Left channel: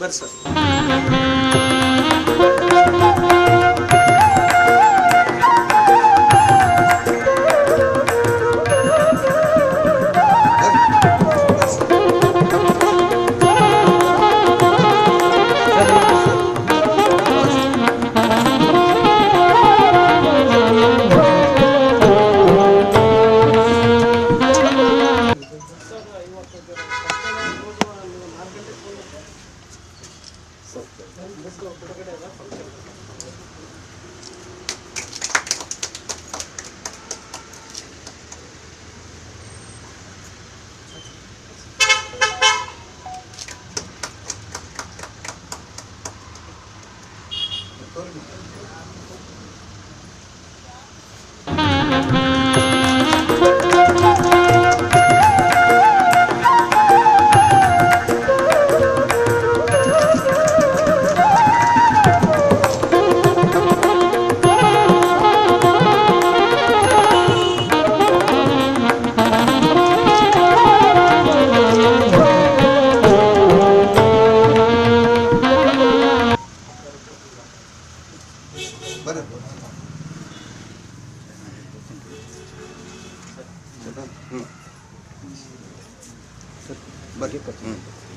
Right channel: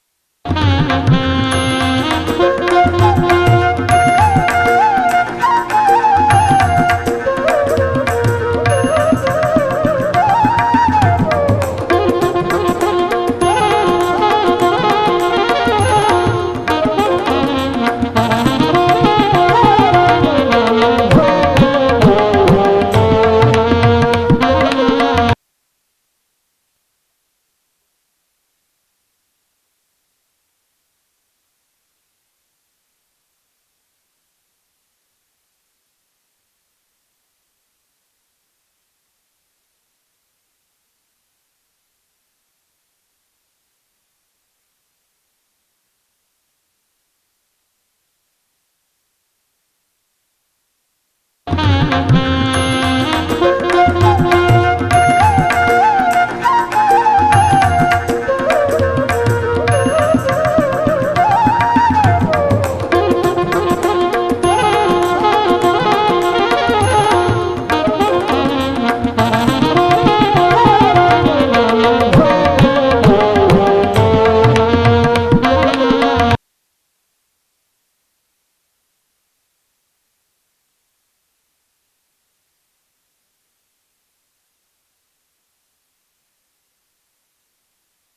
ಬರ್ರಿ ಸರ್.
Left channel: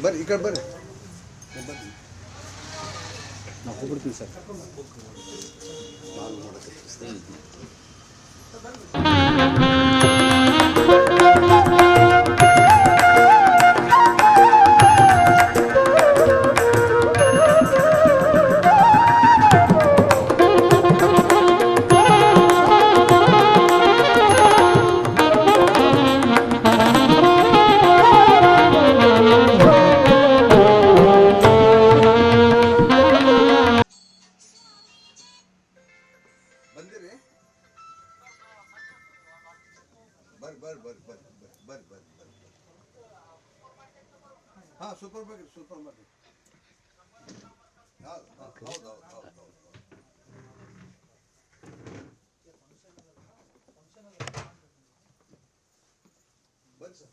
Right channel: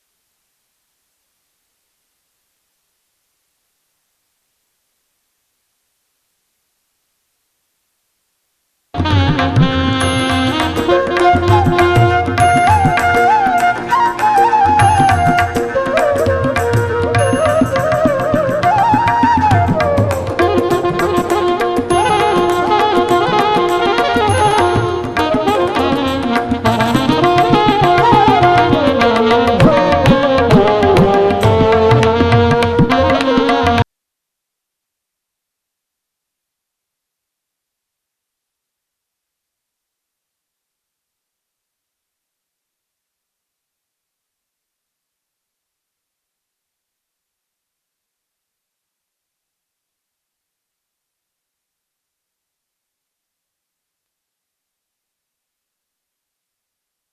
ಬರ್ರಿ ಈ ಕಡೆ ಬರ್ರಿ. ನಾವು ಹೋಗ್ಬಿಡ್ತೀವಿ ಸರ್. ಸೂಪರ್ ಮಾರ್ಕೆಟ್ ಹೌದು. ಬನ್ನಿ ಸರ್.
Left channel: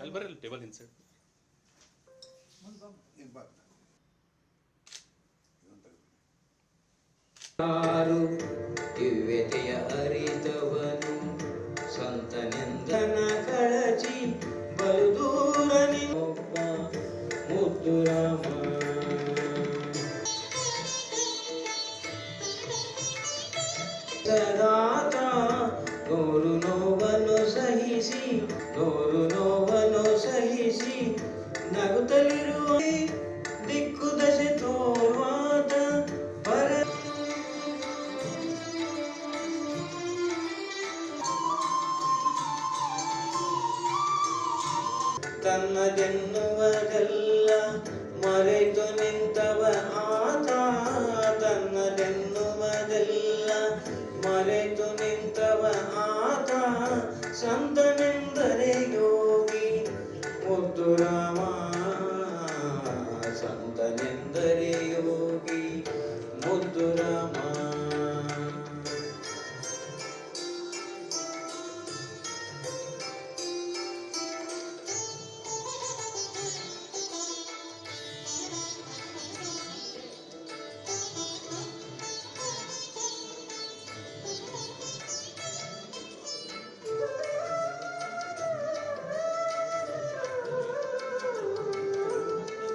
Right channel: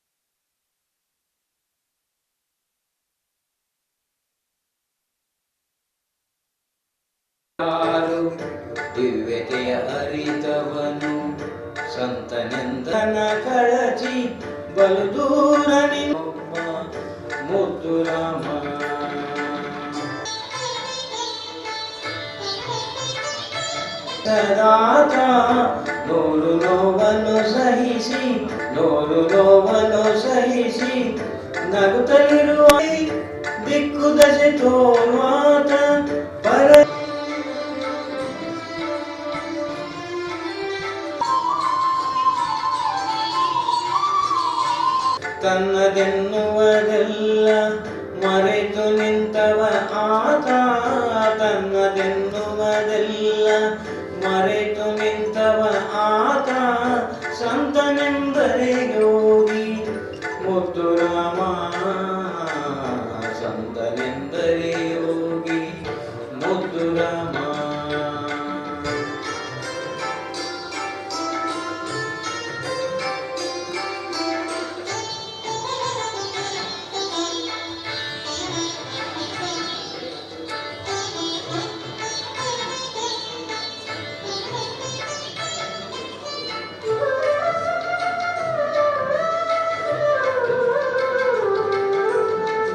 ಅಲ್ಲಿ ಬರ್ರಿ ಟೇಬಲ್ ಇನ್ಸೈಡ್. ದಿವ್ಯತೆಯ ಅರಿತವನು ಸಂತನೆಂದನ ಕಳಚಿ ಬಲು ದೂರ ನಿನ್ನೊಬ್ಬ ಮುದ್ದು ರಾಮ. ಸದಾತ ನೂರು ನೋವನ್ನು ಸಹಿಸಿ ನಗುತ್ತಲಿರುವ ದಿಕ್ಕು ದಶೆ ತೋರುವಾತ ಪರ ತನ್ನದೆನ್ನುವುದೆಲ್ಲ ಮರೆತು ನಿಂತವ ಆತ. ತನ್ನದೆನ್ನುವುದೆಲ್ಲ ಮರೆತು ನಿಂತವ ಆತ. ಸಂತನೆಂದರೆ ಯೋಗಿ ಮುದ್ದು ರಾಮ. ಸಂತನೆಂದರೆ ಯೋಗಿ ಮುದ್ದು ರಾಮ.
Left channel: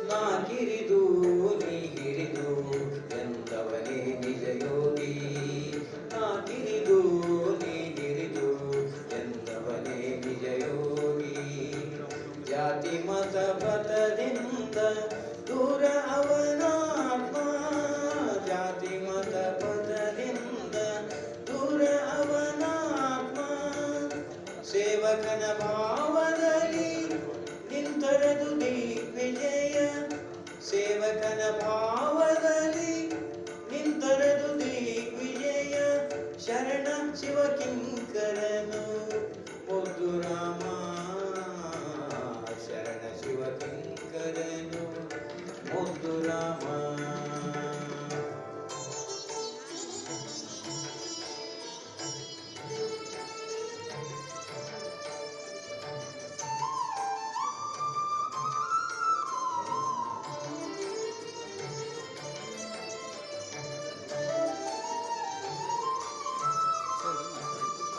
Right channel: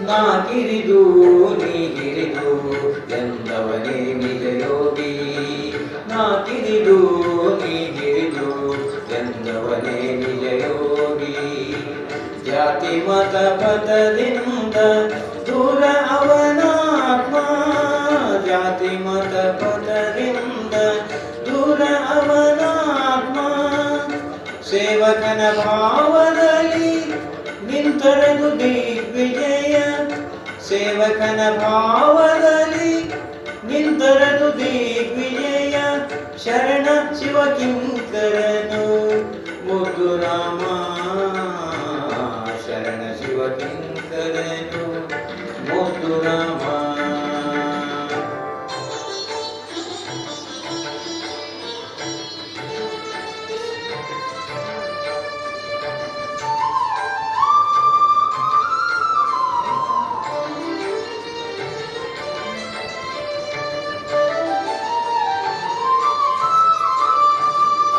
ನಾ ಕಿರಿದು ನೀಗಿರಿದು ಎಂದವನೇ ನಿಜ ಯೋಗಿ. ನಾ ಕಿರಿದು ನೀಗಿರಿದು ಎಂದವನೇ ನಿಜ ಯೋಗಿ. ಜಾತಿ ಮತ ಪದದಿಂದ ದೂರ ಅವನಾತ್ಮ. ಜಾತಿ ಮತ ಪದದಿಂದ ದೂರ ಅವನಾತ್ಮ. ಸೇವಕನ ಭಾವದಲ್ಲಿ ನಿಂತರದು ದಿಗ್ವಿಜಯ. ಸೇವಕನ ಭಾವದಲ್ಲಿ ನಿಂತರದು ದಿಗ್ವಿಜಯ. ಶರಣ ಶಿವ ಕಿಂಕರನು ಮುದ್ದು ರಾಮ. ಶರಣ ಶಿವ ಕಿಂಕರನು ಮುದ್ದು ರಾಮ.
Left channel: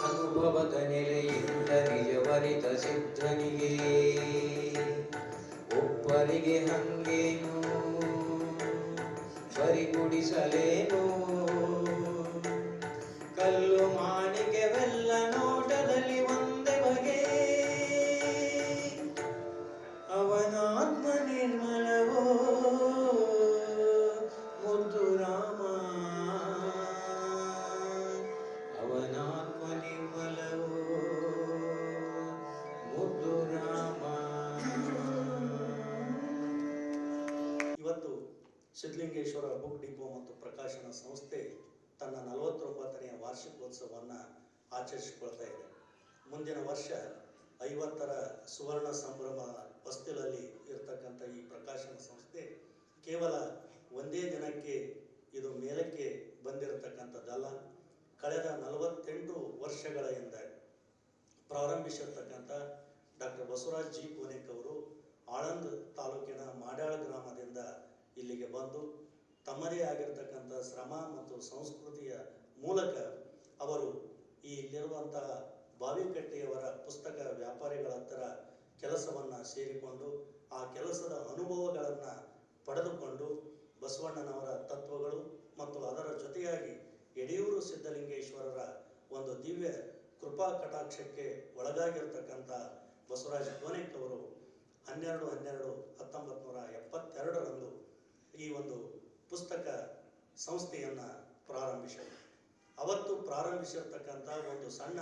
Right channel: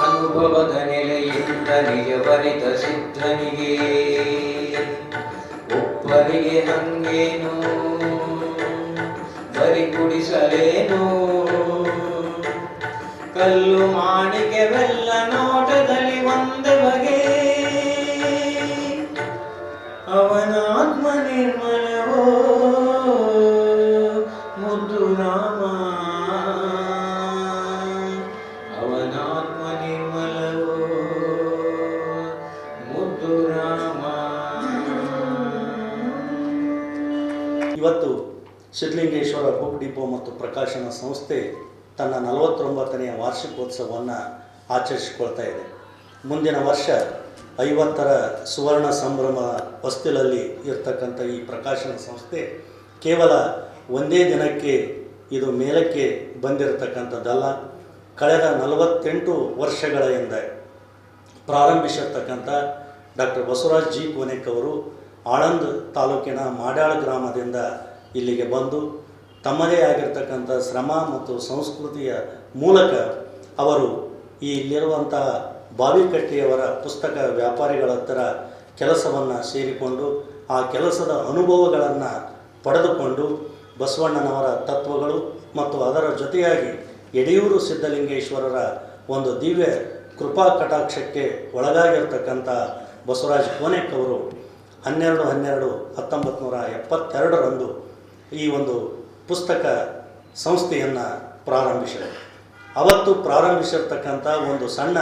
ಅನುಭವದ ನೆಲೆಯಿಂದ ನಿಜವರಿತ ಸಿದ್ಧನಿಗೆ ಒಬ್ಬರಿಗೆ ಹಂಗೇನು ಬರಿ ಕುಡಿಸಲೇನು. ಕಲ್ಲು ಮಾಣಿಕೆವೆಲ್ಲ ನೋಟದಲ್ಲಿ ಒಂದೇ ಬಗೆ. ಅವನಾತ್ಮ ನಿರ್ಮಲವೋ ಮುದ್ದು ರಾಮ. ಅವನಾತ್ಮ ನಿರ್ಮಲವೋ ಮುದ್ದು ರಾಮ. ಇವತ್ತು ಸಿದ್ಧಲಿಂಗೇಶ್ವರ ಬುಕ್ ಡಿಪೋ ಮತ್ತು ಪ್ರಕಾಶನ ಸಂಸ್ಥೆ ತನ್ನ 49ನೇ ವಾರ್ಷಿಕೋತ್ಸವವನ್ನು ಆಚರಿಸಿಕೊಳ್ತಾ ಇದೆ. ಮುಂದಿನ ವರ್ಷ 50ರ ಸುವರ್ಣ ಸಂಭ್ರಮ ಹೊಸ್ತಿಲಲ್ಲಿ ಇರ್ತಕ್ಕಂಥ ಈ ಪ್ರಕಾಶನ ಸಂಸ್ಥೆ ಕೇವಲ ಒಂದೇ ದಿನಕ್ಕೆ ಇದು ಮೇಲಕ್ಕೆ ಬಂದಿರತಕ್ಕಂಥದ್ದಲ್ಲ. ಕಳೆದ 48 ವರ್ಷಗಳ ಹಿಂದೆ ಪ್ರಾರಂಭಿಸಿರ್ತಕ್ಕಂಥ ಡಾಕ್ಟರ್ ಬಸವರಾಜ್ ಜಿ ಕೋನೆಕ್ ಅವರು ಆಳಂದ್ ತಾಲೂಕಿನ ಮಾಡ್ಯಾಳ ಗ್ರಾಮದಿಂದ ಇಲ್ಲಿಗೆ ಬಂದು ತಮ್ಮದೇ ಆಗಿರ್ತಕ್ಕಂಥ ಶ್ರಮ ಮತ್ತು ಸಂಸ್ಕೃತಿಯ ಮೂಲಕ ಅವರು ಈ ಇಲ್ಲಿರುವಂತಹ ಬಾವಿಕಟ್ಟಿಯವರ ಪುಸ್ತಕ ವ್ಯಾಪಾರಿಗಳ ಹತ್ತಿರ ಕೆಲಸವನ್ನು ಸೇರಿಕೊಂಡು ಆ ಕೆಲಸದ ಅನುಭವಗಳನ್ನು ಪಡೆದುಕೊಂಡು ಬಸವಣ್ಣನವರ ತತ್ವಗಳು ಮತ್ತು ಅದರ ಜೊತೆಯಾಗಿ ಯಡಿಯೂರು ಸಿದ್ಧಲಿಂಗೇಶ್ವರರ ಒಂದು ದಿವ್ಯ ಕೃಪಾ ಕಟಾಕ್ಷಕ್ಕೆ ಒಳಗಾಗಿರ್ತಕ್ಕಂಥ ಬಸವರಾಜ್ ಕೋನೆಕ್ ಅವರು 12/12/1972 ಈ ಒಂದು ಪುಸ್ತಕ ಸಂಸ್ಥೆಯನ್ನು ಪ್ರಾರಂಭಿಸಿದರು. ಅವತ್ತು ಪ್ರಾರಂಭಿಸಿರ್ತಕ್ಕಂಥ ಒಂದು ಸಣ್ಣ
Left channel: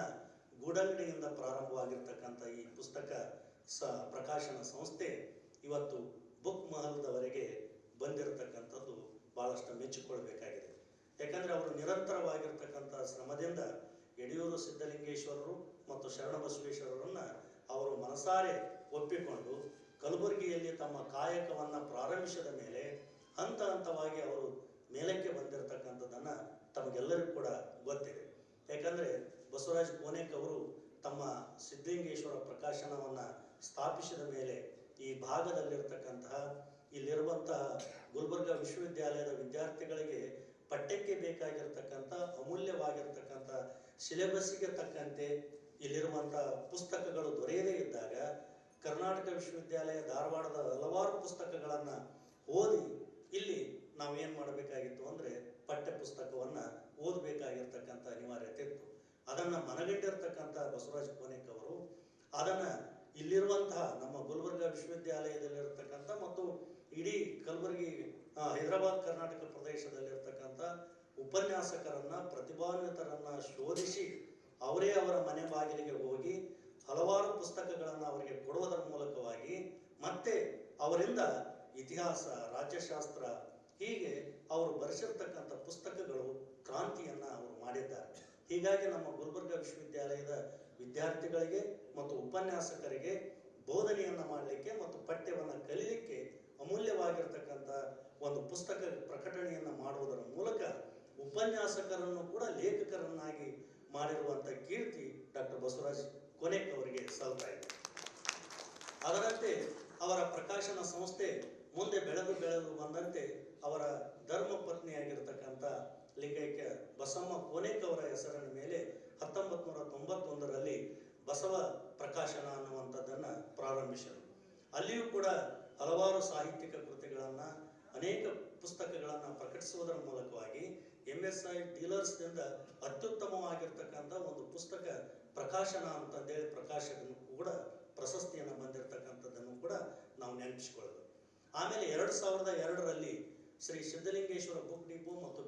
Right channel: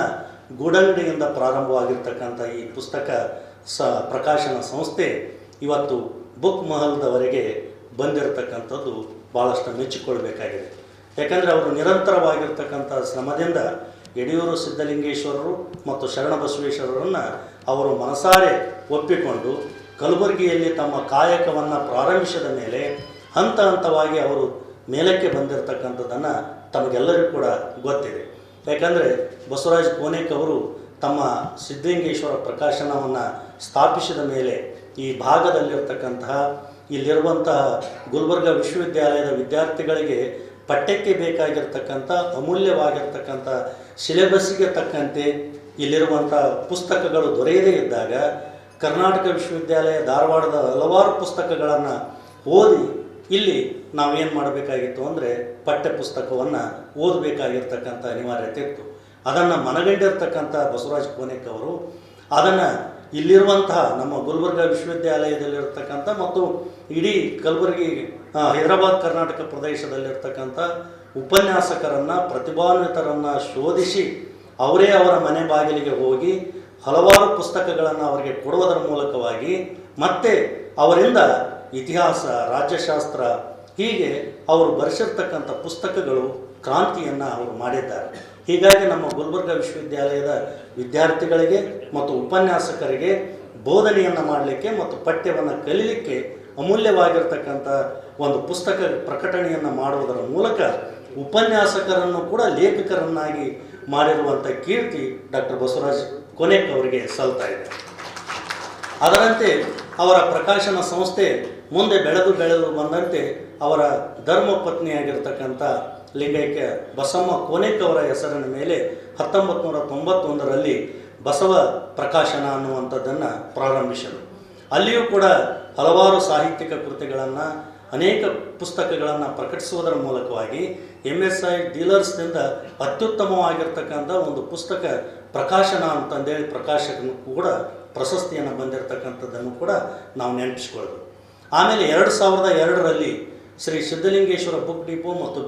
ಗೂಡಂಗಡಿಯಿಂದ ಪ್ರಾರಂಭವಾಗಿರ್ತಕ್ಕಂಥ ಈ ಪುಸ್ತಕ ಪ್ರಕಾಶನ ಸಂಸ್ಥೆ ಇವತ್ತು ಬುಕ್ ಮಹಲ್ದವರೆಗೆ ಬಂದಿರತಕ್ಕಂಥದ್ದು ಭಾಳಷ್ಟು ಮೆಚ್ಚಿಕೊಳ್ಬೇಕಾಗಿದೆ. ಯಾಕಂದರೆ ಅವರು ನಿರಂತರವಾಗಿರ್ತಕ್ಕಂಥ ಶ್ರಮದಿಂದ ಯಡಿಯೂರು ಸಿದ್ಧಲಿಂಗೇಶ್ವರರು ಮತ್ತು ಶರಣಬಸವೇಶ್ವರರನ್ನು ಅವರು ಮನಸಾರೆ ಒಪ್ಪಿಕೊಂಡು ಕಲಬುರಗಿಯಲ್ಲಿ ತಮ್ಮ ಕಾಯಕವನ್ನು ಪ್ರಾರಂಭಿಸಿದ ಮೇಲೆ ಹಂತ ಹಂತವಾಗಿ ಅವರು ಮೇಲಕ್ಕೆ ಬಂದಿರತಕ್ಕಂಥದ್ದನ್ನು ತಮಗೆಲ್ಲರಿಗೂ ಕೂಡ ಗೊತ್ತಿದೆ. ಯಾಕಂದರೆ ಬಸವರಾಜ್ ಕೋನೆಕ್ ಅವರು ತಮ್ಮ ಸಿದ್ಧಲಿಂಗೇಶ್ವರ ಪ್ರಕಾಶನವನ್ನು ಸ್ಥಾಪಿಸಿದ ಮೇಲೆ ಈ ಭಾಗದಲ್ಲಿರ್ತಕ್ಕಂತಹ ಇಲ್ಲಿರುವಂತಹ ಗುಲ್ಬರ್ಗ ವಿಶ್ವವಿದ್ಯಾಲಯದ ವಿದ್ಯಾರ್ಥಿಗಳಿಗೆ ಪಠ್ಯಕ್ಕೆ ಬೇಕಾಗಿರ್ತಕ್ಕಂಥ ಅಮೂಲ್ಯವಾಗಿರ್ತಕ್ಕಂಥ ಸಿಲೆಬಸ್ಸಿಗೆ ತಕ್ಕಂತೆ ಇಲ್ಲಿರುವಂಥ ಪುಸ್ತಕಗಳು ದೊರೆಯದೇ ಇದ್ದಾಗ ಕರ್ನಾಟಕ ವಿಶ್ವವಿದ್ಯಾಲಯ ಧಾರವಾಡದ ಹಲವಾರು ಪುಸ್ತಕಗಳನ್ನು ಓದಿ ಇಲ್ಲಿ ನಾವೇನು ಮಾಡಬೇಕಾಗಿತ್ತು ಅಂದರೆ ಪಠ್ಯ ಪುಸ್ತಕವನ್ನು ಓದಬೇಕಾಗಿರ್ತಕ್ಕಂಥ ಅನಿವಾರ್ಯತೆ ಇತ್ತು. ಅದನ್ನು ಮನಗಂಡಿರ್ತಕ್ಕಂಥ ಬಸವರಾಜ ಕೋನೆಕ್ ಅವರು ಅದನ್ನು ಇಲ್ಲಿರುವಂತಹ ನಮ್ಮ ಗುಲ್ಬರ್ಗ ವಿಶ್ವವಿದ್ಯಾಲಯದಲ್ಲಿರ್ತಕ್ಕಂಥ ಮತ್ತು ಇಡೀ ಕಲಬುರಗಿ ಹೈದರಾಬಾದ್ ಕರ್ನಾಟಕ ಪ್ರದೇಶದಲ್ಲಿರ್ತಕ್ಕಂಥ ಉಪನ್ಯಾಸಕರನ್ನು ಪ್ರತಿಭಾನ್ವಿತರನ್ನು ಶೋಧಿಸಿ ಅವರೇ ಅವರ ಮನೆ ಬಾಗಿಲಿಗೆ ಹೋಗಿ ಹಲವಾರು ಪುಸ್ತಕಗಳನ್ನು ಅವರಿಗೆ ಕೊಡುವುದರ ಮೂಲಕವಾಗಿ ಮತ್ತೆ ಅವರಿಂದ ಇತಿಹಾಸ, ರಾಜ್ಯಶಾಸ್ತ್ರ ಹೀಗೆ ಅವರು ಬರೆಸಿರ್ತಕ್ಕಂಥ ಪುಸ್ತಕಗಳು ಕ್ರಾಂತಿಯನ್ನು ಅವರು ಮಾಡಿದ್ದಾರೆ. ಹೀಗಾಗಿ ನಮ್ಮ ಗುಲ್ಬರ್ಗ ವಿಶ್ವವಿದ್ಯಾಲಯದ ವಿದ್ಯಾರ್ಥಿಗಳಿಗೆ ಮತ್ತು ಉಪನ್ಯಾಸಕರಿಗೆ ಬೋಧನೆಯನ್ನು ಮಾಡಲಿಕ್ಕೆ ಮತ್ತು ಪಠ್ಯವನ್ನು ಕಲೀಲಿಕ್ಕೆ ಅಮೂಲ್ಯವಾಗಿರ್ತಕ್ಕಂಥ ಒಂದು ಪುಸ್ತಕ ಪ್ರಕಟಣೆಯನ್ನು ಮಾಡುವುದರ ಮೂಲಕ ಉಪನ್ಯಾಸಕರನ್ನು ಕೂಡ ಲೇಖಕರನ್ನಾಗಿ ಮಾಡಿರುವಂಥ ಕೀರ್ತಿ ಡಾಕ್ಟರ್ ಬಸವರಾಜ ಕೋನೆಕ್ ಅವರಿಗೆ ಸಲ್ತಾ ಇದೆ. ಅದರಂತೆ ಅವರ ಪ್ರಕಾಶನ ಸಂಸ್ಥೆ ಮುಂದೆ ಬೆಳೆದು ಬಂದಂತೆ ಅವರ ಧರ್ಮ ಪತ್ನಿಯಾಗಿರ್ತಕ್ಕಂಥ ಲಿಂಗೈಕ್ಯ ಬಸಮ್ಮ ಕೋನೆಕ್ ಅವರ ಹೆಸರಿನ ಮೇಲೆ 1991ರಲ್ಲಿ ಬಸವ ಪ್ರಕಾಶನ ಅನ್ನುವಂಥದ್ದನ್ನು ಪ್ರಾರಂಭಿಸಿದರು. ಅಲ್ಲಿಯೂ ಕೂಡ ಹಲವಾರು ಸಾಹಿತ್ಯಿಕ ಕೃತಿಗಳನ್ನು ಅನೇಕ ಪುಸ್ತಕಗಳನ್ನು ಪ್ರಕಟಿಸುವುದರ ಮೂಲಕವಾಗಿ MSI ಡೀಲರ್ಸ್ನಿಂದ ಅತ್ಯುತ್ತಮವಾಗಿರ್ತಕ್ಕಂಥ ಒಂದು ಪುಸ್ತಕ ಪ್ರಕಾಶನ ಅಂತಂದೇಳಿ ಪ್ರಕಾಶಕನು ಕೂಡ ಪ್ರಶಸ್ತಿಯನ್ನು ಬಂದಿರತಕ್ಕಂಥದ್ದನ್ನು ಕೂಡ ನಾವು ನೆನಪಿಸ್ಕೊಳ್ಬೇಕು. ಆಮೇಲೆ 2002ರಲ್ಲಿ ಶ್ರೀ ಸಿದ್ಧಲಿಂಗೇಶ್ವರ ಬುಕ್ ಡಿಪೋ ಮತ್ತು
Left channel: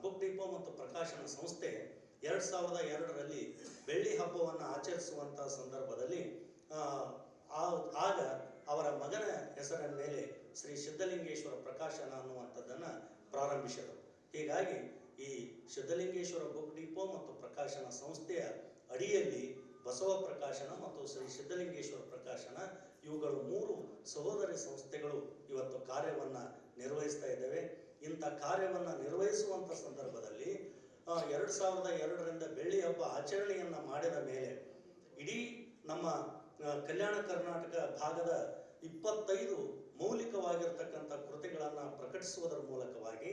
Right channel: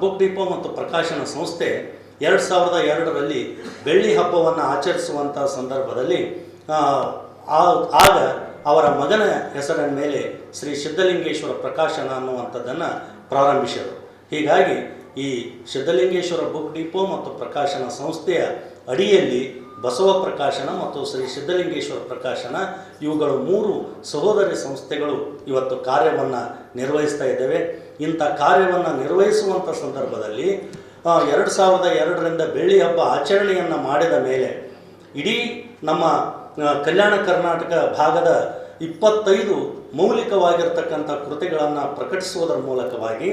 ಬುಕ್ ಡಿಪೋ ಮತ್ತು ಪ್ರಕಾಶನ ಸಂಸ್ಥೆ 2002ರಲ್ಲಿ ಬೆಳ್ಳಿ ಹಬ್ಬವನ್ನು ಆಚರಿಸುವಂಥ ಸಂದರ್ಭದಲ್ಲಿ ಆಗ ಅವರ ಮಗನ ಹೆಸರಿನ ಮೇಲೆ ಶ್ರೀ ಸಿದ್ಧಲಿಂಗೇಶ್ವರ ಪ್ರಕಾಶನ ಅನ್ನುವಂಥದ್ದನ್ನು ಪ್ರಾರಂಭಿಸಿದರು. ಹೀಗಾಗಿ ಈ ಸಿದ್ಧಲಿಂಗೇಶ್ವರ ಬುಕ್ ಡಿಪೋ ಮತ್ತು ಪ್ರಕಾಶನ ಸಂಸ್ಥೆಯ ಅಡಿಯಲ್ಲಿ ಬಸವ ಪ್ರಕಾಶನ ಮತ್ತು ಶ್ರೀ ಸಿದ್ಧಲಿಂಗೇಶ್ವರ ಪ್ರಕಾಶನ ಇವುಗಳು 3 ಸಹೋದರಿ ಸಂಸ್ಥೆಗಳು ಇವತ್ತು ಕಾರ್ಯವನ್ನು ನಿರ್ವಹಿಸ್ತಾ ಇದ್ದೇವೆ. ಇಂಥ ಕಾರ್ಯವನ್ನು ನಿರ್ವಹಿಸುವಂಥ ಸಂದರ್ಭದಲ್ಲಿ 2002ರಿಂದ ಬೆಳ್ಳಿ ಹಬ್ಬ ಆಚರಣೆಯನ್ನು ಮಾಡಿದ ಮೇಲೆ ಇಡೀ ನಮ್ಮ ಕಲ್ಯಾಣ ಕರ್ನಾಟಕ ಭಾಗದ 25 ಮೌಲಿಕವಾಗಿರ್ತಕ್ಕಂಥ ಕೃತಿಗಳನ್ನು ಪ್ರಕಟಿಸುವುದರ ಮೂಲಕವಾಗಿ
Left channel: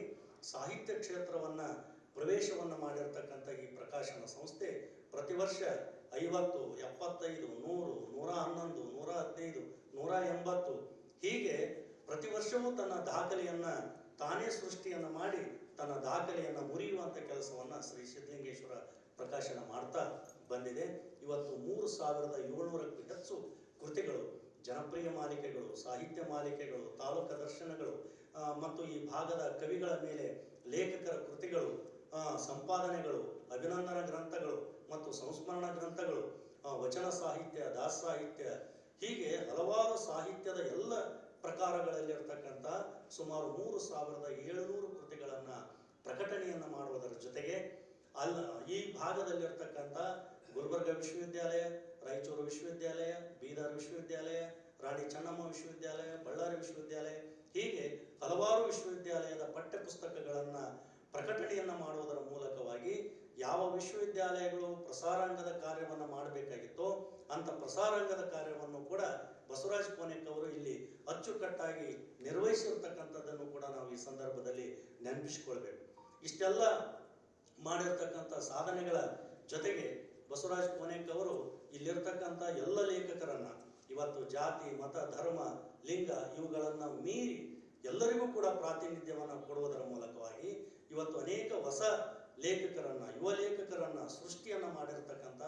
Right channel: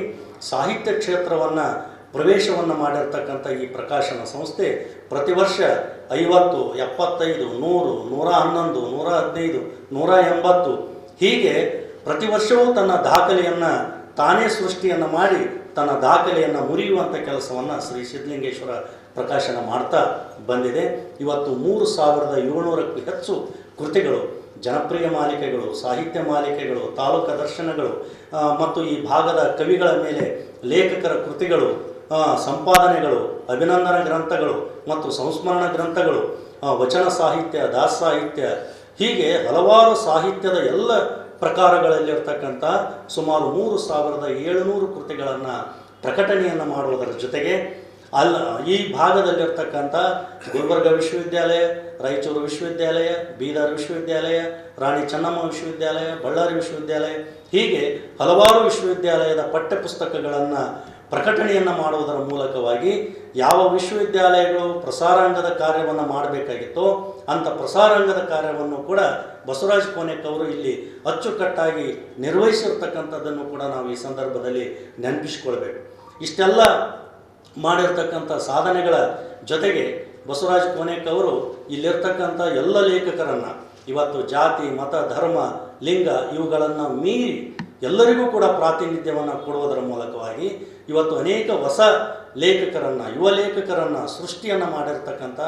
ಸಾಹಿತ್ಯ ಕ್ಷೇತ್ರವನ್ನು ಪ್ರವೇಶವನ್ನು ಮಾಡಿರ್ತಕ್ಕಂಥ ಈ ಪ್ರಕಾಶನ ಸಂಸ್ಥೆ ಪ್ರತಿ ವರ್ಷ 50, 75, 100, 111, 115, 180 ಹೀಗೆ ಪ್ರತಿ ವರ್ಷವೂ ತನ್ನ ದಾಖಲೆಯನ್ನು ತಾನೇ ಸೃಷ್ಟಿಯನ್ನು ಮಾಡಿ ತನ್ನ ದಾಖಲೆಯನ್ನು ಮುರಿಯುವಂಥ ಕೆಲಸವನ್ನು ಶ್ರೀ ಸಿದ್ಧಲಿಂಗೇಶ್ವರ ಪ್ರಕಾಶನ ಮಾಡ್ತಾ ಬಂದಿದೆ. ಇವತ್ತು 3700ಕ್ಕೂ ಹೆಚ್ಚು ಕೃತಿಗಳು, ಜನಪ್ರಿಯ ಮಾಲಿಕೆಗಳು, ಸಾಹಿತ್ಯ ಮಾಲಿಕೆಗಳು, ತಾಲೂಕು ದರ್ಶನಗಳು ಮತ್ತು ಈ ಭಾಗದ ಕವಿಗಳ ಮೇಲೆ ಲೇಖಕರ ಕೃತಿಗಳು, ಸಂಪಾದನೆಗಳು, ಅಭಿನಂದನಾ ಗ್ರಂಥಗಳು ಮತ್ತು ಸಂಸ್ಮರಣ ಗ್ರಂಥಗಳು, ವಚನ ಸಾಹಿತ್ಯ, ದಾಸ ಸಾಹಿತ್ಯ ಹೀಗೆ ಹಲವಾರು ಸಾಹಿತ್ಯದ ಎಲ್ಲ ಪ್ರಕಾರಗಳಲ್ಲಿರ್ತಕ್ಕಂಥ ಸುಮಾರು 3700 ಕೃತಿಗಳನ್ನು ಪ್ರಕಟಣೆಯನ್ನು ಮಾಡುವುದರ ಜೊತೆಗೆ ಈ ಭಾಗದಲ್ಲಿರ್ತಕ್ಕಂಥ ಗುಲ್ಬರ್ಗ ವಿಶ್ವವಿದ್ಯಾಲಯ, ರಾಯಚೂರು ವಿಶ್ವವಿದ್ಯಾಲಯ, ಬೀದರ್ ವಿಶ್ವವಿದ್ಯಾಲಯ, ರಾಣಿ ಚೆನ್ನಮ್ಮ ವಿಶ್ವವಿದ್ಯಾಲಯ, ಬಳ್ಳಾರಿ ವಿಶ್ವವಿದ್ಯಾಲಯ ಹೀಗೆ ಹಲವಾರು ವಿಶ್ವವಿದ್ಯಾಲಯದ ಪಠ್ಯಪುಸ್ತಕಗಳನ್ನು ಪ್ರಕಟಣೆಯನ್ನು ಮಾಡುವುದರ ಮೂಲಕವಾಗಿ ಯಾವ ವಿಶ್ವವಿದ್ಯಾಲಯಗಳು ಪ್ರಸಾರಾಂಗದ ಕಾರ್ಯವನ್ನು ಮಾಡಬೇಕಾಗಿತ್ತೋ ಅಂಥ ಪ್ರಸಾರಾಂಗದ ಕಾರ್ಯವನ್ನು ಕೂಡ ಬಸವರಾಜ ಕೋನೆಕ್ ಅವರು ಇಲ್ಲಿ ಅಚ್ಚುಕಟ್ಟಾಗಿ ನಿರ್ವಹಿಸಿರ್ತಕ್ಕಂಥದ್ದನ್ನು ಕೂಡ ನಾವು ಈ ಸಂದರ್ಭದಲ್ಲಿ ನೆನಪಿಸಿಕೊಳ್ಬೇಕು. ಇಷ್ಟೆಲ್ಲ ಮಾಡಿರ್ತಕ್ಕಂಥ ಸಾಧನೆಗಳ ಜೊತೆಗೆ ಬಸವರಾಜ ಕೋನೆಕ್ ಅವರು ಇಲ್ಲಿರ್ತಕ್ಕಂಥ ಎಲ್ಲ ಲೇಖಕರನ್ನು ಇವತ್ತು ಜಾತಿ, ಮತ, ಧರ್ಮ, ಲಿಂಗ ಇವುಗಳನ್ನು ಮೀರಿ ಎಲ್ಲರಿಗೂ ಕೂಡ ಪ್ರಾತಿನಿಧ್ಯವನ್ನು ಕೊಡುವುದರ ಮೂಲಕವಾಗಿ ಇವತ್ತು ಅನೇಕ ಹೊಸ ಲೇಖಕರನ್ನು, ಯುವ ಲೇಖಕರನ್ನು ಸೃಷ್ಟಿಯನ್ನು ಮಾಡಿರ್ತಕ್ಕಂಥ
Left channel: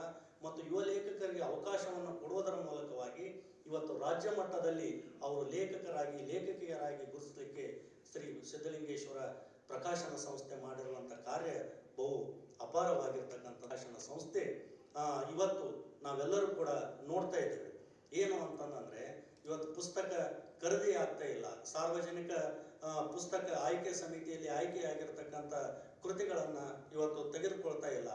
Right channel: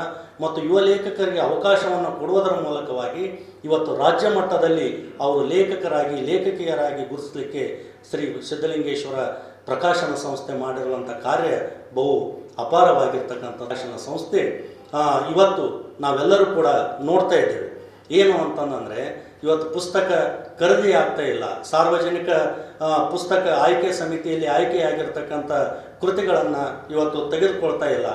ಮತ್ತು ಯುವ ಲೇಖಕರಿಗೆ ಅವಕಾಶವನ್ನು ಕೊಡುವುದರ ಮೂಲಕವಾಗಿ ಇವತ್ತು ರಾಜ್ಯ ಮಟ್ಟದಲ್ಲಿ ಅವರು ಲೇಖಕರಾಗಿ, ಲೇಖಕಿಯರಾಗಿ ಗುರುತಿಸಲಿಕ್ಕೆ ಶ್ರೀ ಸಿದ್ಧಲಿಂಗೇಶ್ವರ ಪ್ರಕಾಶನ ಸಂಸ್ಥೆ ಮಾಡಿರುವಂಥ ಕಾರ್ಯ ಬಹು ಅಪಾರವಾಗಿರ್ತಕ್ಕಂಥ ಪ್ರಕಾಶನ ಸಂಸ್ಥೆ ಇವತ್ತು ನಾವೆಲ್ಲರೂ ಕೂಡ ನೋಡ್ತಾ ಇದ್ದೇವೆ. ಏನು ಅಂತಂದರೆ ಇವತ್ತು ಪುಸ್ತಕ ಖರೀದಿ ಆಗ್ತಾ ಇಲ್ಲ, ಸಾರ್ವಜನಿಕ ಪುಸ್ತಕ ಆಯ್ಕೆ ಸಮಿತಿಯಲ್ಲಿ ಆಯ್ಕೆಯಾಗಿರ್ತಕ್ಕಂಥ ಕೃತಿಗಳನ್ನು ಇವತ್ತು ತೆಗೆದುಕೊಳ್ತಾ ಇಲ್ಲ.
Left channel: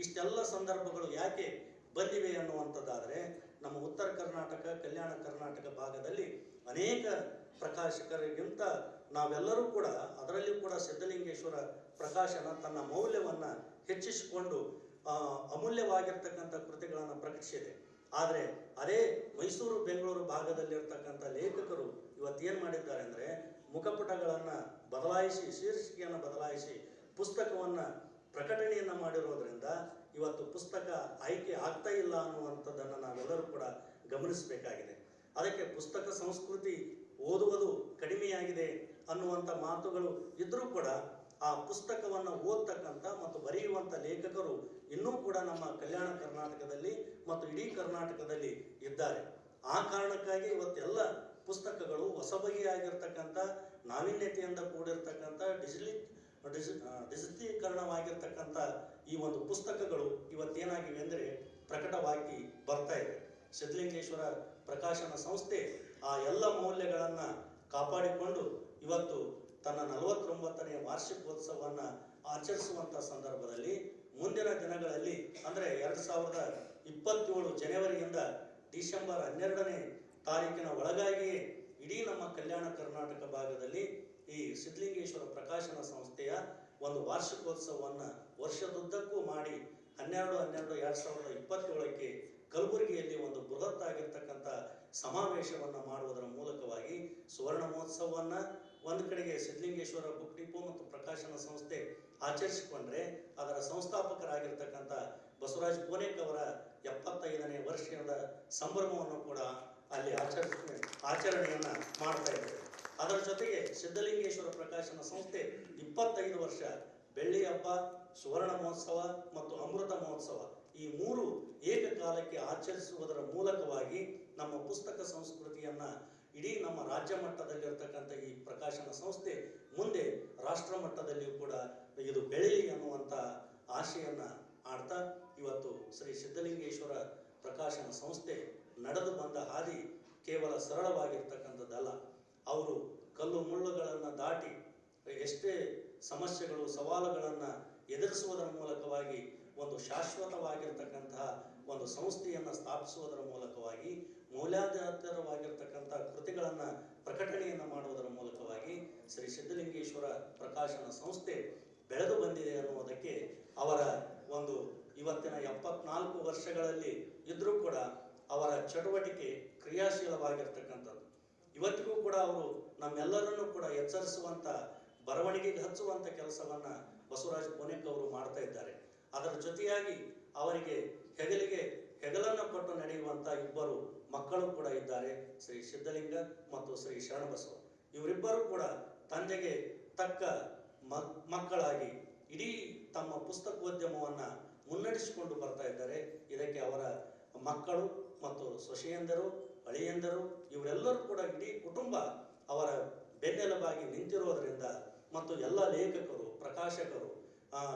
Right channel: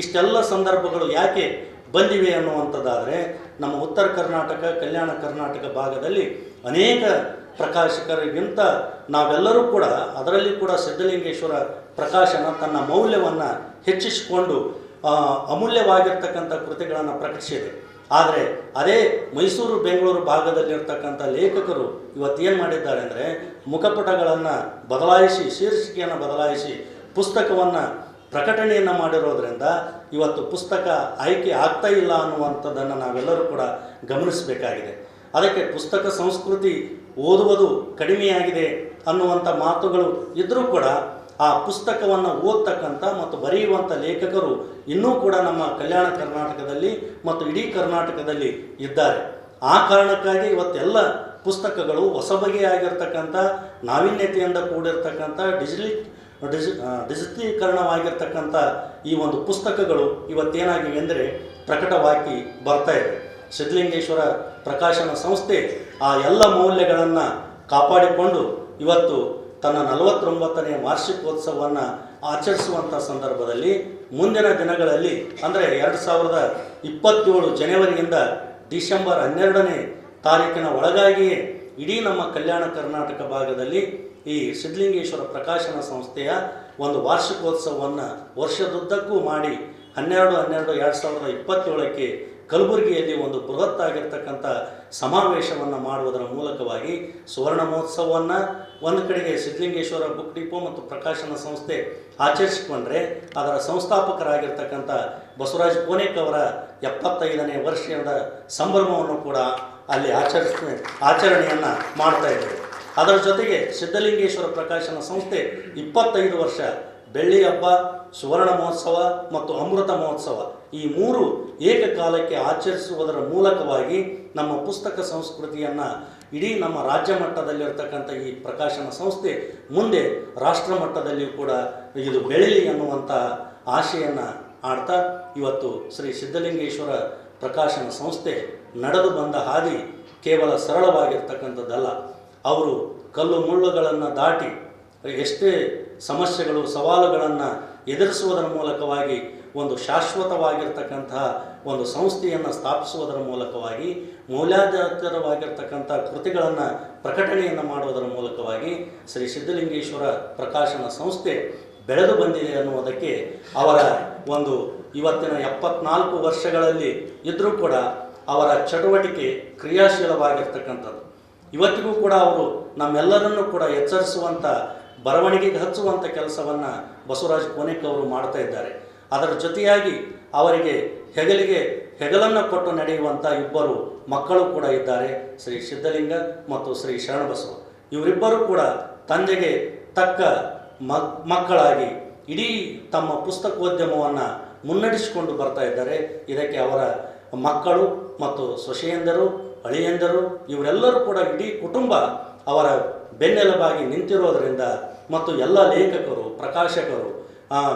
ಇಷ್ಟೆಲ್ಲ ಸಂದರ್ಭಗಳು ಯಾಕೆ ಬಂದಿವೆ ಅನ್ನುವಂಥದ್ದಾದರೆ ನಮ್ಮ ಉತ್ತರ ಕರ್ನಾಟಕ, ಕಲ್ಯಾಣ ಕರ್ನಾಟಕ ಭಾಗದಲ್ಲಿ ಅನೇಕ ಪ್ರಕಾಶಕರಿಗಿಂತ ನಾವೆಲ್ಲರೂ ಕೂಡ ಅದರಲ್ಲಿ ಕೂಡ ಸಿದ್ಧಲಿಂಗೇಶ್ವರ ಪ್ರಕಾಶನ ತನ್ನ ಮೌಲ್ಯವನ್ನು ಹೆಚ್ಚಿಸಿಕೊಂಡು ಅಮೂಲ್ಯವಾಗಿರ್ತಕ್ಕಂಥ ಕೃತಿಗಳನ್ನು ಪ್ರಕಟಿಸಿದೆ. ಆದರೆ ಅದೇ ಮೈಸೂರು ಬೆಂಗಳೂರು ಭಾಗದಲ್ಲಿರ್ತಕ್ಕಂಥ ಲೇಖಕರು ಇವತ್ತೇನು ಮಾಡಿದ್ದಾರೆ ಅಂದರೆ ಮುಖಪುಟಗಳನ್ನು ಬದಲಾಯಿಸಿ ಶೀರ್ಷಿಕೆಯನ್ನು ಬದಲಾಯಿಸಿ ಪುಸ್ತಕವನ್ನು ಪ್ರಕಟಣೆಯನ್ನು ಮಾಡಿರೋದ್ರಿಂದ ಇವತ್ತು ಪುಸ್ತಕ ಆಯ್ಕೆ ಆಗ್ತಾ ಇಲ್ಲ ಅನ್ನುವಂಥದ್ದನ್ನು ನಾವೆಲ್ಲರೂ ಕೂಡ ಗಮನಿಸಬೇಕಾಗಿದೆ. ಅದಕ್ಕೆ ಪುಸ್ತಕ ಸಂಸ್ಕೃತಿ ಓದುವುದು ಕಡಿಮೆಯಾಗಿದೆ ಅನ್ನುವಂಥ ಮಾತುಗಳು ಇದ್ದರೂ ಕೂಡ ಆ ಪುಸ್ತಕವನ್ನು ಓದ್ತಕ್ಕಂಥ ಮತ್ತು ಬರೆಯುವಂಥ ಲೇಖಕರು ಇನ್ನೂ ಕೂಡ ನಮ್ಮ ಕಲ್ಯಾಣ ಕರ್ನಾಟಕದಲ್ಲಿ ಮತ್ತು ಇಡೀ ಕರ್ನಾಟಕದಲ್ಲಿ ಇದ್ದಾರೆ. ಆ ಕಾರಣಕ್ಕಾಗಿ ಇವತ್ತೆಲ್ಲ ಪುಸ್ತಕಗಳು ಹೊಸ ಬಗೆಯಾಗಿರ್ತಕ್ಕಂಥ ನಾವೀನ್ಯತೆಯಿಂದ ಕೂಡಿರ್ತಕ್ಕಂಥ ಡಿಜಿಟಲೀಕರಣವಾಗಿರ್ತಕ್ಕಂಥ ಈ ಒಂದು ಪುಸ್ತಕಗಳು ಇವತ್ತೇನಾಗಿವೆ ಅಂದರೆ ಪ್ರಕಟವಾಗಿ ಬರ್ತಾ ಇದೆ. ಸಿದ್ಧಲಿಂಗೇಶ್ವರ ಪ್ರಕಾಶನ ಸಂಸ್ಥೆ ಆ ಎಲ್ಲ ಮೌಲ್ಯಗಳನ್ನು ಕಾಪಾಡಿಕೊಂಡು ಇವತ್ತು ತನ್ನ 49ನೇ ವಾರ್ಷಿಕೋತ್ಸವವನ್ನು ಆಚರಿಸುವಂಥ ಸಂದರ್ಭದಲ್ಲಿ ಮುಂದಿನ ದಿನಗಳಲ್ಲಿ ಅಂದರೆ 2027 ಜನವರಿಯಿಂದ ಡಿಸೆಂಬರ್ 12ನೇ ತಾರೀಕಿನ ಒಳಗಾಗಿಯೇ ಇಡೀ ನಮ್ಮ ಕಲ್ಯಾಣ ಕರ್ನಾಟಕ ಭಾಗದಲ್ಲಿ ಈ ಸಿದ್ಧಲಿಂಗೇಶ್ವರ ಪ್ರಕಾಶನ ಸಂಸ್ಥೆಯ ಒಂದು ವಾರ್ಷಿಕೋತ್ಸವವನ್ನು ವರ್ಷದುದ್ದಕ್ಕೂ ಮಾಡಿ 12/12/2027ಕ್ಕೆ ಕಲಬುರಗಿಯಲ್ಲಿ ಒಂದು ಬೃಹತ್ ಆಗಿರ್ತಕ್ಕಂಥ ಸಮಾವೇಶವನ್ನು ಮಾಡುವುದರ ಮೂಲಕವಾಗಿ ಸುವರ್ಣ ಮಹೋತ್ಸವವನ್ನು ಒಂದು ಕಡೆಗೆ ಸಿದ್ಧಲಿಂಗೇಶ್ವರ ಬುಕ್ ಡಿಪೋ ಮತ್ತು ಪ್ರಕಾಶನ ಸಂಸ್ಥೆ ಆಚರಿಸಿಕೊಂಡ್ರೆ ಅದರ ಸಂಸ್ಥಾಪಕರಾಗಿರ್ತಕ್ಕಂಥ ಬಸವರಾಜ ಕೋನೇಕ್ ಅವರ 75ನೇ ವರ್ಷದ ಸಂಭ್ರಮವನ್ನು ಕೂಡ ಅಲ್ಲಿ ಆಚರಣೆಯನ್ನು ಮಾಡ್ತಾ ಇದ್ದೇವೆ. ಅದರ ಜೊತೆಗೆ ಸಿದ್ಧಲಿಂಗೇಶ್ವರ ಪ್ರಕಾಶನ ಸಂಸ್ಥೆ 25 ವರ್ಷ ಬೆಳ್ಳಿ ಹಬ್ಬ, ಸುವರ್ಣ ಮಹೋತ್ಸವ ಮತ್ತು ಅಮೃತ ಮಹೋತ್ಸವ ಈ 3 ಏಕಕಾಲಕ್ಕೆ ಆಚರಿಸುವುದರ ಮೂಲಕವಾಗಿ ನಮ್ಮ ಪುಸ್ತಕ ಸಂಸ್ಕೃತಿಯನ್ನು ಇಡೀ ನಮ್ಮ ರಾಜ್ಯ ಮಟ್ಟದಲ್ಲಿರ್ತಕ್ಕಂಥ ಈ ಪ್ರಕಾಶನ ಸಂಸ್ಥೆ ಮುಂದೆ ರಾಷ್ಟ್ರ ಮಟ್ಟದಲ್ಲಿಯೂ ಕೂಡ ಇದು ಬೆಳೀಲಿ ಅನ್ನುವಂಥ ಆಶೆಯನ್ನು ಆಡ್ತಾ ಇವತ್ತು ಶ್ರೀ ಸಿದ್ಧಲಿಂಗೇಶ್ವರ ಪ್ರಕಾಶನ ಸಂಸ್ಥೆ ನಡೆದು ಬಂದ ಹಾದಿ ಕೇವಲ ಸರಳವಾಗಿರ್ತಕ್ಕಂಥದ್ದಲ್ಲ. ಅವರು ಕಲ್ಲು ಮುಳ್ಳುಗಳನ್ನು ದಾಟಿ ಎಷ್ಟೇ ಸಮಸ್ಯೆಗಳು ಸವಾಲುಗಳನ್ನು ಎದುರಿಸುವುದರ ಮೂಲಕವಾಗಿ ಒಂದು ಶಾಶ್ವತವಾಗಿರ್ತಕ್ಕಂತಹ ಒಂದು ಸಂಸ್ಥೆಯನ್ನು ಸ್ಥಾಪಿಸುವುದರ ಮೂಲಕವಾಗಿ ಮೌಲ್ಯಾಧಾರಿತವಾಗಿರ್ತಕ್ಕಂಥ ಕೃತಿಗಳನ್ನು ಪ್ರಕಟಣೆಯನ್ನು ಮಾಡುವುದರ ಮೂಲಕವಾಗಿ ಶ್ರೀ ಸಿದ್ಧಲಿಂಗೇಶ್ವರ ಪ್ರಕಾಶನ ಸಂಸ್ಥೆ ಬೆಳೆದು ಬಂದಿದೆ ಅನ್ನುವುದಕ್ಕೆ ಅವರ ಒಂದು ಇವತ್ತಿನ 74 ವರ್ಷಗಳಲ್ಲಿ ಇದ್ದರೂ ಕೂಡ ಅವರ ಚಟುವಟಿಕೆ ಕ್ರಿಯಾಶೀಲವಾಗಿರ್ತಕ್ಕಂಥದ್ದು. ಇವತ್ತಿಗೂ ಕೂಡ ಅವರು ನಮ್ಮೆಲ್ಲರನ್ನೂ ಕೂಡ ಎಚ್ಚರಿಸುವಂಥ ಬರವಣಿಗೆಗೆ ಹಚ್ಚುವಂಥ ಕೆಲಸವನ್ನು ಬಸವರಾಜ ಕೋನೇಕ್ ಅವರು ಮಾಡ್ತಾ ಇದ್ದಾರೆ. ಅದರ ಜೊತೆಯಾಗಿ ಅವರಿಗೆ ಹೆಗಲಿಗೆ ಹೆಗಲನ್ನು ಕೊಟ್ಟು ನಡೆಯುವಂಥ ಇಬ್ಬರು ಮಕ್ಕಳು ಕೂಡ ಇದ್ದಾರೆ, ಶ್ರೀ ಸಿದ್ಧಲಿಂಗ ಮತ್ತು ಶ್ರೀ ಶರಣಬಸವ. ಇವರಿಬ್ಬರು ಕೂಡ ತಂದೆಗೆ ತಕ್ಕ ಮಕ್ಕಳಾಗಿ ಇಡೀ ತಮ್ಮ ಪುಸ್ತಕೋದ್ಯಮವನ್ನು ಮುನ್ನಡೆಸಿಕೊಂಡು ಬರ್ತಾ ಇದ್ದಾರೆ. ಇದಕ್ಕೆ ಅವರ ಮಕ್ಕಳು ಮತ್ತು ಸೊಸೆಯಂದರು, ಅಳಿಯಂದರು ಇವರೆಲ್ಲರೂ ಕೂಡ ಇಡೀ ಕುಟುಂಬ ಅವರ ಬೆನ್ನೆಲುಬಾಗಿ ನಿಂತಿರೋದರಿಂದ ಮತ್ತು ಎಲ್ಲ ಲೇಖಕರು, ಪ್ರಕಾಶಕರು,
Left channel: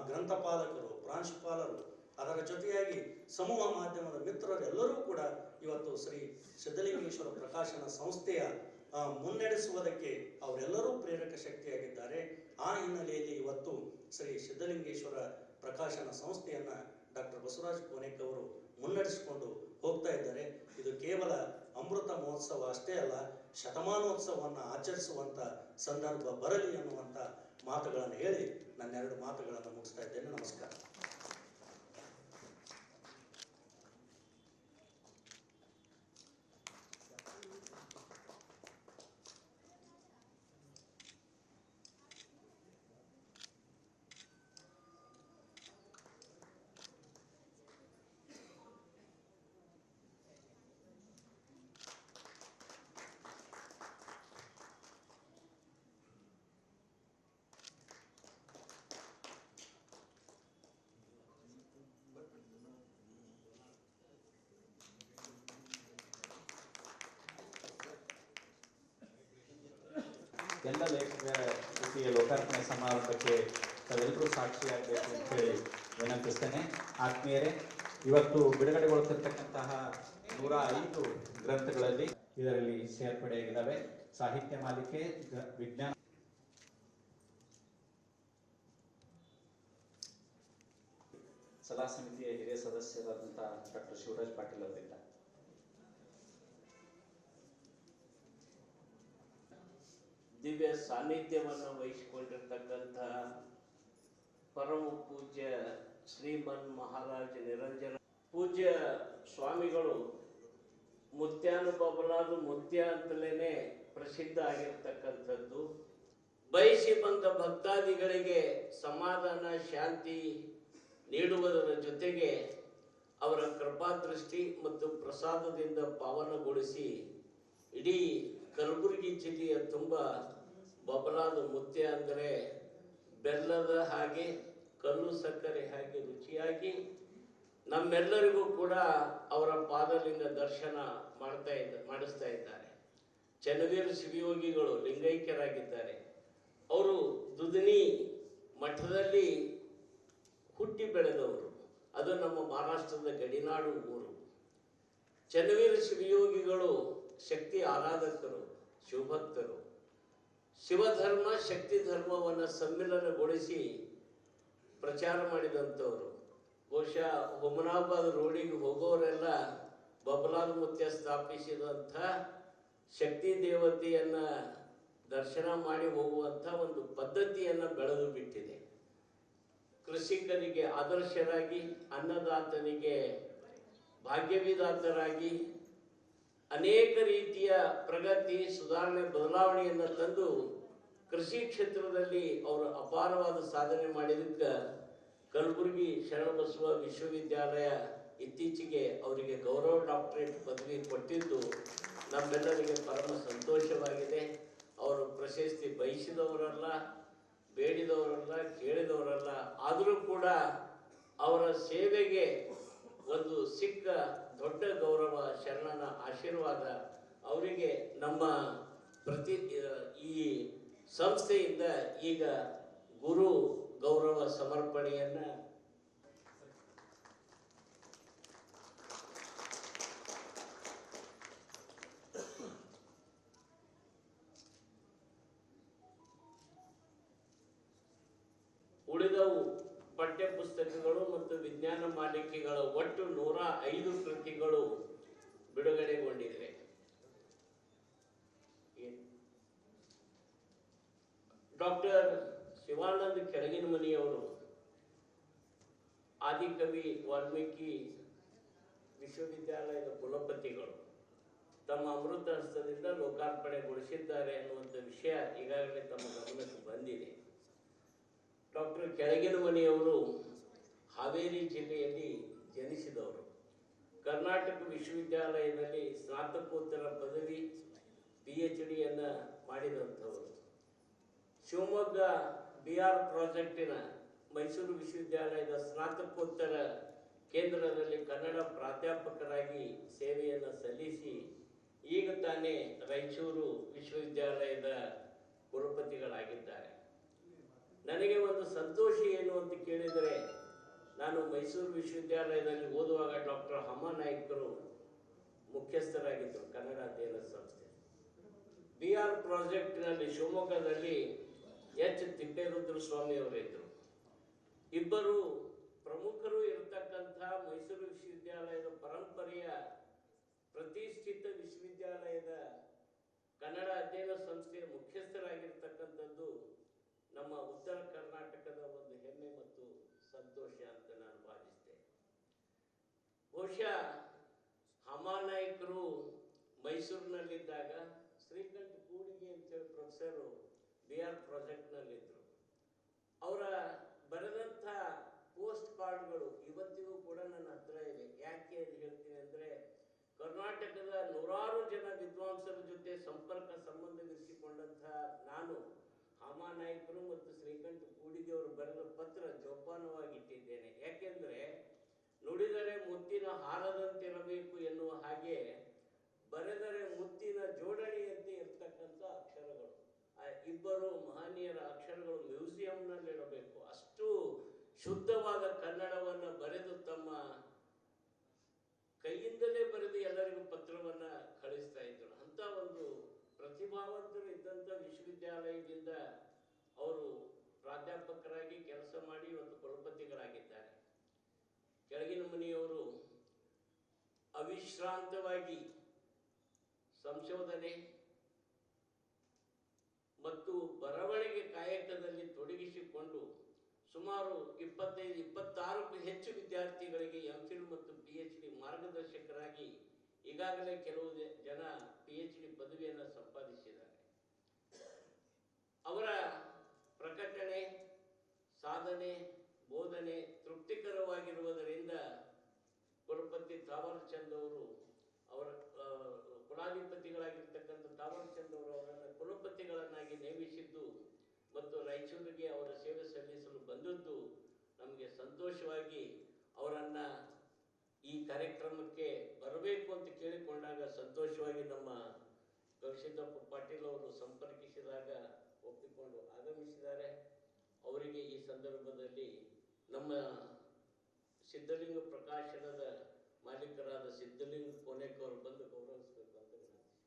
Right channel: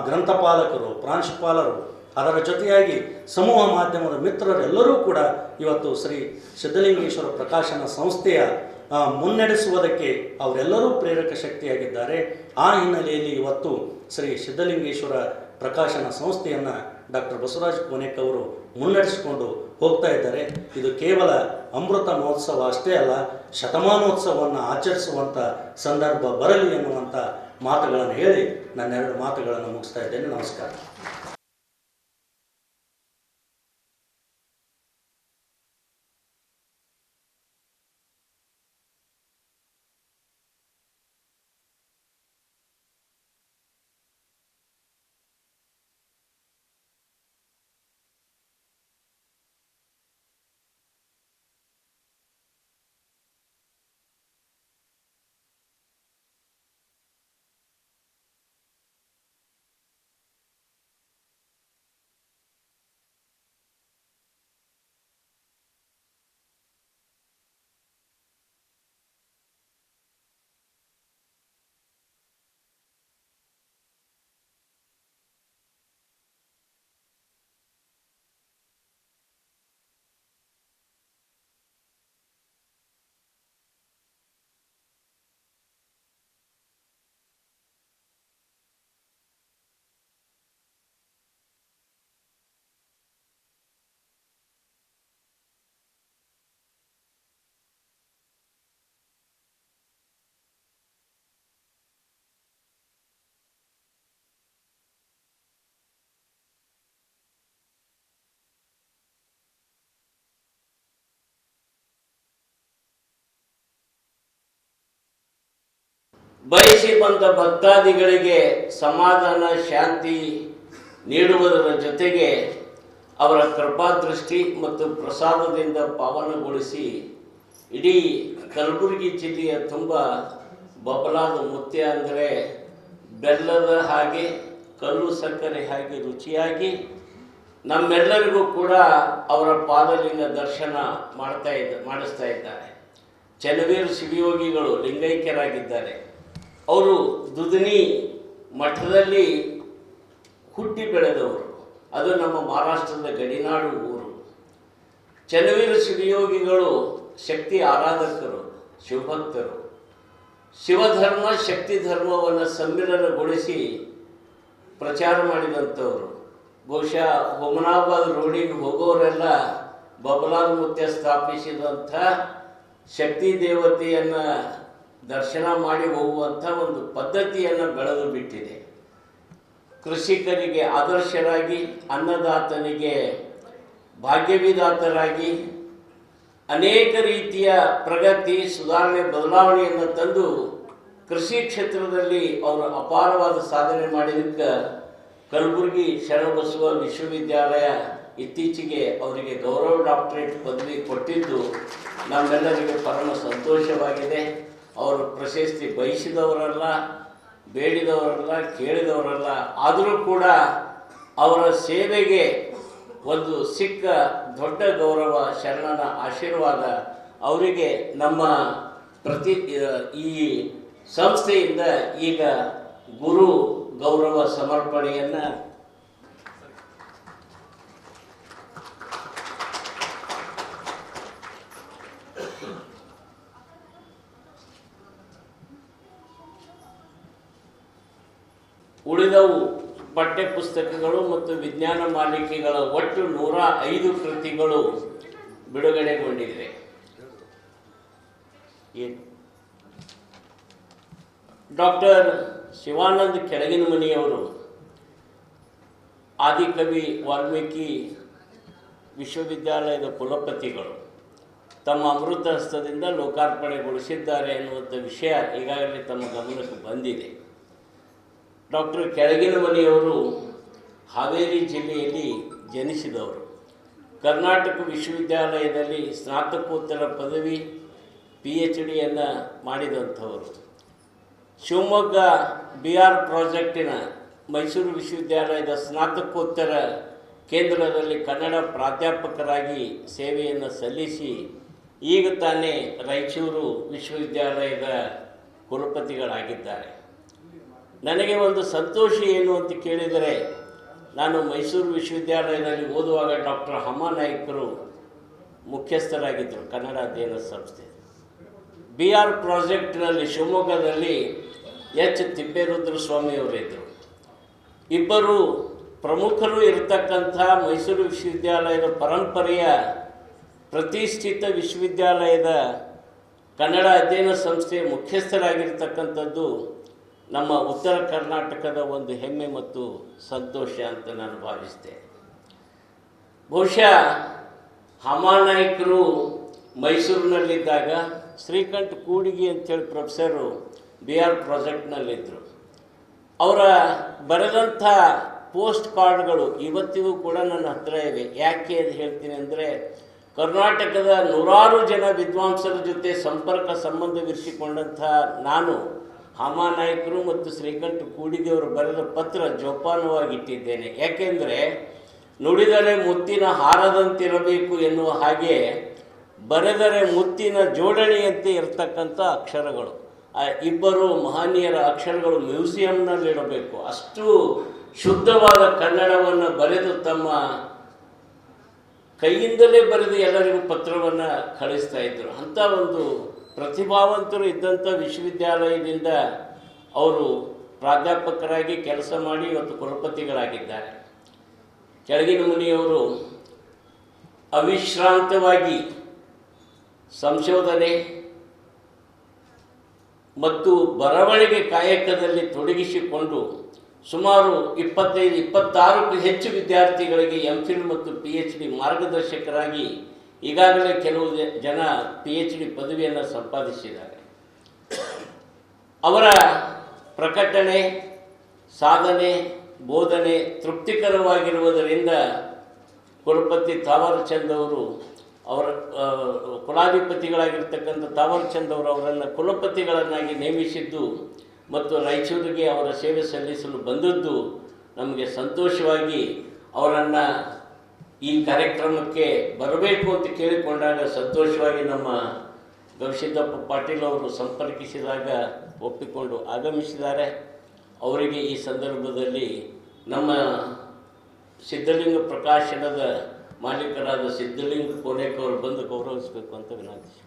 ಗ್ರಂಥಪಾಲಕರು, ಪ್ರಾಂಶುಪಾಲರು, ಅದರ ಜೊತೆಯಾಗಿ ಸಮೂಹ ಮಾಧ್ಯಮದ ಮಿತ್ರರೆಲ್ಲರೂ ಕೂಡ ಇವತ್ತು ಶ್ರೀ ಸಿದ್ಧಲಿಂಗೇಶ್ವರ ಪ್ರಕಾಶನ ಸಂಸ್ಥೆಯ ಮುನ್ನಡೆಸುವುದಕ್ಕೆ ಅವರೆಲ್ಲರೂ ಪ್ರೇರಕ ಶಕ್ತಿಯಾಗಿದ್ದಾರೆ. ಆ ಹಿನ್ನೆಲೆಯಲ್ಲಿ ಇವತ್ತು ಶ್ರೀ ಸಿದ್ಧಲಿಂಗೇಶ್ವರ ಪ್ರಕಾಶನ ಸಂಸ್ಥೆಯನ್ನು ಡಾಕ್ಟರ್ ಬಸವರಾಜ ಕೋನೇಕ್ ಅವರು ಮುನ್ನಡೆಸಿಕೊಂಡು ಹೋಗ್ತಾ ಇದ್ದಾರೆ. ಇದು ಕೇವಲ ಅಮೃತ ಮಹೋತ್ಸವ ಅಷ್ಟೇ ಅಲ್ಲ, ಶತಮಾನೋತ್ಸವವನ್ನು ಆಚರಿಸುವಂಥ ಸಂದರ್ಭ ಬರಲಿ ಎನ್ನುವಂಥ ಮಾತುಗಳನ್ನು ಹೇಳಿ ನನ್ನ 2 ಮಾತುಗಳನ್ನು ಮುಗಿಸ್ತಾ ಇದ್ದೇನೆ. ನಮಸ್ಕಾರ. ಎಲ್ಲ ಲೇಖಕ ಕೃತಿಯ ಲೋಕಾರ್ಪಣೆ ಸಮಾರಂಭಕ್ಕೆ ತಾವೆಲ್ಲರೂ ಸಾಕ್ಷಿಯಾಗಬೇಕು ಅಂತ ಹೇಳಿ ವಿನಂತಿಸ್ತೇನೆ. ಆತ್ಮೀಯರೇ, ಇವತ್ತು ಬಿಡುಗಡೆಗೊಳ್ತಿರ್ತಕ್ಕಂತಹ 105 ಗ್ರಂಥಗಳಲ್ಲಿ ಇದರಲ್ಲಿ ಸೇರ್ಪಡೆಯಾಗಿದ್ದಾವೆ. ಸಾಹಿತ್ಯ ಮಾಲಿಕೆ, ವಿಜ್ಞಾನ ಸಲಹಾ ಸಮಿತಿಯ ಹಿರಿಯ ಸದಸ್ಯರಾದಂತಹ ಡಾಕ್ಟರ್ ಶಿವರಾಜ್ ಪಾಟೀಲ್ ಅವರಿಂದ ದಿವ್ಯ ಸಾನ್ನಿಧ್ಯವನ್ನು ವಹಿಸಿಕೊಂಡಿರ್ತಕ್ಕಂತಹ ಪರಮ ಪೂಜ್ಯ ಶ್ರೀಮನ್ ಮಹಾರಾಜ ನಿರಂಜನ ಪೂಜ್ಯ ಸ್ವಾಮಿಗಳು ಮುತ್ಯಾನು ಬಬಲಾದ ಮುತ್ಯ ಅಂತಲೇ ಪ್ರಸಿದ್ಧ ಆಗಿರ್ತಕ್ಕಂಥದ್ದು. ಬಯಸಿ ಬಂದ ಭಕ್ತಾದಿಗಳಿಗೆ ಸಮಾಧಾನ ಶಾಂತಿ ನೀಡುವುದರ ಜೊತೆಗೆ ಅವರ ಕೃಪಾದೃಷ್ಟಿ ಮತ್ತು ಪ್ರಸಾದದಿಂದ ಪಾವನಗೊಳಿಸಿ ಇಡೀ ಕಲಬುರಗಿ ಜಿಲ್ಲೆಯ ತುಂಬ ಬಬಲಾದ ಮುತ್ಯ ಅಂದರೆ ಬೆಲ್ಲದ ಹಾಗೆ ಕಲ್ಲು ಸಕ್ಕರೆ ಹಾಗೆ ರುಚಿಯಾಗಿ ನಮ್ಮೆಲ್ಲರಿಗೂ ಕೂಡ ಅವರ ಪಾದಲಿಂಗ ದರ್ಶನ ಮಾಡಿಸ್ತಾ ಇದ್ದಾರೆ. ಚನ್ನವೀರ ಶಿವಯೋಗಿಗಳು ಲಿಂಗೈಕ್ಯರಾಗಿದ್ದಾರೆ. ಅವರು ದುಧನಿ ಮಠದಲ್ಲಿ ಹುಟ್ಟಿ ಬೆಳೆದವರು. ಅದು ನಮ್ಮ ಮಹಾರಾಷ್ಟ್ರದ ಗಡಿನಾಡು ಊರು. ಚನ್ನವೀರ ಶಿವಯೋಗಿಗಳು ಶಕ್ತಿ ಆರಾಧಕರು, ಶಿವಭಕ್ತರು. ಶಿವಧರ್ಮ ಶಕ್ತಿ ಧರ್ಮವನ್ನು ಸಮ್ಮಿಲನಗೊಳಿಸಿ ಪ್ರಚಾರ ಮಾಡಿದಂಥವರು. ಬಹುಶಃ ಹುಮನಾಬಾದ್ ರೋಡಿಗೆ ಹೋಗೋರೆಲ್ಲ ಬಬಲಾದ ಮುತ್ಯ ಸ್ಥಾಪಿಸಿದಂಥ ಶಕ್ತಿ ದೇವತೆಯನ್ನು ದರ್ಶನ ಮಾಡಿ ಹೋಗುವಂಥ ಒಂದು ಪದ್ಧತಿಯನ್ನು ಬೆಳೆದು ಬಿಟ್ಟಿದೆ. ಕೃಷಿಕರಿಗೆ ಆದರ್ಶರಾಗಿ, ಅನ್ನದಾತನಿಗೆ ಭಾಗ್ಯವಿದಾತರಾಗಿ ಅನೇಕ ರೀತಿಯ ಪ್ರಗತಿ, ಸುಧಾರಣೆ, ಬದಲಾವಣೆಯನ್ನು ತಂದು ಕೃಷಿ ಕ್ಷೇತ್ರದಲ್ಲಿ ಅವರು ಅಪಾರವಾದ ಸಾಧನೆ ಮಾಡಿದ್ದಕ್ಕೆ ಕಲಬುರಗಿ ಶರಣಬಸವ ವಿಶ್ವವಿದ್ಯಾಲಯ ಇತ್ತೀಚೆಗೆ ಅವರಿಗೆ ಗೌರವ ಡಾಕ್ಟರೇಟ್ ಪದವಿ ಕೊಟ್ಟಿದ್ದು ನಮ್ಮೆಲ್ಲರಿಗೆ ಪರಮ ಸಂತೋಷವಾಗಿದೆ. ಅವರು ಪ್ರಶಸ್ತಿ ಬಯಸಿದವರಲ್ಲ, ಬೇಡಿದವರಲ್ಲ, ಕೇಳಿದವರಲ್ಲ. ಆದರೂ ಕೂಡ ಅವರ ಸೇವೆಗೆ ಒಂದು ಸಿಕ್ಕ ದೊಡ್ಡ ಗೌರವ, ಶರಣನ ಆಶೀರ್ವಾದ ಅವರಿಗೆ ನಮ್ಮ ಈ ಸಂಸ್ಥೆಯಿಂದ ಈಗ ಗುರು ಗೌರವ ಸಮರ್ಪಣೆಯನ್ನು ಉಳಿದವು ಪಠ್ಯ ಪುಸ್ತಕಗಳು ಮತ್ತು ವಿಜ್ಞಾನ ಮಾಲಿಕೆಗಳ ಒಟ್ಟು 105 ಕೃತಿಗಳು ಬಿಡುಗಡೆಗೊಂಡಿವೆ. ಡಾಕ್ಟರ್ ಶಿವಾನಂದ ಕೆಳಗಿನಮನಿಯವರು ಆದಿಕವಿ ವಾಲ್ಮೀಕಿ ವಿಶ್ವವಿದ್ಯಾಲಯದ ಕುಲಪತಿಗಳು ತಮ್ಮ ಅಮೃತ ಹಸ್ತದಿಂದ ಲೋಕಾರ್ಪಣೆಗೊಳಿಸಿದ್ದಾರೆ ಎನ್ನುವಂಥ ವಿಷಯ ಈಗಾಗಲೇ ತಮ್ಮ ಗಮನಕ್ಕೆ ಬಂದಿದೆ. ಡಾಕ್ಟರ್ ಕೆಳಗಿನಮನಿಯವರು ಹಾವೇರಿ ಜಿಲ್ಲೆಯಲ್ಲಿ ಜನಿಸಿದವರು. ಕರ್ನಾಟಕ ವಿಶ್ವವಿದ್ಯಾಲಯದಲ್ಲಿ ಸ್ನಾತಕೋತ್ತರ ಪದವಿ PhDಯನ್ನು ಮಾಡಿದಂಥವರು. ಶಿವಮೊಗ್ಗ BR ಪ್ರಾಜೆಕ್ಟಿನ ಮೈಸೂರು ವಿಶ್ವವಿದ್ಯಾಲಯದ ಸ್ನಾತಕೋತ್ತರ ಕೇಂದ್ರದಲ್ಲಿ ಕನ್ನಡ ಪ್ರಾಧ್ಯಾಪಕರಾಗಿ ಸೇವೆಯನ್ನು ಸಲ್ಲಿಸಿ ಈಗ ತಾನೇ ರಾಯಚೂರು ವಿಶ್ವವಿದ್ಯಾಲಯದ ಕುಲಪತಿಗಳಾಗಿದ್ದಾರೆ. ನನಗೆ ಒಂದು ಸಂತೋಷ ಏನು ಅಂತ ಕೇಳಿದರೆ, ನಾನು ಮೈಸೂರು ವಿಶ್ವವಿದ್ಯಾಲಯದಲ್ಲಿ ಓದುವಾಗ ಡಾಕ್ಟರ್ ಹಮಾನಾಯ್ಕರು ಮುಖ್ಯಸ್ಥರಾಗಿದ್ದರು ಕನ್ನಡ ಅಧ್ಯಯನ ಸಂಸ್ಥೆ. BR ಪ್ರಾಜೆಕ್ಟ್ನಲ್ಲಿ ಶಿವಮೊಗ್ಗದಲ್ಲಿ H. ತಿಪ್ಪೇರುದ್ರ ಸ್ವಾಮಿಯವರಿದ್ದರು. ಇಬ್ಬರು ಪ್ರಮುಖರು ಇರತಕ್ಕಂಥ ಮೈಸೂರು ವಿಶ್ವವಿದ್ಯಾಲಯದ ಪರಂಪರೆಯ ಪ್ರತಿಷ್ಠಿತ ವಿಶ್ವವಿದ್ಯಾಲಯದ ಕನ್ನಡ ಅಧ್ಯಯನ ಸಂಸ್ಥೆಯ ಮುಖ್ಯಸ್ಥರಾಗಿರ್ತಕ್ಕಂಥದ್ದು ನಮ್ಮ ಉತ್ತರ ಕರ್ನಾಟಕದ ಒಂದು ಹೆಮ್ಮೆ ಮತ್ತು ಸಂತೋಷ ಅಂತ ನಾನು ಭಾವಿಸ್ತೇನೆ. ಬಹುಶಃ ಹಮಾನಾಯ್ಕರು ಮೈಸೂರಿನಲ್ಲಿದ್ದಾಗ ಶ್ರೀಕಂಠ ಕೂಡಿಗಿ ಅಂಥೇಳಿ ಪ್ರೊಫೆಸರು BR ಪ್ರಾಜೆಕ್ಟ್ನಲ್ಲಿದ್ದರು. ಅವರ ಬರೆದಂಥ ಪೋಸ್ಟ್ ಕಾರ್ಡ್ಗಳು ಇವತ್ತಿಗೂ ಕೂಡ ನನ್ನ ಹತ್ರ ಇವೆ. ಯಾಕೆ ಅಂತ ಹೇಳ್ತೀನಿ ಅಂದರೆ, ಕರ್ನಾಟಕದ ನೂರಾರು ಜನ ವಿದ್ವಾಂಸರ ಜೊತೆ ಸಂಪರ್ಕ ಸಂಬಂಧವಿರಿಸಿಕೊಂಡಂಥ ನಾನು ಹಮಾನಾಯ್ಕರು ಮತ್ತು ಶ್ರೀಕಂಠ ಕೂಡಿಗೆಯವರು ಬರೆದ ಪತ್ರ ಜೋಪಾನವಾಗಿಟ್ಟಿದ್ದೇನೆ. ಯಾಕೆಂದರೆ ನುಡಿದರೆ ಮುತ್ತಿನ ಹಾರದಂತಿರಬೇಕು ಎನ್ನುವ ಹಾಗೆ ಬರೆದರೆ ಮುತ್ತಿನ ಜೋಡಣೆಯಂತೆ ಇರತಕ್ಕಂಥ ಅಕ್ಷರಗಳು. ಇಬ್ಬರು ಮಹನೀಯರ ಅಕ್ಷರಗಳು ಮ್ಯೂಸಿಯಂನಲ್ಲಿಡಬೇಕು. ಅಷ್ಟು ಶುದ್ಧವಾದ ಕನ್ನಡವನ್ನು ಬರೆದು ತಮ್ಮ ಕೈಯಿಂದಲೇ ಬರೆದು ಎಲ್ಲರಿಗೂ ಪತ್ರವನ್ನು ಕಳಿಸ್ತಾ ಇದ್ದರು. ಅಂಥ ಒಂದು ಪ್ರತಿಭಾವಂತರು ಇದ್ದಂಥ ವಿಶ್ವವಿದ್ಯಾಲಯದಿಂದ ಅವರು ಪ್ರಾಧ್ಯಾಪಕರಾಗಿ ಕೆಲಸ ಮಾಡಿ ಇವತ್ತು ಕುಲಪತಿಗಳಾಗಿದ್ದಾರೆ. ಕೆಳಗಿನಮನಿಯವರು ಅವಿಶ್ರಾಂತವಾಗಿ ಸಂಶೋಧನೆ ಮತ್ತು ಬರವಣಿಗೆ ಕಾಯಕದಲ್ಲಿ ತೊಡಗಿಸಿಕೊಂಡು ಸುಮಾರು 25-26ಕ್ಕೂ ಹೆಚ್ಚು ವಿದ್ಯಾರ್ಥಿಗಳಿಗೆ MPhil ಮತ್ತು PhD ಮಾರ್ಗದರ್ಶಕರಾಗಿ ಈಗಾಗಲೇ ಕೆಲವು ಜನ PhD ಪದವಿಯನ್ನು ಸಂಪಾದಿಸಿದ್ದಾರೆ. ಅವರ ಪ್ರಕಟಣೆ, ಸಾಧನೆ, ಬೋಧನೆ ತೃಪ್ತಿಕರವಾಗಿರುವುದರಿಂದ ಕುಲಪತಿ ತಾವರ್ಚಂದ್ ಅವರು ಅವರ ಕುಲಾಧಿಪತಿಗಳಾಗಿರ್ತಕ್ಕಂಥ ತಾವರ್ಚಂದ್ ಅವರು ಅವರನ್ನು ಕುಲಪತಿಗಳನ್ನಾಗಿ ನೇಮಿಸಿದ್ದು ಮತ್ತು ರಾಯಚೂರಿಗೆ ಅವರ ಸೇವೆ ಸಲ್ಲಿಸಲು ಬಂದದ್ದು ನಮಗೆ ಸಂತೋಷವಾಗಿ, ಅವರನ್ನು ಈ ಕಾರ್ಯಕ್ರಮಕ್ಕೆ ಬರಬೇಕು ಅಂತ ಕೇಳಿಕೊಂಡಾಗ ಸಂತೋಷವಾಗಿ ನಮ್ಮ ಗವಿಸಿದ್ದಪ್ಪ ಪಾಟೀಲ್ ಅವರು ಸಂಪರ್ಕಿಸಿದಾಗ ಒಪ್ಪಿಕೊಂಡು ಆಗಮಿಸಿದ್ದಾರೆ. ಅವರಿಗೆ ಈ ಸಂದರ್ಭದಲ್ಲಿ ನಮ್ಮ ಸಿದ್ಧಲಿಂಗ ಪ್ರಕಾಶನದ ಮಾಲೀಕರಾದ ಸಿದ್ಧಲಿಂಗ ಕೋನೇಕ್ ಅವರು ಬಂದು ಗೌರವಿಸಬೇಕು ಅಂತ ವಿನಂತಿಸಿಕೊಳ್ತೀನಿ.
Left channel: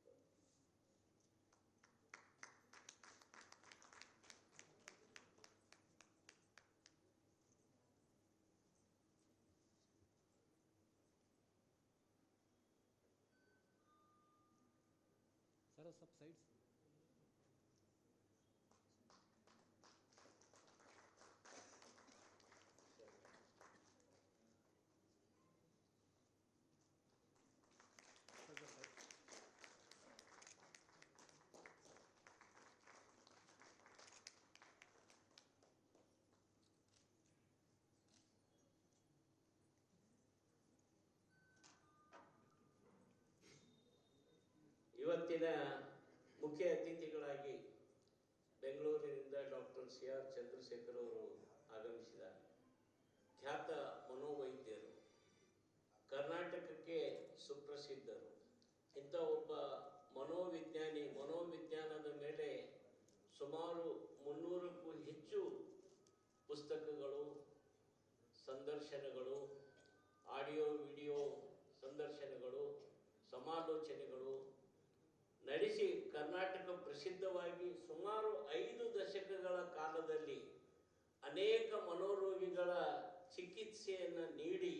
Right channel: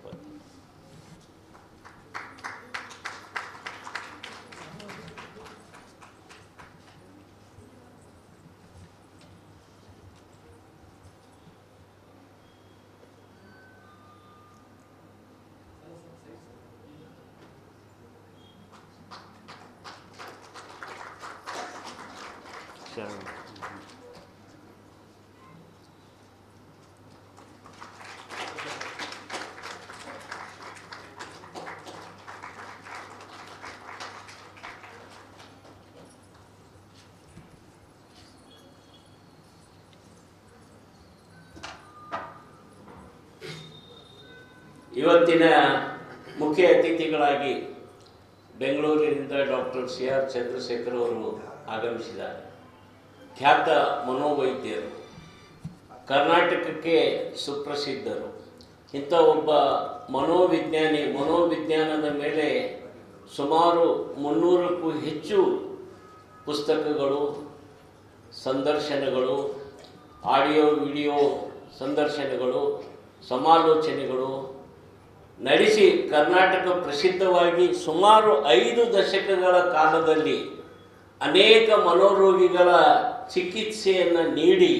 ಇವತ್ತಿನ ಮುಖ್ಯ ಅತಿಥಿಗಳಾಗಿ ಬೆಂಗಳೂರಿನಿಂದ ಡಾಕ್ಟರ್ CR ಚಂದ್ರಶೇಖರ್ ಅವರು ಆಗಮಿಸಿದ್ದಾರೆ. ಖ್ಯಾತ ಮನೋವೈದ್ಯರು, ಕರ್ನಾಟಕಕ್ಕೆ ಸುಪ್ರಸಿದ್ಧರು. ಇಂಥ ಒಬ್ಬ ಮನೋವಿಜ್ಞಾನದ ಮೇಲೆ ಸುಮಾರು 300ಕ್ಕೂ ಹೆಚ್ಚು ಪುಸ್ತಕಗಳು, ಸಂದರ್ಶನಗಳು, ಆಡಿಯೋ ವಿಡಿಯೋ ಸಂದರ್ಶನಗಳು, ಸಮಾಲೋಚನೆಗಳು ನಡೆಸಿ ಕರ್ನಾಟಕ ಪ್ರಸಿದ್ಧವಾಗಿ ಸುಮಾರು 5 ದಶಕಗಳ ಕಾಲದಲ್ಲಿ ಅನೇಕ ಮನೋರೋಗಿಗಳ ಚಿಕಿತ್ಸೆಯನ್ನು ನೀಡಿ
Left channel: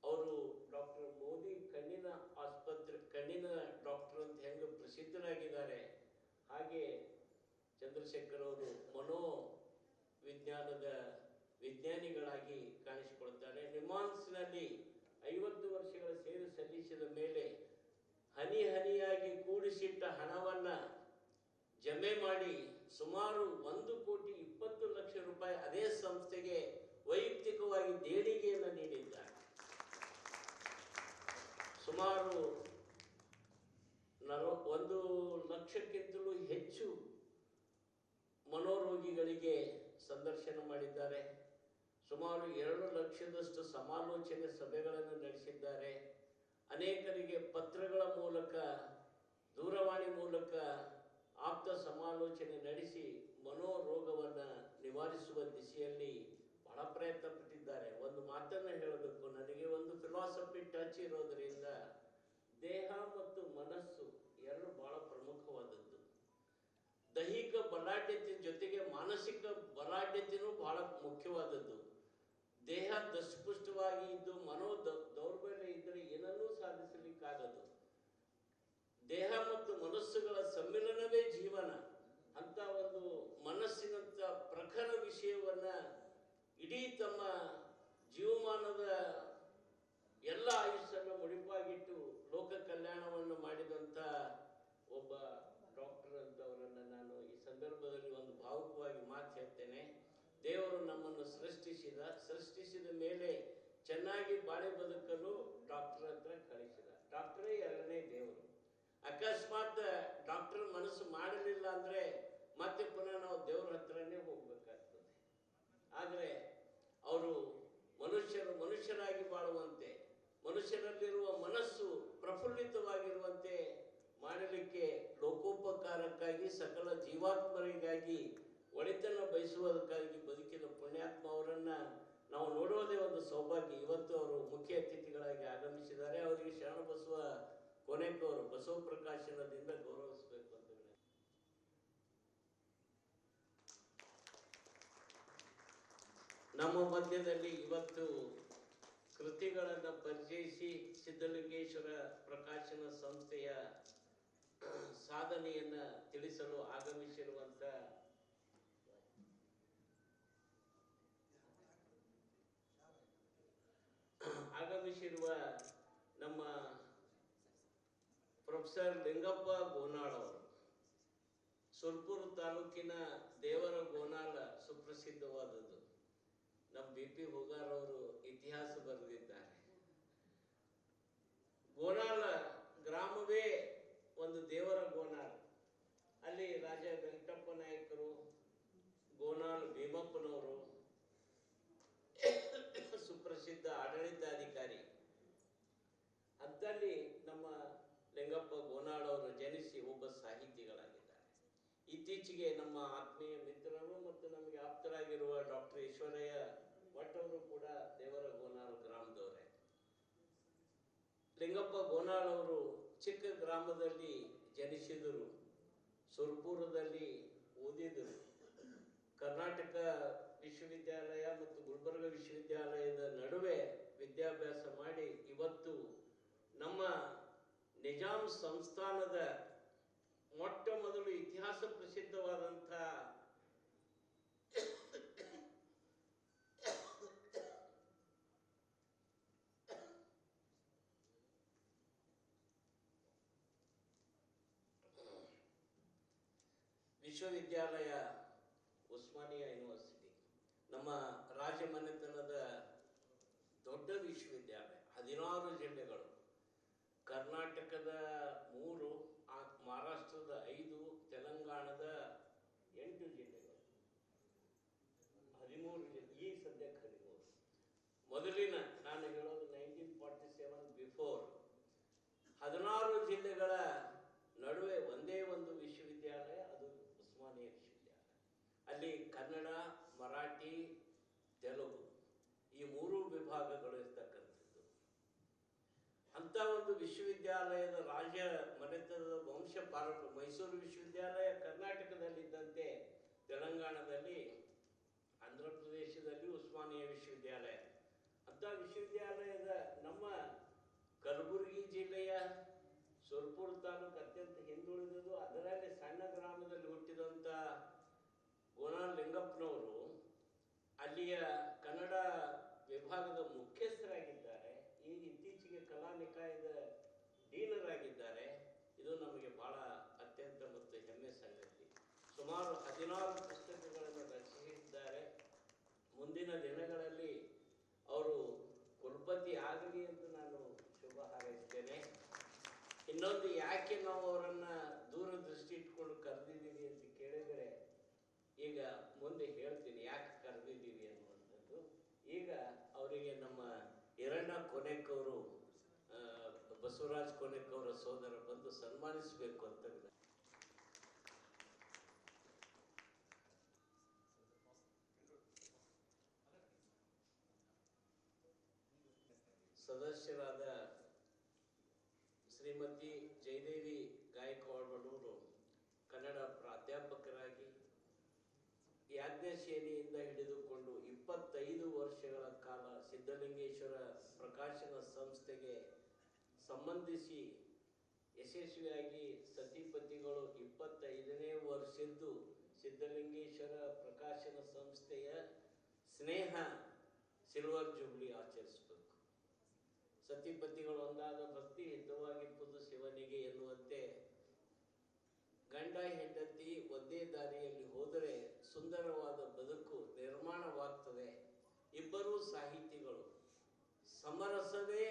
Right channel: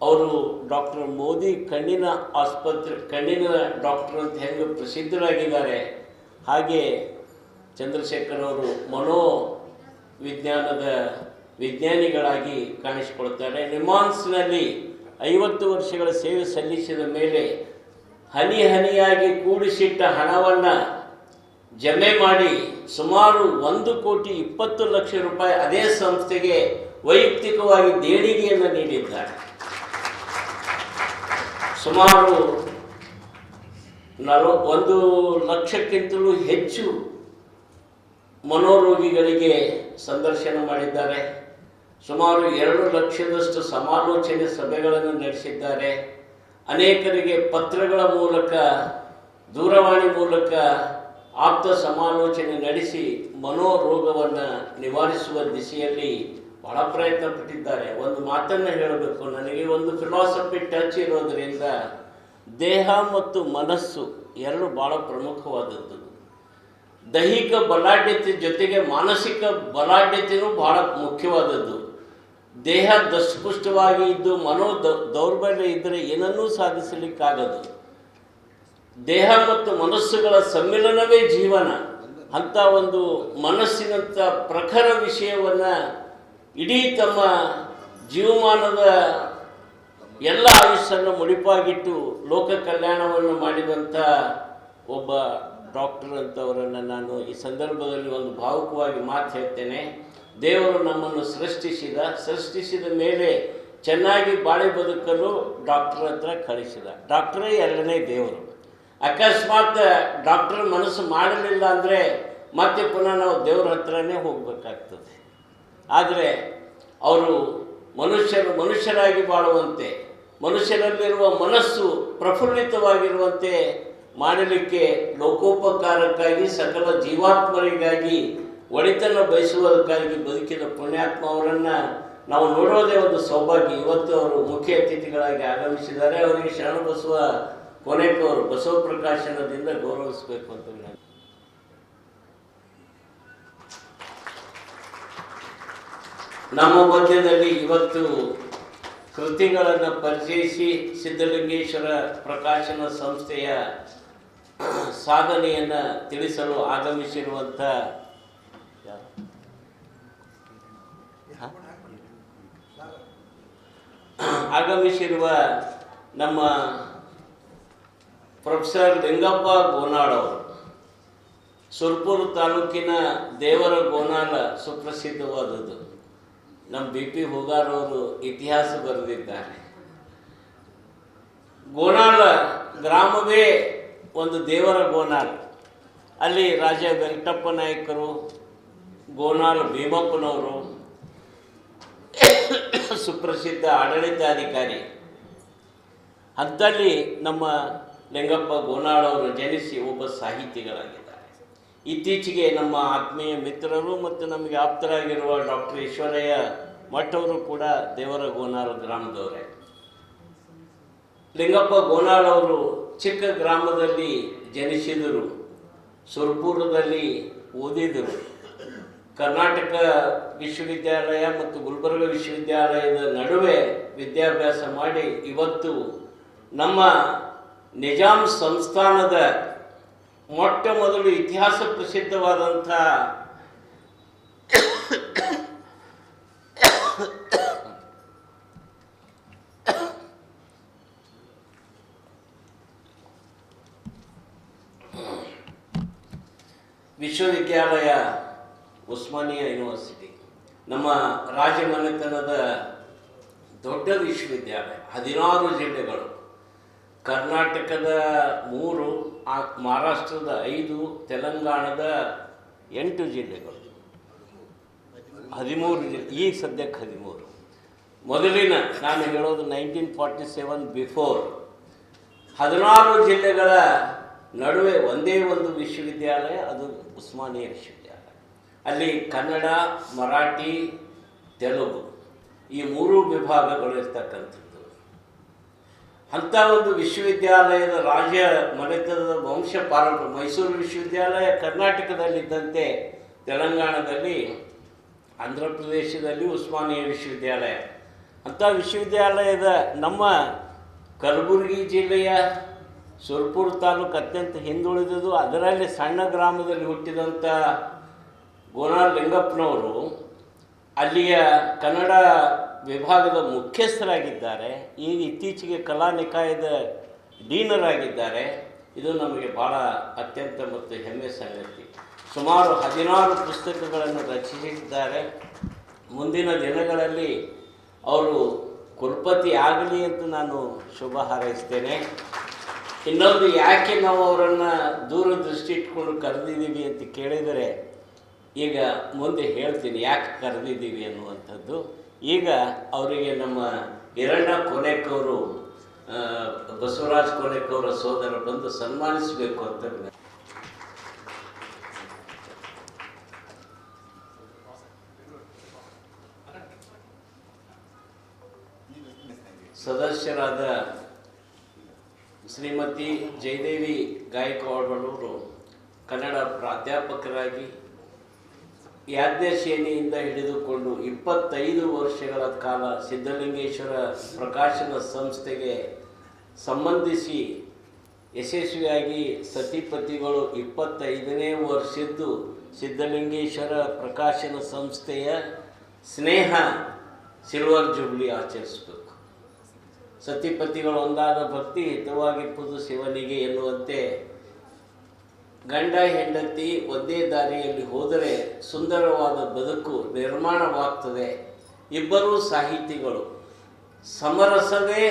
ಅವರು ಡಾಕ್ಟರ್ ಮೋದಿ ಕಣ್ಣಿನ ಡಾಕ್ಟರ್ ಅಂತ ಹೆಂಗೆ ಪ್ರಸಿದ್ಧರಾಗಿದ್ದಾರೆ, ಹಾಗೆ ಚಂದ್ರಶೇಖರ್ ಅವರು ಮನೋವಿಜ್ಞಾನದ ವಿಜ್ಞಾನಿಗಳಾಗಿ ಕಾಣಿಸಿಕೊಳ್ತಾರೆ. ನಿಮಾನ್ಸ್ನಲ್ಲಿ 50 ವರ್ಷಗಳ ಸೇವೆ ಸಲ್ಲಿಸಿದ ಮೇಲೆ ಹನಿ ಹನಿಯಾಗಿ ಕೂಡಿಸಿಟ್ಟ ಹಣವನ್ನು ಜಮೆ ಮಾಡಿ ಸುಮಾರು 1,20,00,000 ರೂಪಾಯಿ ಅದೇ ಸಂಸ್ಥೆಗೆ ವೈಯಕ್ತಿಕವಾಗಿ ದೇಣಿಗೆಯನ್ನು ನೀಡಿದ್ದಾರೆ. ಸುಮಾರು 1 ಲಕ್ಷಕ್ಕಿಂತಲೂ ಹೆಚ್ಚು ಮನೋರೋಗಿಗಳಿಗೆ ಸಂದರ್ಶನ ಮಾಡಿದ್ದಾರೆ. ಸುಮಾರು 2 ಲಕ್ಷದಷ್ಟು ಸಮಾಲೋಚನೆ ಸಭೆಗಳನ್ನು ನಡೆಸಿದ್ದಾರೆ. ಅನೇಕರಿಗೆ ಪತ್ರಗಳ ಮೂಲಕ, ದೂರವಾಣಿ ಮೂಲಕ ಆಪ್ತ ಸಮಾಲೋಚನೆ ನಡೆಸಿ ಮನೋರೋಗವನ್ನು ನಿವಾರಿಸುವ ದಿಸೆಯಲ್ಲಿ ಬಹಳ ಪ್ರಯತ್ನ ಪಟ್ಟಿದ್ದಾರೆ. ಒಂದು ಮಾತನ್ನು ಹೇಳಬೇಕು, ನನಗೆ ಒಂದು ಫಿಲಾಸಫಿ ಟಚ್ ಇರೋದರಿಂದ ದೇಹ ಮತ್ತು ಮನಸ್ಸು ಎರಡು ಭಾಳ ಪ್ರಮುಖವಾದದ್ದು. ದೈಹಿಕ ಬಲಾಢ್ಯತೆ ಜೊತೆಗೆ ಮಾನಸಿಕ ಬಲಾಢ್ಯತೆಯೂ ಬಹಳ ಮುಖ್ಯವಾದದ್ದು. ದೇಹ ದಷ್ಟಪುಷ್ಟವಾಗಿ ಇದ್ದು ದೌರ್ಬಲ್ಯ ಇದ್ದರೆ ಏನನ್ನೂ ಸಾಧಿಸಲಿಕ್ಕಾಗದು. ದೇಹ ಮತ್ತು ಮನಸ್ಸುಗಳ ಸಮ್ಮಿಲನವೇ ಜೀವನ. ಅಂಥ ಒಂದು ಮನಸ್ಸಿನಂಥ ಪ್ರಖರ ವಿಷಯವನ್ನು ಇಡೀ ತಮ್ಮ ಜೀವಮಾನದ ಎಲ್ಲ ಆಯುಷ್ಯನ್ನು ಮುಡಿಪಾಗಿಟ್ಟು ಲೋಕ ಕಲ್ಯಾಣವನ್ನು ಮಾಡಿದಂಥ ಒಬ್ಬ ಡಾಕ್ಟರ್ ಅಂತವರನ್ನು ನಾನು ಈ ಸಂದರ್ಭದಲ್ಲಿ ಒಂದು ಭಾವುಕವಾಗಿ ಮಾತು ಹೇಳ್ತೇನೆ. ದೇವರು ನಮ್ಮನ್ನು ಸೃಷ್ಟಿಸಿದ ಮೇಲೆ ಚೆನ್ನಾಗಿ ಬಾಳಿ ಬದುಕಲು ಡಾಕ್ಟರ್ ಹತ್ರ ಕಳಿಸಿದ. ಡಾಕ್ಟರೇ ಎರಡನೇ ದೇವರು. ಅಕಸ್ಮಾತ್ ಡಾಕ್ಟರ್ ಮನಸ್ಸು ಮಾಡಲಿಲ್ಲ ಅಂದರೆ ಮತ್ತೆ ಪುನಃ ನಾವು ದೇವ್ರ ಹತ್ರನೇ ಹೋಗಬೇಕಾಗ್ತದೆ. ಆದರೆ ಅವರು ಮನುಷ್ಯರಾಗಿ ಬಾಳುವಂತೆ, ಮನುಷ್ಯರಲ್ಲಿರುವ ಮನಸ್ಸು ಪ್ರಫುಲ್ಲಿತವಾಗಿರುವಂತೆ ಮಾಡಲಿಕ್ಕೆ ಲೋಕೋಪಕಾರಕ್ಕಾಗಿ, ಸಕಲ ಜೀವಾತ್ಮರಿಗಾಗಿ, ಒಳಿತನ್ನು ಬಯಸುವುದಕ್ಕಾಗಿ ಬದುಕಿದ ಪುಣ್ಯಾತ್ಮ ಅವರನ್ನು ನಾವು ನೋಡೋದೇ ಒಂದು ಸೌಭಾಗ್ಯ. ಇವತ್ತು ಅವರು ಮುಖ್ಯ ಅತಿಥಿಗಳಾಗಿ ಆಗಮಿಸಿದ್ದಾರೆ. ಅವರಿಗೆ ಶರಣಬಸವ ಕೊನೆಕ್ ಅವರು ಬಸವ ಪ್ರಕಾಶನದಿಂದ ಗೌರವಿಸಬೇಕು ಅಂತ ನಾನು ನಮ್ಮ ಮಧ್ಯದಲ್ಲಿ ಇವತ್ತು ಕೃತಿಗಳನ್ನು ಪರಿಚಯಿಸಿ ಸಿದ್ಧಲಿಂಗೇಶ್ವರ ಪ್ರಕಾಶನ ಸಂಸ್ಥೆಯ ಸಾಧನೆಯನ್ನು ತಿಳಿಸಲು ಆಗಮಿಸಿರುವ ನಮ್ಮ ಪ್ರೊಫೆಸರ್ ಲಿಂಗಪ್ಪ ಗೋನಾಳ್ ಅವರು ಸುರ್ಪುರ ತಾಲೂಕಿನ ದೇವರ ಗೋನಾಳ ಸುಪ್ರಸಿದ್ಧವಾದದ್ದು. ನಮ್ಮ ಬಿ ಪಿ ಹೋಗಾರವರು ಇತಿಹಾಸ ಬರೆದಿದ್ದಾರೆ. ಗೋನಾಳ ಗ್ರಾಮವೇ ಒಂದು ದೇವರ ಗೋನಾಳ. ಅಲ್ಲಿ ರಾಜ ವೆಂಕಟಪ್ಪ ನಾಯಕರು, ಗೋನಾಳ ಭೀಮಪ್ಪನವರು, ಸುಪ್ರಸಿದ್ಧ ಆಡಳಿತಾಧಿಕಾರಿ, ಅಂಥಲ್ಲಿ ನಮ್ಮ ಲಿಂಗಪ್ಪ ಗೋನಾಳ್ ಅವರು ಜನಿಸಿ ಒಬ್ಬ ಸಾಹಿತಿಗಳಾಗಿದ್ದಾರೆ. ಇತ್ತೀಚೆಗೆ ನಮ್ಮ ಆತ್ಮೀಯ ಮಿತ್ರರು ಮತ್ತು ನಮಗೆ ಆಪ್ತರಾಗಿರುವ ಡಾಕ್ಟರ್ ಈಶ್ವರಯ್ಯ ಮಠವರು ಕೂಡ ದೇವರ ಗೋನಾಳ ಗ್ರಾಮದವರೇ. ಲಿಂಗಪ್ಪ ಗೋನಾಳ್ ಅವರು ಚಿಕ್ಕ ಗ್ರಾಮದಲ್ಲಿ ಜನಿಸಿದರು, ಸುರ್ಪುರದಲ್ಲಿ ಓದಿದರು. ಕರ್ನಾಟಕ ವಿಶ್ವವಿದ್ಯಾಲಯ ಮತ್ತು ಗುಲ್ಬರ್ಗ ವಿಶ್ವವಿದ್ಯಾಲಯದ ನಡುವೆ ವಿದ್ಯಾಭ್ಯಾಸ ಮಾಡಿ ಇವತ್ತು ನಮ್ಮ ನಿಜಾಂ ಸಂಸ್ಥಾನದ ಮೊಟ್ಟ ಮೊದಲು ಇತಿಹಾಸ ಪ್ರಸಿದ್ಧವಾದಂಥ ವಿಶ್ವವಿದ್ಯಾಲಯ ಉಸ್ಮಾನಿಯಾ ಯೂನಿವರ್ಸಿಟಿ ನಮ್ಮ ರಾಜಮನೆತನದ ದೊಡ್ಡ ವಿಶ್ವವಿದ್ಯಾಲಯ. 16 ಜಿಲ್ಲೆಗಳು, ಕರ್ನಾಟಕದ 3, ಮಹಾರಾಷ್ಟ್ರದ 5, ತೆಲಂಗಾಣದ 8 ಜಿಲ್ಲೆಗಳು, 13 ಜಿಲ್ಲೆ. ಈಗ ಸದ್ಯಕ್ಕೆ 13. ಮೊದಲಿನ ನಾನು ಹೇಳೋದು 1947 ಬಿಫೋರ್ 16 ಜಿಲ್ಲೆಗಳ ನಡುವೆ ಒಂದೇ ಒಂದು ವಿಶ್ವವಿದ್ಯಾಲಯ, ಅದು ಉಸ್ಮಾನಿಯಾ ವಿಶ್ವವಿದ್ಯಾಲಯ. ಅಲ್ಲಿ ಕನ್ನಡ, ಮರಾಠಿ, ತೆಲುಗು ಈ 3 ವಿಭಾಗಗಳು ಇರ್ತಕ್ಕಂಥದ್ದು. ಅಂಥ ಒಂದು ವಿಶ್ವವಿದ್ಯಾಲಯದ ರಾಜ ಮನೆತನದ ವಂಶ ಪಾರಂಪರ್ಯ. ಮೈಸೂರು ವಿಶ್ವವಿದ್ಯಾಲಯ ಕರ್ನಾಟಕದಲ್ಲಿದ್ದಂತೆ ತೆಲಂಗಾಣದಲ್ಲಿ, ಆಂಧ್ರ ಪ್ರದೇಶದಲ್ಲಿ ಉಸ್ಮಾನಿಯಾ ವಿಶ್ವವಿದ್ಯಾಲಯ. ಅಂಥ ವಿಶ್ವವಿದ್ಯಾಲಯದ ನಮ್ಮ ಕಲಬುರಗಿ ಜಿಲ್ಲೆಯ ಸುರ್ಪುರ ತಾಲೂಕು ಅತ್ಯಂತ ಹಿಂದುಳಿದುದು. ಅದರಲ್ಲಿ ಸಣ್ಣ ಗ್ರಾಮದಲ್ಲಿ ಹುಟ್ಟಿದಂಥ ಗೋನಾಳ್ ಲಿಂಗಪ್ಪನವರು ಅಲ್ಲಿಯ ಕನ್ನಡ ವಿಭಾಗದ ಮುಖ್ಯಸ್ಥರಾಗಿದ್ದಾರೆ. ಈಗ ಇತ್ತೀಚೆಗೆ ಕಲಾ ನಿಕಾಯದ ಡೀನರಾಗಿದ್ದಾರೆ. ಇದು ನಮಗೆ ಭಾಳ ಅತ್ಯಂತ ಮತ್ತು ಹೆಮ್ಮೆ ಸಂಗತಿ. ಸುಮಾರು 16 ಪುಸ್ತಕಗಳನ್ನು ರಚಿಸಿದ್ದಾರೆ. ಮುಂದಿನ ದಿನಗಳಲ್ಲಿ ಅವರು ಕುಲಪತಿ ಆಗಲಿ ಅಂತ ನಾನು ಶುಭ ಹಾರೈಸ್ತೇನೆ. ಇನ್ನೊಂದು, ಯಾಕೆ ನಾವು ಅವರನ್ನು ದೂರದೃಷ್ಟಿ ಇಟ್ಕೊಂಡು ಕರೆದಿದ್ದೀವಿ ಅಂತ ಕೇಳಿದರೆ, ಈಗ ಮುಂದೆ ಹೇಳ್ತೀನಿ ಯಾಕೆ ಕರೆದಿದ್ದೀವಿ ಅನ್ನುವಂಥದ್ದು. ಈಗ ಅವರಿಗೆ ನಮ್ಮ ಹಿರಣ್ಣ ಕೋನೆಕ್ಕವರು, ಬಸವರಾಜ್ ಕೋನೆಕ್ಕವರ ಸೋದರ ಬಂದು ಸನ್ಮಾನಿಸಬೇಕು ಅಂತ ಸದಸ್ಯರಾದ ಶ್ರೀಮತಿ ಜಯದೇವಿ ಗಾಯಕವಾಡರವರು ಕನ್ನಡ ಪ್ರಾಧ್ಯಾಪಕರಾಗಿ ಯಾಜ್ಞಸೇನೆಯಿಂದ ಹಿಡಿದುಕೊಂಡು 25 ವರ್ಷಗಳ ಕಾಲ ಸಿದ್ಧಲಿಂಗೇಶ್ವರ ಪ್ರಕಾಶನ ಸಂಸ್ಥೆಗೆ ಸಂಬಂಧಿಸಿ ಯಶಸ್ವಿಯಾಗಿ ಸತಿಪತಿಗಳು 25ನೇ ವರ್ಷದ್ದು ಸಿದ್ಧಲಿಂಗೇಶ್ವರ ಪ್ರಕಾಶನ ಸಂಸ್ಥೆಯ ಸ್ನೇಹ ಸಿಲ್ವರ್ ಜೂಬ್ಲಿ ಆಚರಿಸಬೇಕು. ಸತಿಪತಿಗಳು ಒಂದಾದ ಭಕ್ತಿ ಹಿತವಾಗಿಪ್ಪುದು ಶಿವನಿಗೆ ಎನ್ನುವಂತೆ ಗಂಡ ಹೆಂಡತಿ ಒಂದೇ ದಾರಿಯಲ್ಲಿ ಹೋದರೆ ಸುಂದರವಾದ ಬದುಕು ನಿರ್ಮಾಣವಾಗ್ತದೆ. ಇಬ್ಬರೂ ಸಾಹಿತಿಗಳು. ಸಮರಸವೇ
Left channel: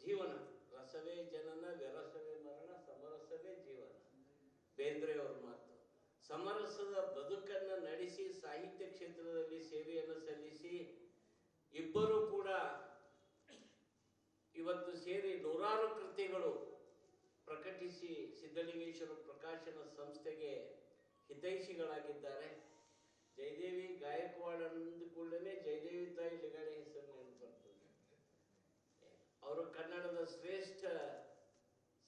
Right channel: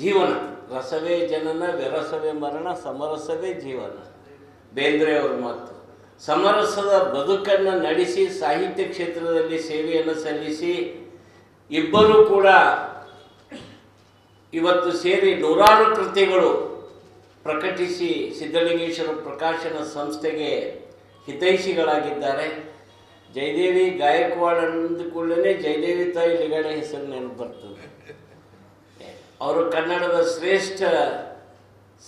ಜೀವನ, ರಸವೇ ಜನನ, ವಿರಸವೇ ಮರಣ, ಸಮರಸವೇ ಜೀವನ, ಬೇಂದ್ರೆಯವರ ಮಾತು. ಸಮರಸದ ಬದುಕನ್ನು ನಡೆಸಿ ಸಾಹಿತ್ಯ ಕ್ಷೇತ್ರದಲ್ಲಿ ಸೇವೆಯನ್ನು ಸಲ್ಲಿಸಿ ಇಬ್ಬರೂ ಕೂಡ ಇವತ್ತು ಸೇರಿ 100 ಕೃತಿಗಳು ಪ್ರಕಟಿಸಿ ಸಿದ್ಧಲಿಂಗೇಶ್ವರ ಪ್ರಕಾಶನ ಸಂಸ್ಥೆಗೆ ಹಿತೈಷಿಗಳಾಗಿದ್ದಾರೆ. ಜಯದೇವಿ ಗಾಯಕ್ವಾಡ್ ಅಂದುಕೊಳ್ಳೇ ಜಯದೇವಿ ತಾಯಿ ಲಿಗಡೆ ಹೆಸರು ನೆನಪು ಬರ್ತದೆ. ಅವರು ಕನ್ನಡದ ಶ್ರೇಷ್ಠ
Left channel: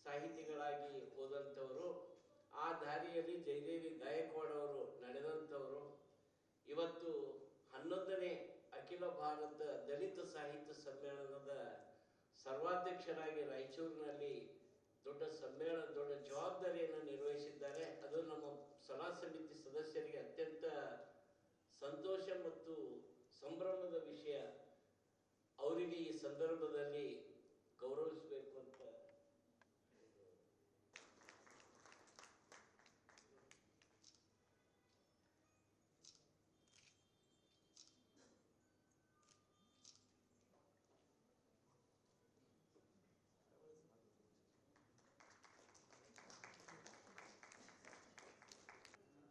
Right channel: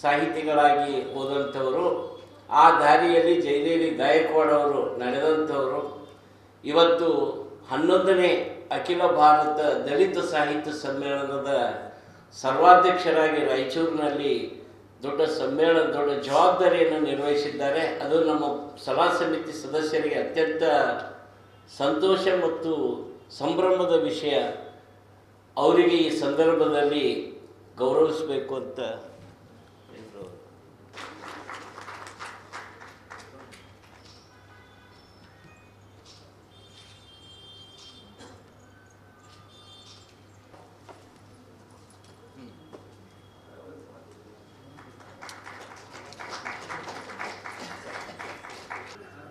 ಸಾಹಿತಿಗಳಾಗಿ ಹೋದಂಥವರು. ಆ ದಾರಿಯಲ್ಲಿ ಜಯದೇವಿ ಗಾಯಕ್ವಾಡ್ ಅವರು ನಡೆದಂಥವರು. ಇವತ್ತು 11ನೇ ಅಖಿಲ ಭಾರತ ದಲಿತ ಸಾಹಿತ್ಯ ಸಮ್ಮೇಳನದ ಸರ್ವಾಧ್ಯಕ್ಷರಾಗಿ ರಾಯಚೂರಿನಲ್ಲಿ ದೊಡ್ಡ ಜವಾಬ್ದಾರಿಯನ್ನು ನಿರ್ವಹಿಸಿದ್ದಾರೆ. ಅದು ನಮ್ಮ ಸಲಹಾ ಸಮಿತಿ ಸದಸ್ಯರಿಗೆ ಅತ್ಯಂತ ಸಂತೋಷ ಮತ್ತು ಸಂಭ್ರಮದ ವಿಷಯ. ಅವರಿಗೆ ಈ ಸಂದರ್ಭದಲ್ಲಿ ಗೌರವಿಸಬೇಕು ಅಂತ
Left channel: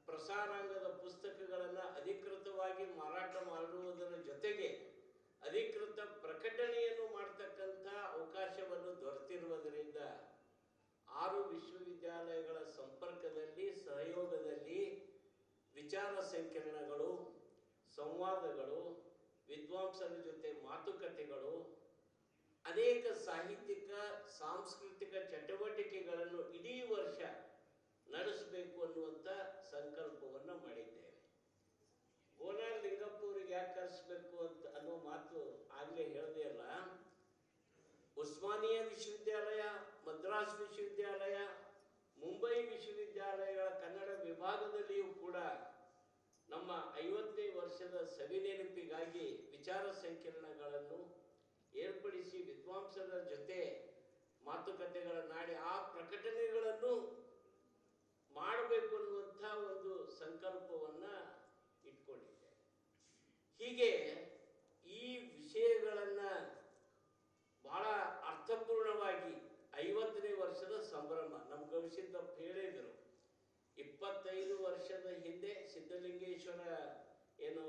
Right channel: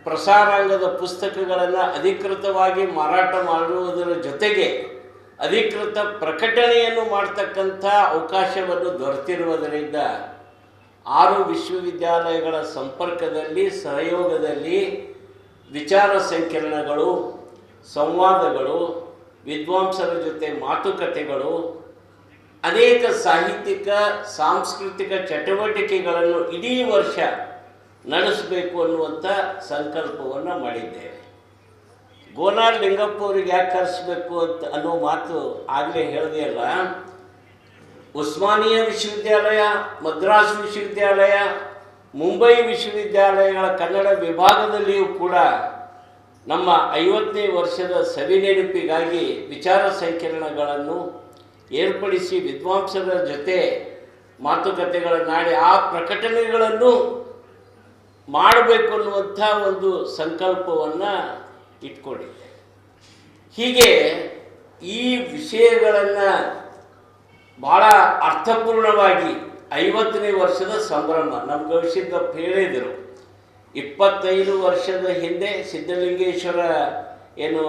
ಪ್ರಸಾರಾಂಗದ ಪುಸ್ತಕಗಳನ್ನು ಅಧಿಕೃತವಾಗಿ ಮಾರಾಟ ಮಾಡುವುದರ ಜೊತೆಗೆ ಅಧಿಕೃತ ಪ್ರಕಟಣೆಯನ್ನು ಮಾಡ್ತಕ್ಕಂಥ ಅವಕಾಶವನ್ನು ದೊರೆತಿರುವುದರಿಂದ 6 ವಿಶ್ವವಿದ್ಯಾಲಯಗಳ ಸಂಪರ್ಕದಲ್ಲಿ ಸಹಯೋಗದಲ್ಲಿ ವಿಚಾರ ಸಂಕಿರಣಗಳು, ಸಂವಾದಗಳು, ವಿದ್ವಾಂಸರ ಜೊತೆ ಮಾತುಕತೆಗಳು, ಅನೇಕ ಸಾಹಿತ್ಯಿಕ ಸಾಂಸ್ಕೃತಿಕ ಚಟುವಟಿಕೆಗಳನ್ನು ಇಡೀ ವರ್ಷ ನಡೆಸಬೇಕು ಅನ್ನುವಂಥ ಸಂಕಲ್ಪವನ್ನು ಮಾಡಿದ್ದೇವೆ. ಗೋನಾರ್ ಲಿಂಗಪ್ಪ ಅವ್ರಿಗೆ ಯಾಕೆ ಕರೆಸಬೇಕು ಅಂತ ಅನ್ನೋ ಮಾತು ಆಗಲೇ ಹೇಳಿದೆಯಲ್ಲ. ಉಸ್ಮಾನಿಯಾ ವಿಶ್ವವಿದ್ಯಾಲಯ, ಮದ್ರಾಸ್ ವಿಶ್ವವಿದ್ಯಾಲಯ, ಮುಂಬೈ ವಿಶ್ವವಿದ್ಯಾಲಯಗಳ ಕನ್ನಡ ವಿಭಾಗದಲ್ಲಿಯೂ ಕೂಡ ನಮ್ಮ 50ನೇ ವರ್ಷದ ಸವಿನೆನಪಿಗಾಗಿ ವಿಚಾರ ಸಂಕಿರಣಗಳನ್ನು ಏರ್ಪಡಿಸಿ ವಿದ್ವಾಂಸರ ಜೊತೆ ಮಾತುಕತೆಗಳನ್ನಾಡಿ ಆ ಪ್ರಕಟಣೆಗಳನ್ನು ಮಾಡಬೇಕು ಅನ್ನುವಂಥ ಒಂದು ಸಂಕಲ್ಪವನ್ನು ಇಟ್ಕೊಂಡಿದ್ದೆ. ಹೀಗೆ ಈ ವಿಷಯಗಳನ್ನು ಭಾಳ ಅರ್ಥಪೂರ್ಣವಾಗಿ 50ನೇ ವರ್ಷದ ಸಂಭ್ರಮ ನಮ್ಮ ಗವಿಸಿದ್ದಪ್ಪ ಹೇಳಿದರು. 25 ವರ್ಷದ ಹಿಂದೆ ಸಿದ್ಧಲಿಂಗೇಶ್ವರ ಏನು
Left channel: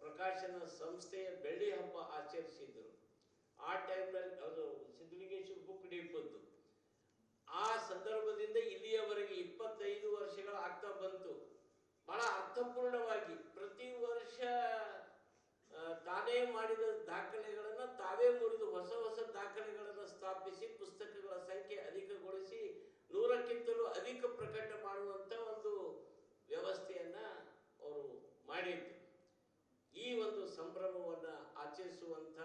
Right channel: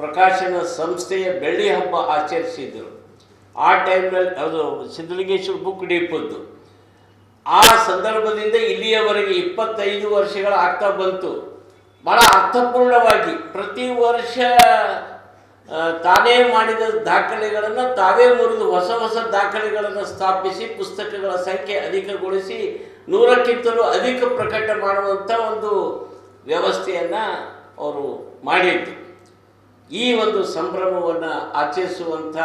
ಪ್ರಕಾಶನ ಸಂಸ್ಥೆಯ ಬೆಳ್ಳಿ ಹಬ್ಬ ಆಚರಿಸಿದರು. ಆ ಟೈಮ್ನಲ್ಲಿ ಅದು ಸಿದ್ಧಲಿಂಗೇಶ್ವರ ಬುಕ್ ಡಿಪೋದ್ದು. ಆ ಸಂದರ್ಭದಿಂದ ಇಲ್ಲಿಯವರೆಗೆ 25 ವರ್ಷಗಳ ಆಗ್ತಾ ಬಂತು. ಭಾಳ ಅರ್ಥಪೂರ್ಣವಾಗಿ ಪ್ರತಿ ವರ್ಷ ತಾನೇ ಮಾಡಿದ ದಾಖಲೆಗಳನ್ನು ತಾವೇ ಮುರಿದು ಹೊಸ ಹೊಸ ದಾಖಲೆಗಳನ್ನು ಸ್ಥಾಪಿಸಿ ಪುಸ್ತಕಗಳ ಸಂಖ್ಯೆ ಅಧಿಕಗೊಳಿಸಿ 100ಕ್ಕಿಂತಲೂ ಅಧಿಕ ಪ್ರಕಟ ಮಾಡುವಂಥ ಒಂದು ವ್ಯವಸ್ಥೆಯನ್ನು ಅವರು ಮಾಡಿದ್ದು. ಈ ಒಂದು ಸಂಭ್ರಮವನ್ನು ಆಚರಿಸುವಂಥ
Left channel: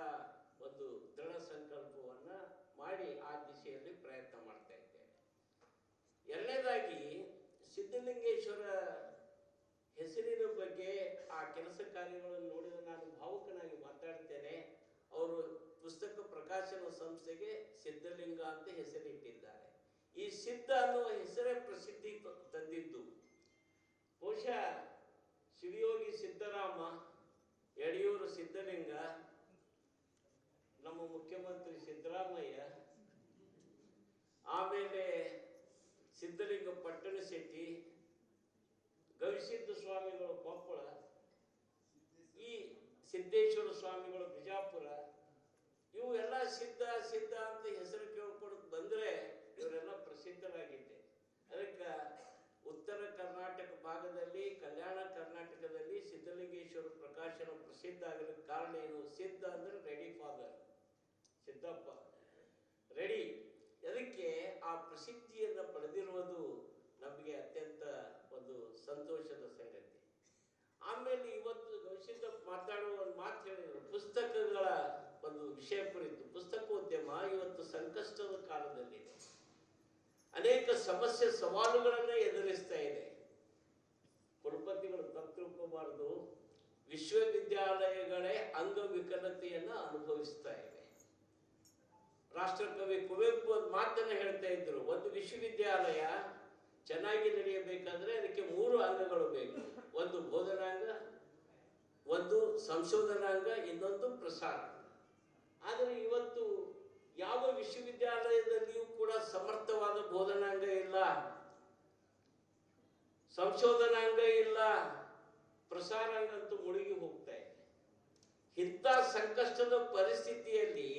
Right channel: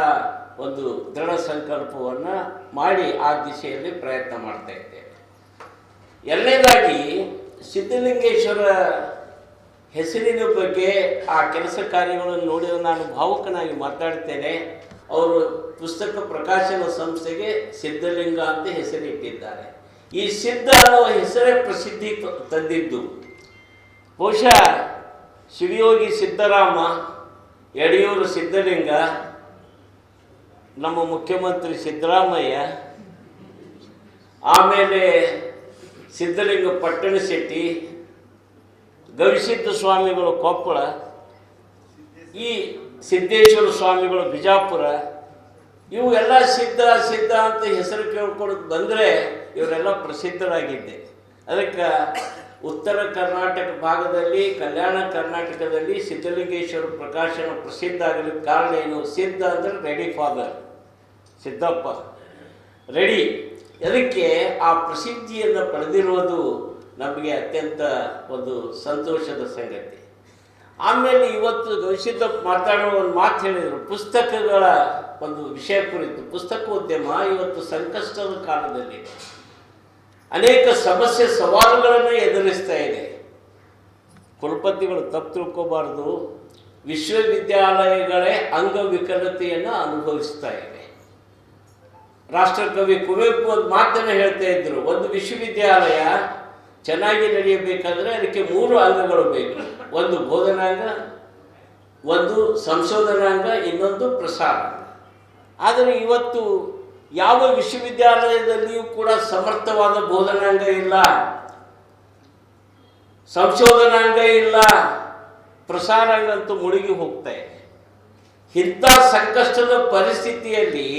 ಒಂದು ದೃಢ ಸಂಕಲ್ಪವನ್ನು ಮಾಡಿ ಆ ದಿಶೆಯಲ್ಲಿ ಪ್ರಯತ್ನ ಮಾಡ್ತಾ ಇದ್ದೇವೆ. ಎರಡನೇದಾಗಿ ಸಿದ್ಧಲಿಂಗೇಶ್ವರ ಹೆಸರಿನ ಬಗ್ಗೆ ಆ ಕೆಲಸ ಕಾರ್ಯಗಳನ್ನು ನೋಡಿದ ನಾನು ಭಾವುಕನಾಗಿ ಮಾತಾಡ್ತೇನೆ. ಅವರು ಪುಸ್ತಕ ಪ್ರಕಾಶನ ಸಂಸ್ಥೆಗೆ ಸಿದ್ಧಲಿಂಗ ಅಂತ ಹೆಸರಿಟ್ಟಿದ್ದಾರೆ. ಈ ಸಿದ್ಧ ಅನ್ನುವ ಹೆಸರೇ ಪ್ರಸಿದ್ಧಿ ತಂದಿದ್ದು ಬಹುಶಃ ಶಿವಯೋಗಿ ಸಿದ್ದರಾಮ, ಯಡಿಯೂರು ಸಿದ್ಧಲಿಂಗ, ನಮ್ಮ ಮುಖ್ಯಮಂತ್ರಿ ಸಿದ್ದರಾಮಯ್ಯ, ಆಮೇಲೆ ಸಿದ್ಧಲಿಂಗ ಪಟ್ಟಣಶೆಟ್ಟಿ, ಗವಿಸಿದ್ಧ ಸ್ವಾಮಿಗಳು ಕೊಪ್ಪಳ, ಈ ಸಿದ್ದೇಶ್ವರ ಸ್ವಾಮಿಗಳು ಬಿಜಾಪುರ, ಇವು ಎಲ್ಲ ಸಿದ್ಧ ಸಿದ್ಧ ಅಂತ ಹೆಸರು ಕೇಳ್ಕೊಂಡು ಬಂದರೆ ಇವರೆಲ್ಲ ಪ್ರಸಿದ್ಧರಾಗಿದ್ದೆ. ಅದಕ್ಕೆ ಉತ್ತರ ಕರ್ನಾಟಕ ಭಾಗದಲ್ಲಿ, ಕಲ್ಯಾಣ ಕರ್ನಾಟಕದಲ್ಲಿ ಸಿದ್ಧಲಿಂಗೇಶ್ವರ ಪ್ರಕಾಶನ ಪ್ರಸಿದ್ಧ ಆಗಲಿಕ್ಕೆ ಕಾರಣ ಏನು? ಸಿದ್ಧ ಅಂದರೆ ರೆಡಿ ಫಾದರ್, ಸಿದ್ದಪ್ಪ ರೆಡಿ. ಅದಕ್ಕೆ ಆ ಪ್ರಸಿದ್ಧಿಯನ್ನು ಪಡೆದಿರುವುದು ನಮಗೆ ಅತ್ಯಂತ ಒಂದು ಸಂತೋಷದ ಸಂಗತಿ. ಆಮೇಲೆ ಇವತ್ತು ಗವಿಸಿದ್ದಪ್ಪ ಮಾತಾಡೋ ಒಂದು ಮಾತು ಹೇಳಿದರು, ಪುಸ್ತಕಗಳ ಒಂದು ವಿಷಯ ಕುರಿತು. ಪುಸ್ತಕೋದ್ಯಮ ಇವತ್ತು ಸಂಕಷ್ಟದ ಕಾಲದಲ್ಲಿ ಅನೇಕ ಸಮಸ್ಯೆ ಸವಾಲುಗಳನ್ನು ಎದುರಿಸ್ತಾ ಇದೆ. ಕುಲಪತಿಗಳು ತಪ್ಪು ತಿಳ್ಕೋಬಾರ್ದು, ವಿಶ್ವವಿದ್ಯಾಲಯಗಳೇ ಅಂಗವಿಕಲತೆಯನ್ನು ಅನುಭವಿಸ್ತಾ ಇವೆ. ರಾಷ್ಟ್ರಕವಿ ಕುವೆಂಪು ಒಂದು ಮಾತನ್ನು ಹೇಳ್ತಾ ಇದ್ರು, ಒಂದು ವಿಶ್ವವಿದ್ಯಾಲಯ ಚೆನ್ನಾಗಿ ನಡೆಯಬೇಕಾದ್ರೆ ಅದಕ್ಕೆ 3 ಅಂಗಗಳು ಬೇಕು. ಒಂದು ಬೋಧನಾಂಗ, ಒಂದು ಸಂಶೋಧನಾಂಗ, ಇನ್ನೊಂದು ಪ್ರಸಾರಾಂಗ. ಆದರೆ ಇವತ್ತು ಯಾವ ವಿಶ್ವವಿದ್ಯಾಲಯದಲ್ಲಿಯೂ ಕೂಡ ಸಮರ್ಥವಾದ ಬೋಧನಾಂಗ ಇಲ್ಲ, ಸಂಶೋಧನಾಂಗ ಇಲ್ಲ, ಪ್ರಸಾರಾಂಗ ಅಂತೂ ಮುಳುಗಿ ಹೋಗ್ತಾ ಇದೆ. ಇಂಥ ಸಂಕಷ್ಟದ ಪರಿಸ್ಥಿತಿಯಲ್ಲಿ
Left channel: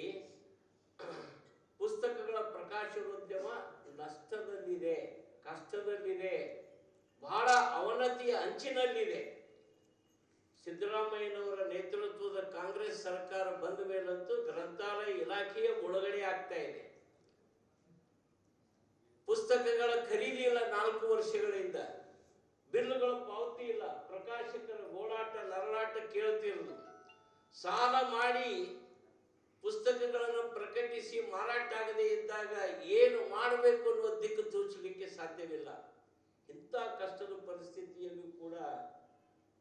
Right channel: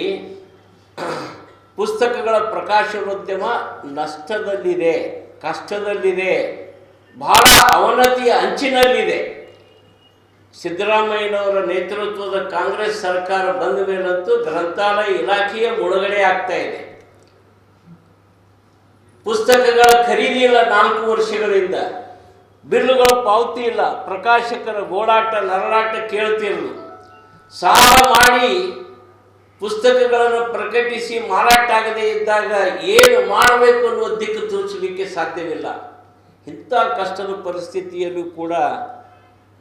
ಪುಸ್ತಕಗಳ ಪ್ರಕಾಶನೋದ್ಯಮ ನಷ್ಟದಲ್ಲಿದೆ, ಕಷ್ಟದಲ್ಲಿದೆ, ಬಹಳ ಅವನತಿಯ ಅಂಚಿನಲ್ಲಿದೆ. ಸಿದ್ದರಾಮಯ್ಯನವರ ನೇತೃತ್ವದ ಕಾಂಗ್ರೆಸ್ ಸರ್ಕಾರ ಬಂದ ಮೇಲಂತೂ ಗ್ರಂಥಾಲಯ ಇಲಾಖೆಯ ಮುಳುಗಡೆ ಆಗ್ತಾ ಇದೆ. ಪುಸ್ತಕಗಳ ಖರೀದಿ ಇಲ್ಲ 4 ವರ್ಷಗಳಿಂದ, ಬಿಲ್ಲುಗಳ ಪಾವತಿ ಇಲ್ಲ, ಪ್ರಕಾಶಕರ ಗೋಳಾಟ ನರಳಾಟ ಕೇಳ್ತಿರಲು, ಸಾಲ ಮಾಡಿ ಪುಸ್ತಕಗಳನ್ನು ಪ್ರಕಟಿಸಿ ಮಾರಾಟ ಆಗದೇ ಇದ್ದಾಗ ಏನು ಮಾಡಬೇಕು ಅನ್ನುವ ದಿಕ್ಕು ತೋರಿಸಲಿಕ್ಕೆ ಸಾಧ್ಯವಿಲ್ಲ. ಇಂಥ ಕಷ್ಟದ ಪರಿಸ್ಥಿತಿಯಲ್ಲೂ ಕೂಡ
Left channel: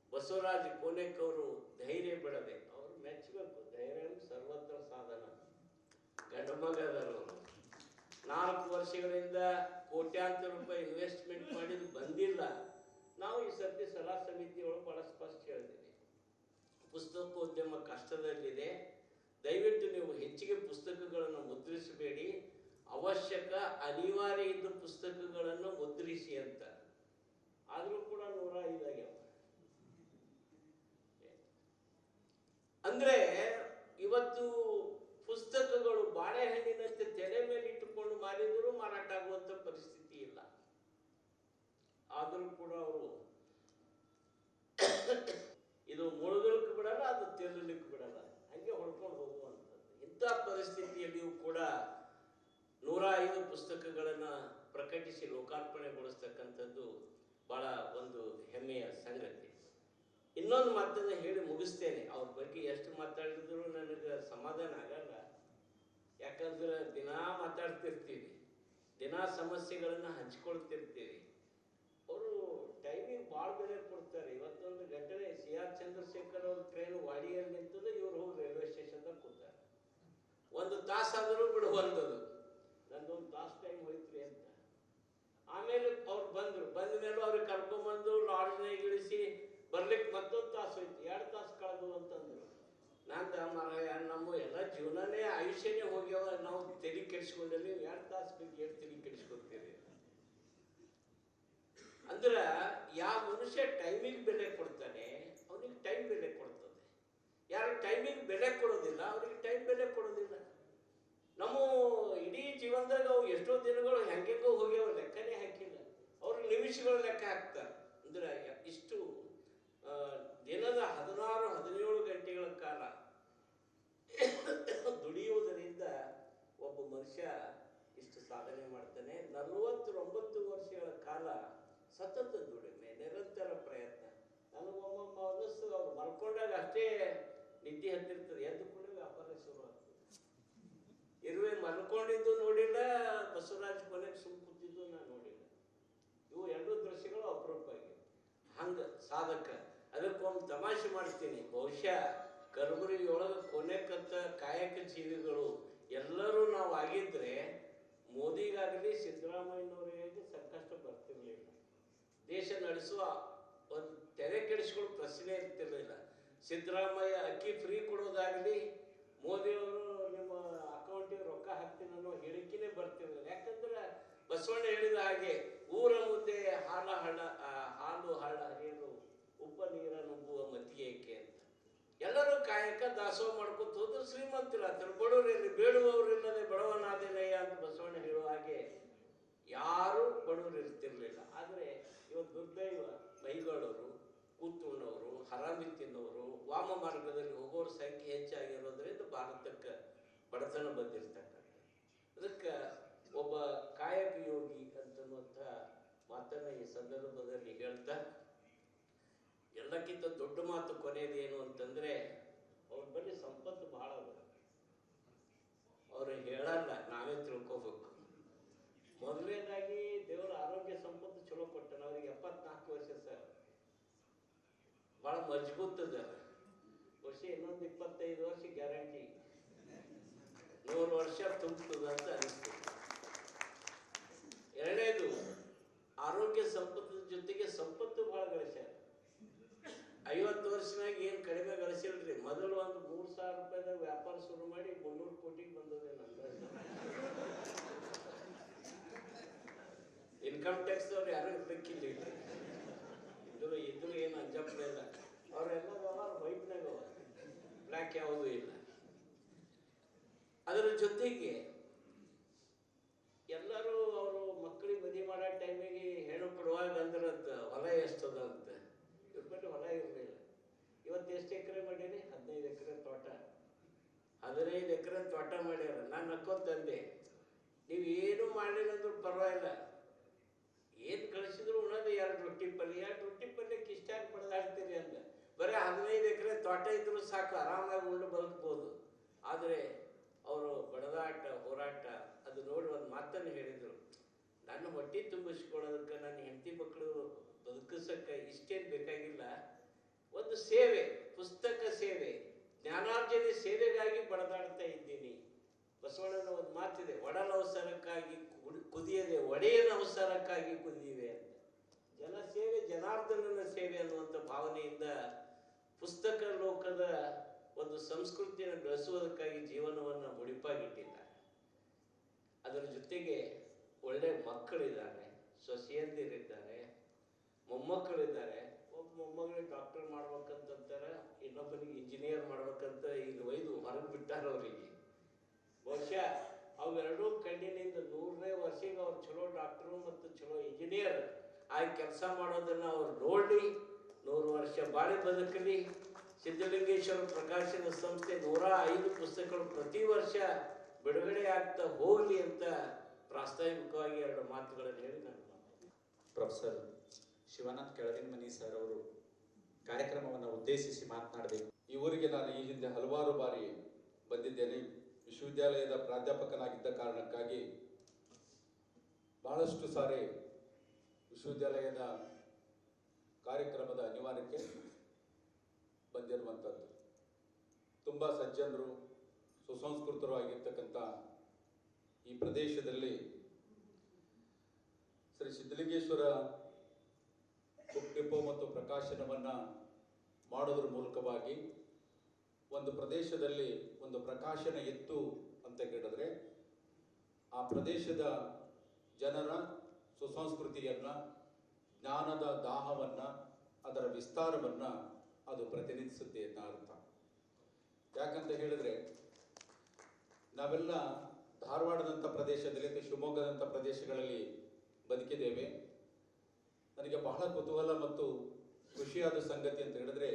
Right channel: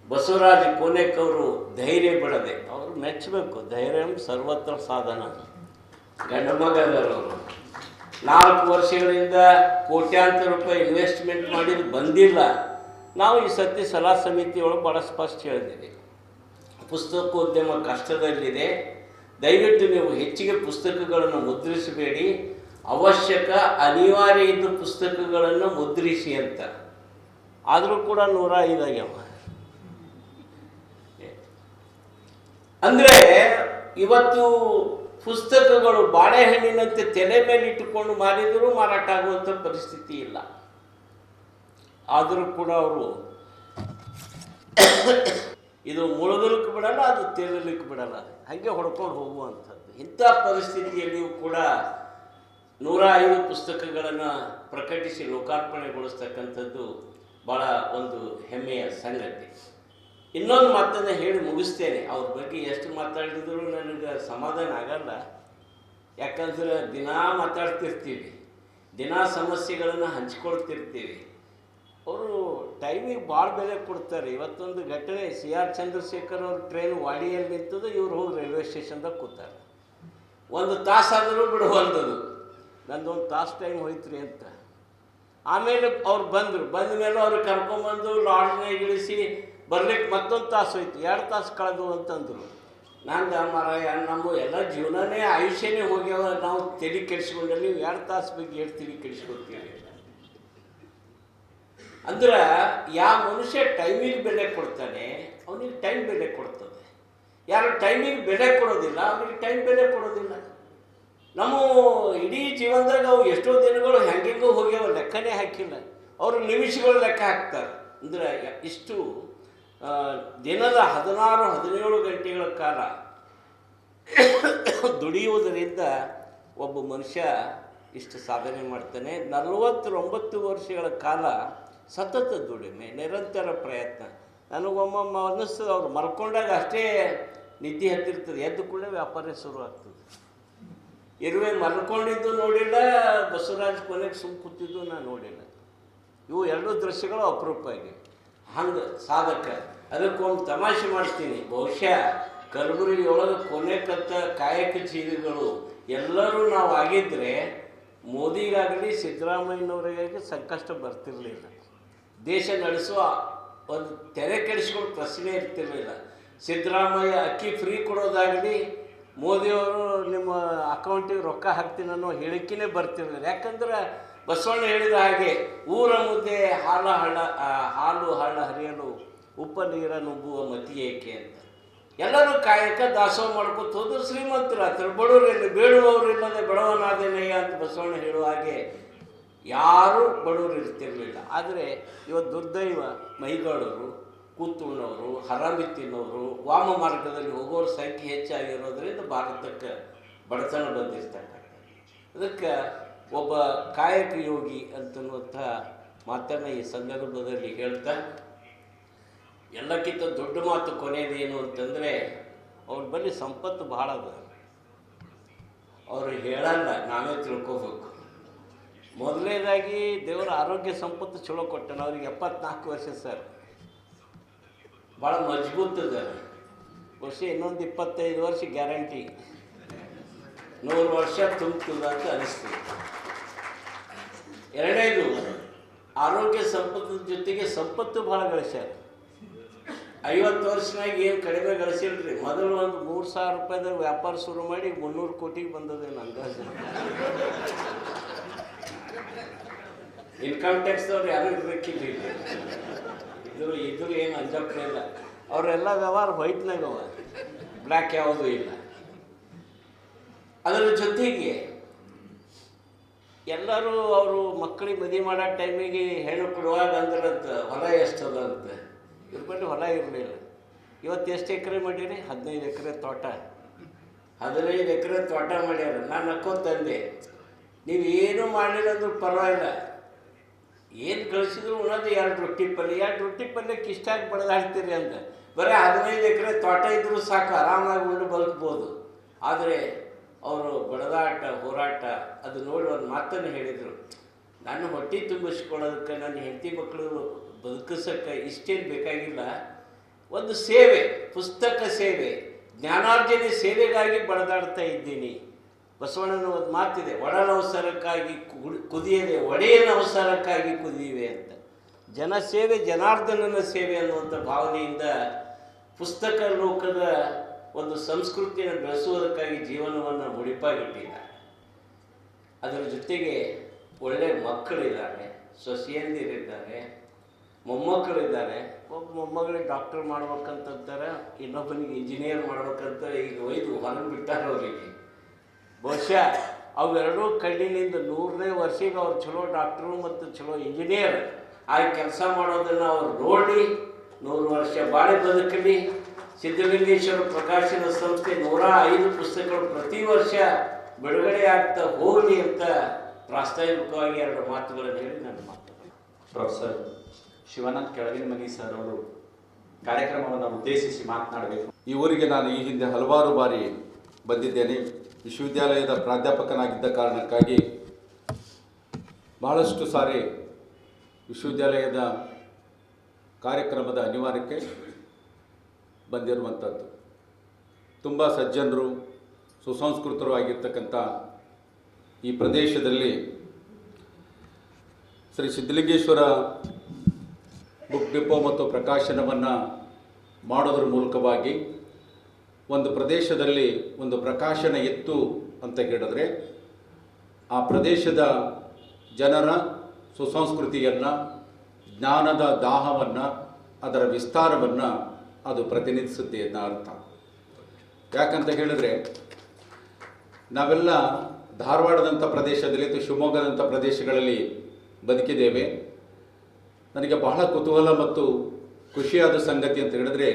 ಬಸವರಾಜ ಕೋನೇಕವರು ಧೈರ್ಯ ಬಿಡದೆ, ಅವರು ಮೆಚ್ಚಬೇಕು, ಧೈರ್ಯ ಸರ್ವತ್ರ ಸಾಧನ. ಗಂಡ ಮಗದವರು 4 ವರ್ಷಗಳಿಂದ ಕೋಟ್ಯಾಂತರ ರೂಪಾಯಿ ಇನ್ವೆಸ್ಟ್ಮೆಂಟ್ ಮಾಡಿದ್ದು ಬಂದಿಲ್ಲ. ನಾವು ಈ ಸತಿ ಸಲಹಾ ಸಮಿತಿಯೊಳಗೆ ಭಾಳ ಸ್ಪಷ್ಟ ಹೇಳಿದ್ದೀವಿ, ಪುಸ್ತಕೋದ್ಯಮ ಕಷ್ಟದಲ್ಲಿದೆ, ದಯವಿಟ್ಟು ನೀವು ಹೆಚ್ಚಿಗೆ ಪುಸ್ತಕಗಳನ್ನು ಮುದ್ರಿಸಬೇಡಿ, ಅವಶ್ಯಕ ಅನಿವಾರ್ಯ ಇದ್ದ ಪುಸ್ತಕಗಳನ್ನು ಮುದ್ರಿಸಿ ಅಂತ. ಆದರೂ ಕೂಡ 105 ಆಗ್ಯಾವ. ಅಂದರೆ ಇವತ್ತು ಪುಸ್ತಕಗಳು ಬಾಳೆಹಣ್ಣಿನಂತೆ ತಲೆ ಮೇಲೆ ಇಟ್ಟುಕೊಂಡು ಮಾರಿದರೂ ಮಾರಾಟ ಆಗುವಂಥ ಪರಿಸ್ಥಿತಿ ಇಲ್ಲ. ಆದರೂ ಕೂಡ ಅವರು ಇದು ಮುಳುಗಲಿಕ್ಕೆ ಬಿಡಲ್ಲ, ಅದು ತೇಲಲಿಕ್ಕೆ ಬಿಡಲ್ಲ, ಹಾಗೆ ಹೊಡ್ಕೊಂಡು ಹೋಗುವಂಥದ್ದು. ಇಂಥ ಪರಿಸ್ಥಿತಿಯಲ್ಲಿಯೂ ಕೂಡ 105 ಪುಸ್ತಕಗಳನ್ನು ಪ್ರಕಟಿಸಿ ಲೋಕಾರ್ಪಣೆಗೊಳಿಸ್ತಕ್ಕಂಥದ್ದು ಭಾಳ ಒಂದು ಹೆಮ್ಮೆಯ ಸಂಗತಿ. ಇನ್ನೊಂದು ಮಾತನ್ನು ಹೇಳಿ ಮುಗಿಸ್ತೇನೆ. ಅವ್ರ ಬಗ್ಗೆ ಎಷ್ಟು ಮಾತಾಡಿದ್ರು ನನಗೆ ಸಮಾಧಾನ ಆಗಲ್ಲ. ಯಾಕಂದ್ರೆ ದಿನಾ ಮಾತಾಡ್ತಿರ್ತೀವಿ, ದಿನಾ ಸಮಸ್ಯೆಗಳನ್ನು ಹಂಚ್ಕೊಳ್ತಿರ್ತೀವಿ. ಅವರು ಟೈಮಿಗೆ ಭಾಳ ಬೆಲೆ ಕೊಡ್ತಾರೆ. ಇವತ್ತೊಂದು ಘಟನೆ, CR ಚಂದ್ರಶೇಖರ್ ಅವ್ರ ಟ್ರೈನ್ ವಾಡಿಯಲ್ಲಿ ನಿಂತದ್ದು, ಇವ್ರು ಹೋಗಿ ರೈಲ್ವೆ ಸ್ಟೇಷನ್ದಾಗ ಕೂತಾರೆ. 1 ತಾಸಾದರೂ ಬಿಡುವಂಥದ್ದು. ನಂದೊಂದು ತಾಸು ಟೈಮ್ ಹೋಯ್ತ್ರಿ ಅಂತ. ಆಮೇಲೆ ಅವ್ರು ಬಂದರು. ಬಂದ ಮೇಲೆ ಅವ್ರಿಗೆ ಕರ್ಕೊಂಬಂದು ಲಾಡ್ಜ್ನಾಗ ಇಳಿಸಿ ಬರ್ಲಿಕ್ಕೆ ಮತ್ತೊಂದು ತಾಸು ಹೋಯ್ತು. 2 ತಾಸು ಕಳೆದು ಅಂತಂದರು. ನಂದು ಮಾರಾಯ, ನಮ್ಮ ಎಲ್ಲ ಜೀವನನೇ ಆಯುಷ್ಯನೇ ಹೋಗ್ಯಾವ, ನಾವು ತಲೆ ಕೆಡಿಸ್ಕೊಂಡಲ್ಲಿ 2 ತಾಸು ಬಗ್ಗೆ ಎಷ್ಟು ತಲೆ ಕೆಡಿಸ್ಕೊತೀವಿ. ಅಂದ್ರೆ ಯಾವ ಮನುಷ್ಯ ಟೈಮಿಗೆ ಬೆಲೆ ಕೊಡ್ತಾನೆ ಅವನಿಗೆ ಟೈಮ್ ಬೆಲೆ ಕೊಡ್ತದೆ. ಯಾರು ಟೈಮಿಗೆ ಬೆಲೆ ಕೊಡೋದಿಲ್ಲ ಅವನಿಗೆ ಟೈಮ್ ಬೆಲೆ ಕೊಡೋದಿಲ್ಲ. ನಮ್ಮ ಇಡೀ ಜೀವನದಾಗ ಅವು ಎಷ್ಟೋ ದಿನಗಳು ಹೆಂಗೆಂಗೋ ಹೋಗ್ಯಾವ, ಲೆಕ್ಕನೇ ಹಾಕಿಲ್ಲ. ಅವರು ನಿಮಿಷಗಳು ಲೆಕ್ಕ ಹಾಕ್ತಾರೆ. ಅಂದರೆ ಇಷ್ಟು ದಿನದ 16-17 ಗಂಟೆಗಳ ಕಾಲ ದುಡಿಯುವುದರಿಂದ ಒಬ್ಬ ಮನುಷ್ಯ ಇಷ್ಟು ಸಾಧನೆ ಮಾಡ್ತಾನೆ. 49 ವರ್ಷಗಳ ಕಾಲ ಸತತ ದುಡಿಮೆ, ನಿರಂತರ ಪ್ರಯತ್ನ. ನನಗೊಮ್ಮೊಮ್ಮೆ ಅನ್ನಿಸ್ತದೆ, ಅವ್ರು ಮಲ್ಕೊಂಡಾಗ ಅಷ್ಟೇ ನಿದ್ದೆ ಹತ್ತಿರ್ತದೆ, ಎದ್ದು ಕೂಡ ವ್ಯಾಪಾರ ಶುರು ಆಗ್ತದೆ. ಇರುವೆ ಮಲ್ಕೊಂಡಿದ್ದು ನೋಡಿಲ್ಲ, ಬಸವರಾಜ್ ಕೊನೆಗೆ ಸುಮ್ಮ ಕೂತಿದ್ದು ನಾನು ನೋಡಿಲ್ಲ. ಇವು 2 ದೃಶ್ಯಗಳು ಅಪರೂಪ ಆಗಿವೆ. ಹಂಗೆ ಸಾಧಕ. ಅದಕ್ಕೊಂದು ತಮಾಷೆ ಮಾಡ್ತೀನಿ. ಬಹುಶಃ ಕಲಬುರಗಿಯೊಳಗೆ ಕೊನೆ ಕತ್ತ ಕಾಯಕ ಜೀವಿಗಳು ಎಲ್ಲರೂ ನಾವು ಆಗಿದ್ದರೆ ಮೋದಿಗಾಗಲಿ ಸಿದ್ದರಾಮಯ್ಯನವರಿಗಾಗಿ ಸಂಕಷ್ಟ ಬರ್ತಿರಲಿಲ್ಲ. ದೇಶ ನಡೆಸುವ ಒಂದು ತೆರೆ ಕೆಡಿಸ್ಕೊಂಡು ಪ್ರಶ್ನೆ ಇರ್ತಿರಲಿಲ್ಲ. ಸಿದ್ದರಾಮಯ್ಯ ಅಕ್ಕಿ ಫ್ರೀ ಕೊಡೋದಾಗಲಿ, ಮೋದಿಯವರು ನಿಮ್ಮ ಅಕೌಂಟಿಗೆ ರೊಕ್ಕ ಹಾಕ್ತೀನಿ ಅನ್ನೋ ಹೇಳಿಕೆನೇ ಬರ್ತಿರಲಿಲ್ಲ. ಯಾಕಂದ್ರೆ ಬಸವಣ್ಣ ಹೇಳಿದ ಹಾಗೆ ಊರ ಮುದ್ದೆ ಹಾಲು ಹಳ್ಳ ಹರಿಯಲು ಉಪ್ಪ ನೀರ ನುಗ್ಗುವ ಮತಿ ಏಕೆ ಅಂತ. ಎಲ್ಲರೂ ಕಾಯಕ ದಾಸೋಹ ಮಾಡ್ಕೊತ ಹೋದ್ರು ಶ್ರೀಮಂತರು ಆಗ್ತಾರೆ. ಬಡವರಿಲ್ಲ, ಬೇಡುವವರಿಲ್ಲದೆ ಬಡವನಾದೇನಯ್ಯ ಅಂತ ಬಸವಣ್ಣ ಹೇಳುವ ಹಾಗೆ ಯಾರೂ ಬಡವರು ಇರ್ತಿರಲಿಲ್ಲ. ಆದರೆ ಇವತ್ತು ದುರ್ದೈವ, ಮೈಗಾಡೋರು, ಕೂತುಣ್ಣವರು, ಹರಾಮಿ ತಿನ್ನೋರು, ವಾಮ ಮಾರ್ಗದಲ್ಲಿ ಹೋಗೋರ ಸಂಖ್ಯೆ ಹೆಚ್ಚಾಗಿರೋದ್ರಿಂದ ಭಾರತಕ್ಕೆ ಬಡತನ ಬಂದಿರ್ತಕ್ಕಂಥ. ಅದಕ್ಕೆ ಒಬ್ಬ ಕಾಯಕ ಯೋಗಿ ಅಂತನ್ನುವಂಥ ಮಾತನ್ನು ಈ ಸಂದರ್ಭದಲ್ಲಿ ಹೇಳ್ತಾ, ಎಲ್ಲಕ್ಕಿಂತ ದೊಡ್ಡ ಮಾತು ಕೊನೆಯದೇನು ಅಂತಂದರೆ, ಅವ್ರ ಬಳಿ ಸಂಪತ್ತು ಭಾಳ ಅದ. ಅವರು ಹೇಳಲ್ಲ, ನಾವೇ ತಿಳ್ಕೋಬೇಕು. ಮೊದಲನೇದಾಗಿ ದೇವರ ಆರೋಗ್ಯ ಸಂಪತ್ತು ಚಲೋ ಕೊಟ್ಟನು. ಅವ್ರಿಗೆ 74 ವರ್ಷ ಸರ್, ಭಾಳ ಮಜಬೂತ್ ಅದ. ಬಹುಶಃ ಇನ್ನೊಂದು 25 ವರ್ಷ ಗ್ಯಾರಂಟಿ, 100 ವರ್ಷ ತುಂಬ್ತದ ಅಂತ ಅನಿಸ್ತದೆ. ಎರಡನೇದು, ಆರೋಗ್ಯ ಸಂಪತ್ತು ಜೊತೆಗೆ ಸಂಪತ್ತು ಭಾಳ ಗಳಿಸ್ಯಾರ. 50 ವರ್ಷನಾಗ ಏನು ಕಡಿಮೆ ಗಳಿಸಿಲ್ರಿ. ಮೊದಲು ಒಂದು 3,000 ರೂಪಾಯಿದಾಗ ವ್ಯಾಪಾರ ಶುರು ಮಾಡಿ 300 ಕೋಟಿಗೆ ಬಂದದೇನು ಅಂದಾಜು. ಇನ್ಕಮ್ ಟ್ಯಾಕ್ಸ್ದವ್ರು ಯಾರು ಇರಬೇಕಿಲ್ಲ. ಇದ್ರು ಏನು ಅಂಜಪ್ಪನೇ ಇಲ್ಲ. ಅವರೆಲ್ಲ ವ್ಯವಹಾರ ವೈಟ್ನಾಗ ಅವ, ಬ್ಲ್ಯಾಕ್ ಯಾವುದೂ ಇಲ್ಲ. ಅದರ ಜೊತೆಗೆ ಎಲ್ಲರೂ ಅವರು ಮಕ್ಕಳಿಗೆ ಮದುವೆ ಮಾಡೋ ಟೈಮಿಗೆ ಹೆಣ್ಣು ಕೊಡುವಾಗ ಅಂದ್ರಂತ ಹೊಲ ಎಷ್ಟದ ಅಂತ. ಇವ್ರ ಬಳಿ ಹೊಲ ಇರಲಿಲ್ಲ. ಇವತ್ತು ಎಷ್ಟು ಎಕರೆ ಮಾಡೀರಿ? 15 ಎಕರೆ ತೋಟ. 15 ಎಕರೆ ತೋಟ ಮಾಡ್ಯಾರ. ನಾನು ನಕ್ಕೊಂತಂದೆ, ನೀವು ಏನೂ ಮಾಡಲಿಲ್ಲ ಅಂದ್ರೂ ಪರವಾಗಿಲ್ಲ, ಏನು ಕಳಿಸಿದ್ರು ಉಣೋದು 2 ರೊಟ್ಟಿ ಪಲ್ಯ. 2 ರೊಟ್ಟಿ ಪಲ್ಯಕ್ಕೆ ಇಷ್ಟಾಗಿ ಬಡದಾಡ್ತೀರಿ ಅಂತ. ಬರೀ 15 ಎಕರೆ ತೋಟ ಇದ್ದರೂ ಸಾಕು, ಆರಾಮಾಗಿ ಉಂಡು ಬದುಕ್ಬೋದು. ಆದರೆ ಅವರು ಬಡದಾಟ, ಹೋರಾಟ ಅದು ನೋಡಿ ಒಂದು ಮಾತನ್ನು ಹೇಳಿದರು, ನಾನು ಹೊಟ್ಟೆ ತುಂಬಿಸ್ಕೊಳ್ಳೋದಕ್ಕೆ, ನನ್ನ ಹೆಂಡತಿ ಮಕ್ಕಳು ಬದುಕಿಸೋಕ್ಕೆ ಇಷ್ಟೇನು ಬೇಕಾಗಿಲ್ಲ, ಒಂದು ಸೇವೆ, ಪುಸ್ತಕ ಸೇವೆ, ಜ್ಞಾನಾರ್ಜನೆ ಸೇವೆಗಾಗಿ ಬಡದಾಡ್ತಾ ಇದ್ದೀನಿ. ಬಸವಣ್ಣನ ಒಂದು ಮಾತಿದೆ, ಒಡನವಸರಕ್ಕಾಗಿ ಕುದಿಯದೆ ಒಡೆಯನ ಅವಸರಕ್ಕಾಗಿ ಕುದಿಯಿವೆ ಅಂತ. ಜನಸೇವೆ, ಜನಾರ್ದನನ ಸೇವೆ ಅನ್ನುವಂಥ ಭಾವನೆಯಿಂದ ಪುಸ್ತಕ ಲೋಕದ ಒಂದು ಸಂಸ್ಕೃತಿಯನ್ನು ಬೆಳೆಸುವುದಕ್ಕಾಗಿ ಜೀವನವನ್ನು ಮುಡಿಪಾಗಿಟ್ಟಿದ್ದಾರೆ. ಅದರ ಜೊತೆಗೆ ಒಳ್ಳೆ ಮಕ್ಕಳಿದ್ದಾರೆ, ಸೊಸೆಯಂದಿರಿದ್ದಾರೆ. ಮೊಮ್ಮಕ್ಕಳಿದ್ದಾರೆ. ಒಬ್ಬ ಮೊಮ್ಮಗಳಿಗೆ ಡಾಕ್ಟರ್ ಮಾಡ್ಬೇಕಂತಾರೆ, ಇನ್ನೊಬ್ಬನಿಗೆ ಇಂಜಿನಿಯರ್ ಮಾಡ್ಬೇಕಂತ ಈಗ ಒಯ್ದು ಹೊರಗೆ ಬಿಟ್ಟಾರೆ ಅವರಿಗೆ. ಬಹುಶಃ ಅವೆರಡೂ ಕಣ್ಣಿನಿಂದ 100ನೇ ವರ್ಷಕ್ಕೆ ಅವ್ರು ಚಲೋ ಡಾಕ್ಟ್ರು ಮತ್ತು ಚಲೋ ಇಂಜಿನಿಯರ್ ಆಗಿ ಕೆಲಸ ಮಾಡೋದನ್ನು ಅವ್ರು ನೋಡಿ 100 ವರ್ಷ ಬಾಳೆ ಬದುಕಲಿ. ಸಿದ್ಧಲಿಂಗೇಶ್ವರ ಪ್ರಕಾಶನ ಸಂಸ್ಥೆ 105 ಪುಸ್ತಕಗಳು ಪ್ರತಿ ವರ್ಷ ಬಿಡುಗಡೆ ಆಗ್ತಾ ಹೋಗಲಿ ಅಂತ ಪ್ರಾಸ್ತಾವಿಕವಾಗಿ 2 ಮಾತುಗಳನ್ನು ಹೇಳಿ ನನ್ನ ಮಾತು. ಪ್ರೊಫೆಸರ್ ಶಿವಾನಂದ್ ಕೆಳಗಿನ ಮನಿ ಸರ್ ಅವರು ಕಾರ್ಯಕ್ರಮವನ್ನು ಉದ್ದೇಶಿಸಿ ಮಾತನಾಡಬೇಕು. ಈ ಊರಿಗೆ ನಾನು ಈ ಹಿಂದೆ ಹಲವಾರು ಬಾರಿ ಬಂದಿದ್ದೇನೆ. ವಿಶ್ವವಿದ್ಯಾಲಯದ ಪ್ರಾಧ್ಯಾಪಕನಾಗಿದ್ದ ಕಾರಣಕ್ಕಾಗಿ ಬಹಳಷ್ಟು ಸಾರಿ ವಿಶ್ವವಿದ್ಯಾಲಯದ ಕಾರ್ಯಕ್ರಮದ ಅನಿವಾರ್ಯಕ್ಕೆ ಬಂದಿರುವಂಥದ್ದು. ತುಂಬ ಸಜ್ಜನರು, ಸುಸಂಸ್ಕೃತರು ಆಗಿರ್ತಕ್ಕಂಥ ಈ ಪ್ರದೇಶದಲ್ಲಿ ಶ್ರೀ ಸಿದ್ಧಲಿಂಗೇಶ್ವರ ಬುಕ್ ಡಿಪೋ ಮತ್ತು ಪ್ರಕಾಶನವನ್ನು ಮಾಡೋದ್ರ ಮೂಲಕವಾಗಿ ಒಂದು ಪ್ರದೇಶದಲ್ಲಿ ಒಂದು ಪ್ರಕಾಶನ ಇತ್ತು ಅಂತ ಹೇಳಿದ್ರೆ ಆ ಪ್ರದೇಶದ ಜನರ ಸುಸಂಸ್ಕೃತಿಯನ್ನು, ಜ್ಞಾನದ ದಾಹವನ್ನು, ಅದರ ವಿಸ್ತಾರವನ್ನು ಅದು ಪ್ರತಿನಿಧಿಸುತ್ತೆ ಅನ್ನೋ ಅರ್ಥ. ಯಾಕಂತ ಹೇಳಿದ್ರೆ ನಾವೆಲ್ಲ ಧಾರವಾಡದಂಥ ಪ್ರದೇಶದಲ್ಲಿ ಅಥವಾ ಶಿವಮೊಗ್ಗದಂಥ ಪ್ರದೇಶಗಳಲ್ಲಿ ಬದುಕಿದ್ದೇವೆ. ನನಗೆ ಬಹಳ ಕುತೂಹಲ ಮತ್ತು ಖುಷಿಯಾದ ಸಂಗತಿ ಅಂತ ಹೇಳಿದ್ರೆ,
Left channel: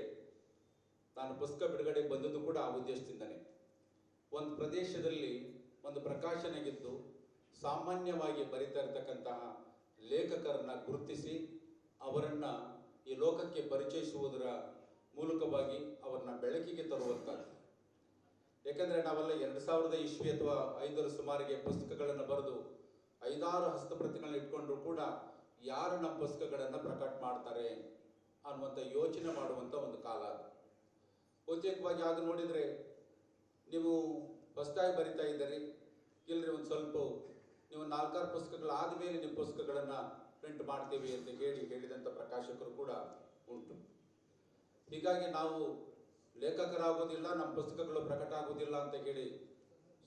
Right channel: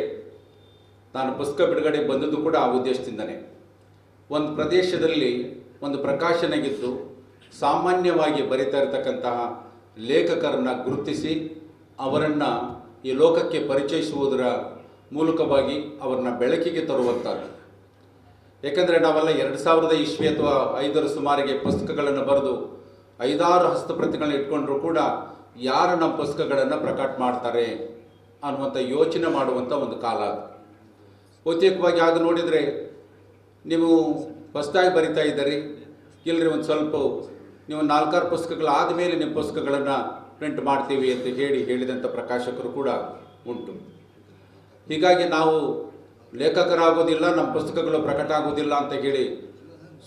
ನಾನು ಪುಸ್ತಕ ಬಿಡುಗಡೆ ಬಂದದ್ದು ಕೂಡ ಆ ಉದ್ದೇಶದಿಂದನೇ. ಒಂದು ಪ್ರದೇಶದಲ್ಲಿ ಒಂದು ಪ್ರಕಾಶನಗಿದ್ದು ಸಾಮಾನ್ಯವಾಗಿ ಬರಿತಾ ಇರತಕ್ಕಂತಹ ಲೇಖಕರನ್ನು ಗುರುತಿಸಿ ಅವರನ್ನು ಈ ಲೋಕಕ್ಕೆ ಪರಿಚಯಿಸುವುದರ ಮೂಲಕವಾಗಿ ಅವರನ್ನ ಬೆಳಕಿಗೆ ತರುವಂಥದ್ದು. ಏಕೆಂದರೆ ನಾವೆಲ್ಲ 2000 ಇಸ್ವಿ ಅಥವಾ 5ರ ಸುಮಾರಿಗೆ ಪುಸ್ತಕಗಳನ್ನು ಬರೆದು 5-6 ಹಸ್ತಪ್ರತಿಗಳನ್ನ ಇಟ್ಕೊಂಡ್ರೂ ಕೂಡ ಯಾರು ನಮ್ಮ ಪುಸ್ತಕಗಳನ್ನು ಪ್ರಕಟ ಮಾಡ್ತಾರೆ ಅನ್ನುವಂಥ ಯೋಚನೆ ಮಾಡುವಂಥ ಒಂದು ಕಾಲ ಅದು. ಬಹುತೇಕವಾಗಿ ಆಗ ನೋಡಿದರೆ ನೀವು ಹೊಸದಾಗಿ ಬರಿತಾ ಇದ್ದೀರಿ, ಇಲ್ಲರಿ ಒಂದು ಸ್ವಲ್ಪ ನೀವು 4-6 ಪುಸ್ತಕಗಳಾದ ಮೇಲೆ ನಿಮ್ಮ ಪುಸ್ತಕಗಳನ್ನು ಪ್ರಿಂಟ್ ಮಾಡ್ತೀವಿ ಅಂತ ಹೇಳಿದಂಥ ಪ್ರಕಾಶಕರು ಕೂಡ ಉಂಟು. ಹೀಗಾಗಿ ನಾವು ಲೇಖಕರಾಗೋದಿಲ್ಲ, ನಮ್ಮ ಪುಸ್ತಕಗಳು ಪ್ರಕಟ ಆಗೋದಿಲ್ಲ ಅಂತ ಹೇಳಿ